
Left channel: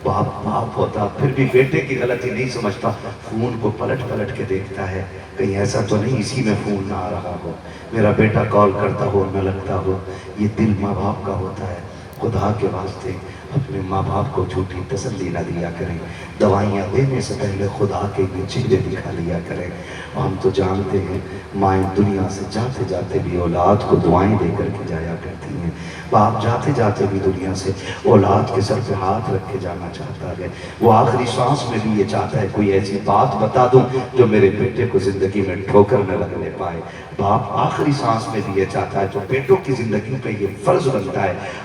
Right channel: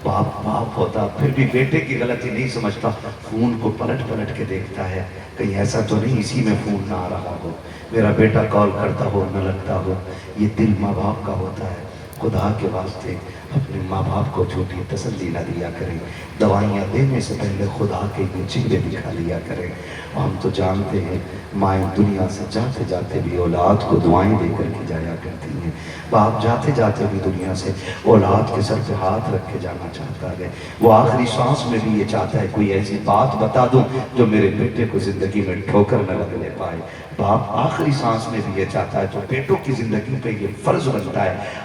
باپ ہوتا پھر بھی بیٹے کی غلطی نہیں سمجھتا, فون کو پلٹ کے دیکھتا ہے کہیں ایسا تو نہیں اسی میں فون نہ آ رہا ہو, میرا بیٹا کال کرتا ہو نہ لگتا ہو. یہ دل ماں باپ کا ہوتا ہے. خدا کے واسطے اپنے ماں باپ کو جھوٹی تسلی نہ دیا کریں, دوائیاں دینے سے پہلے خدا کے یہ چہرے دکھا لیا کریں. ہم تو جانتے ہیں مائیں دنیا سے جاتے جاتے بھی اولاد کو دعائیں دے کر کے جایا کرتی ہیں, باپ جاتے جاتے بھی دنیا سے اولاد کے سر پہ ہاتھ رکھ کے جانا چاہتا ہے. وہ آخری سانس میں بھی یہ چاہتا ہے کوئی ایسی بات بتا دوں جو میرے بیٹے کو زندگی میں ٹھوکر نہ لگنے پائے. باپ آخری سانس میں بھی یہ چاہتا ہے جو بیٹوں کی زندگی پہ یہ فرض بنتا ہے,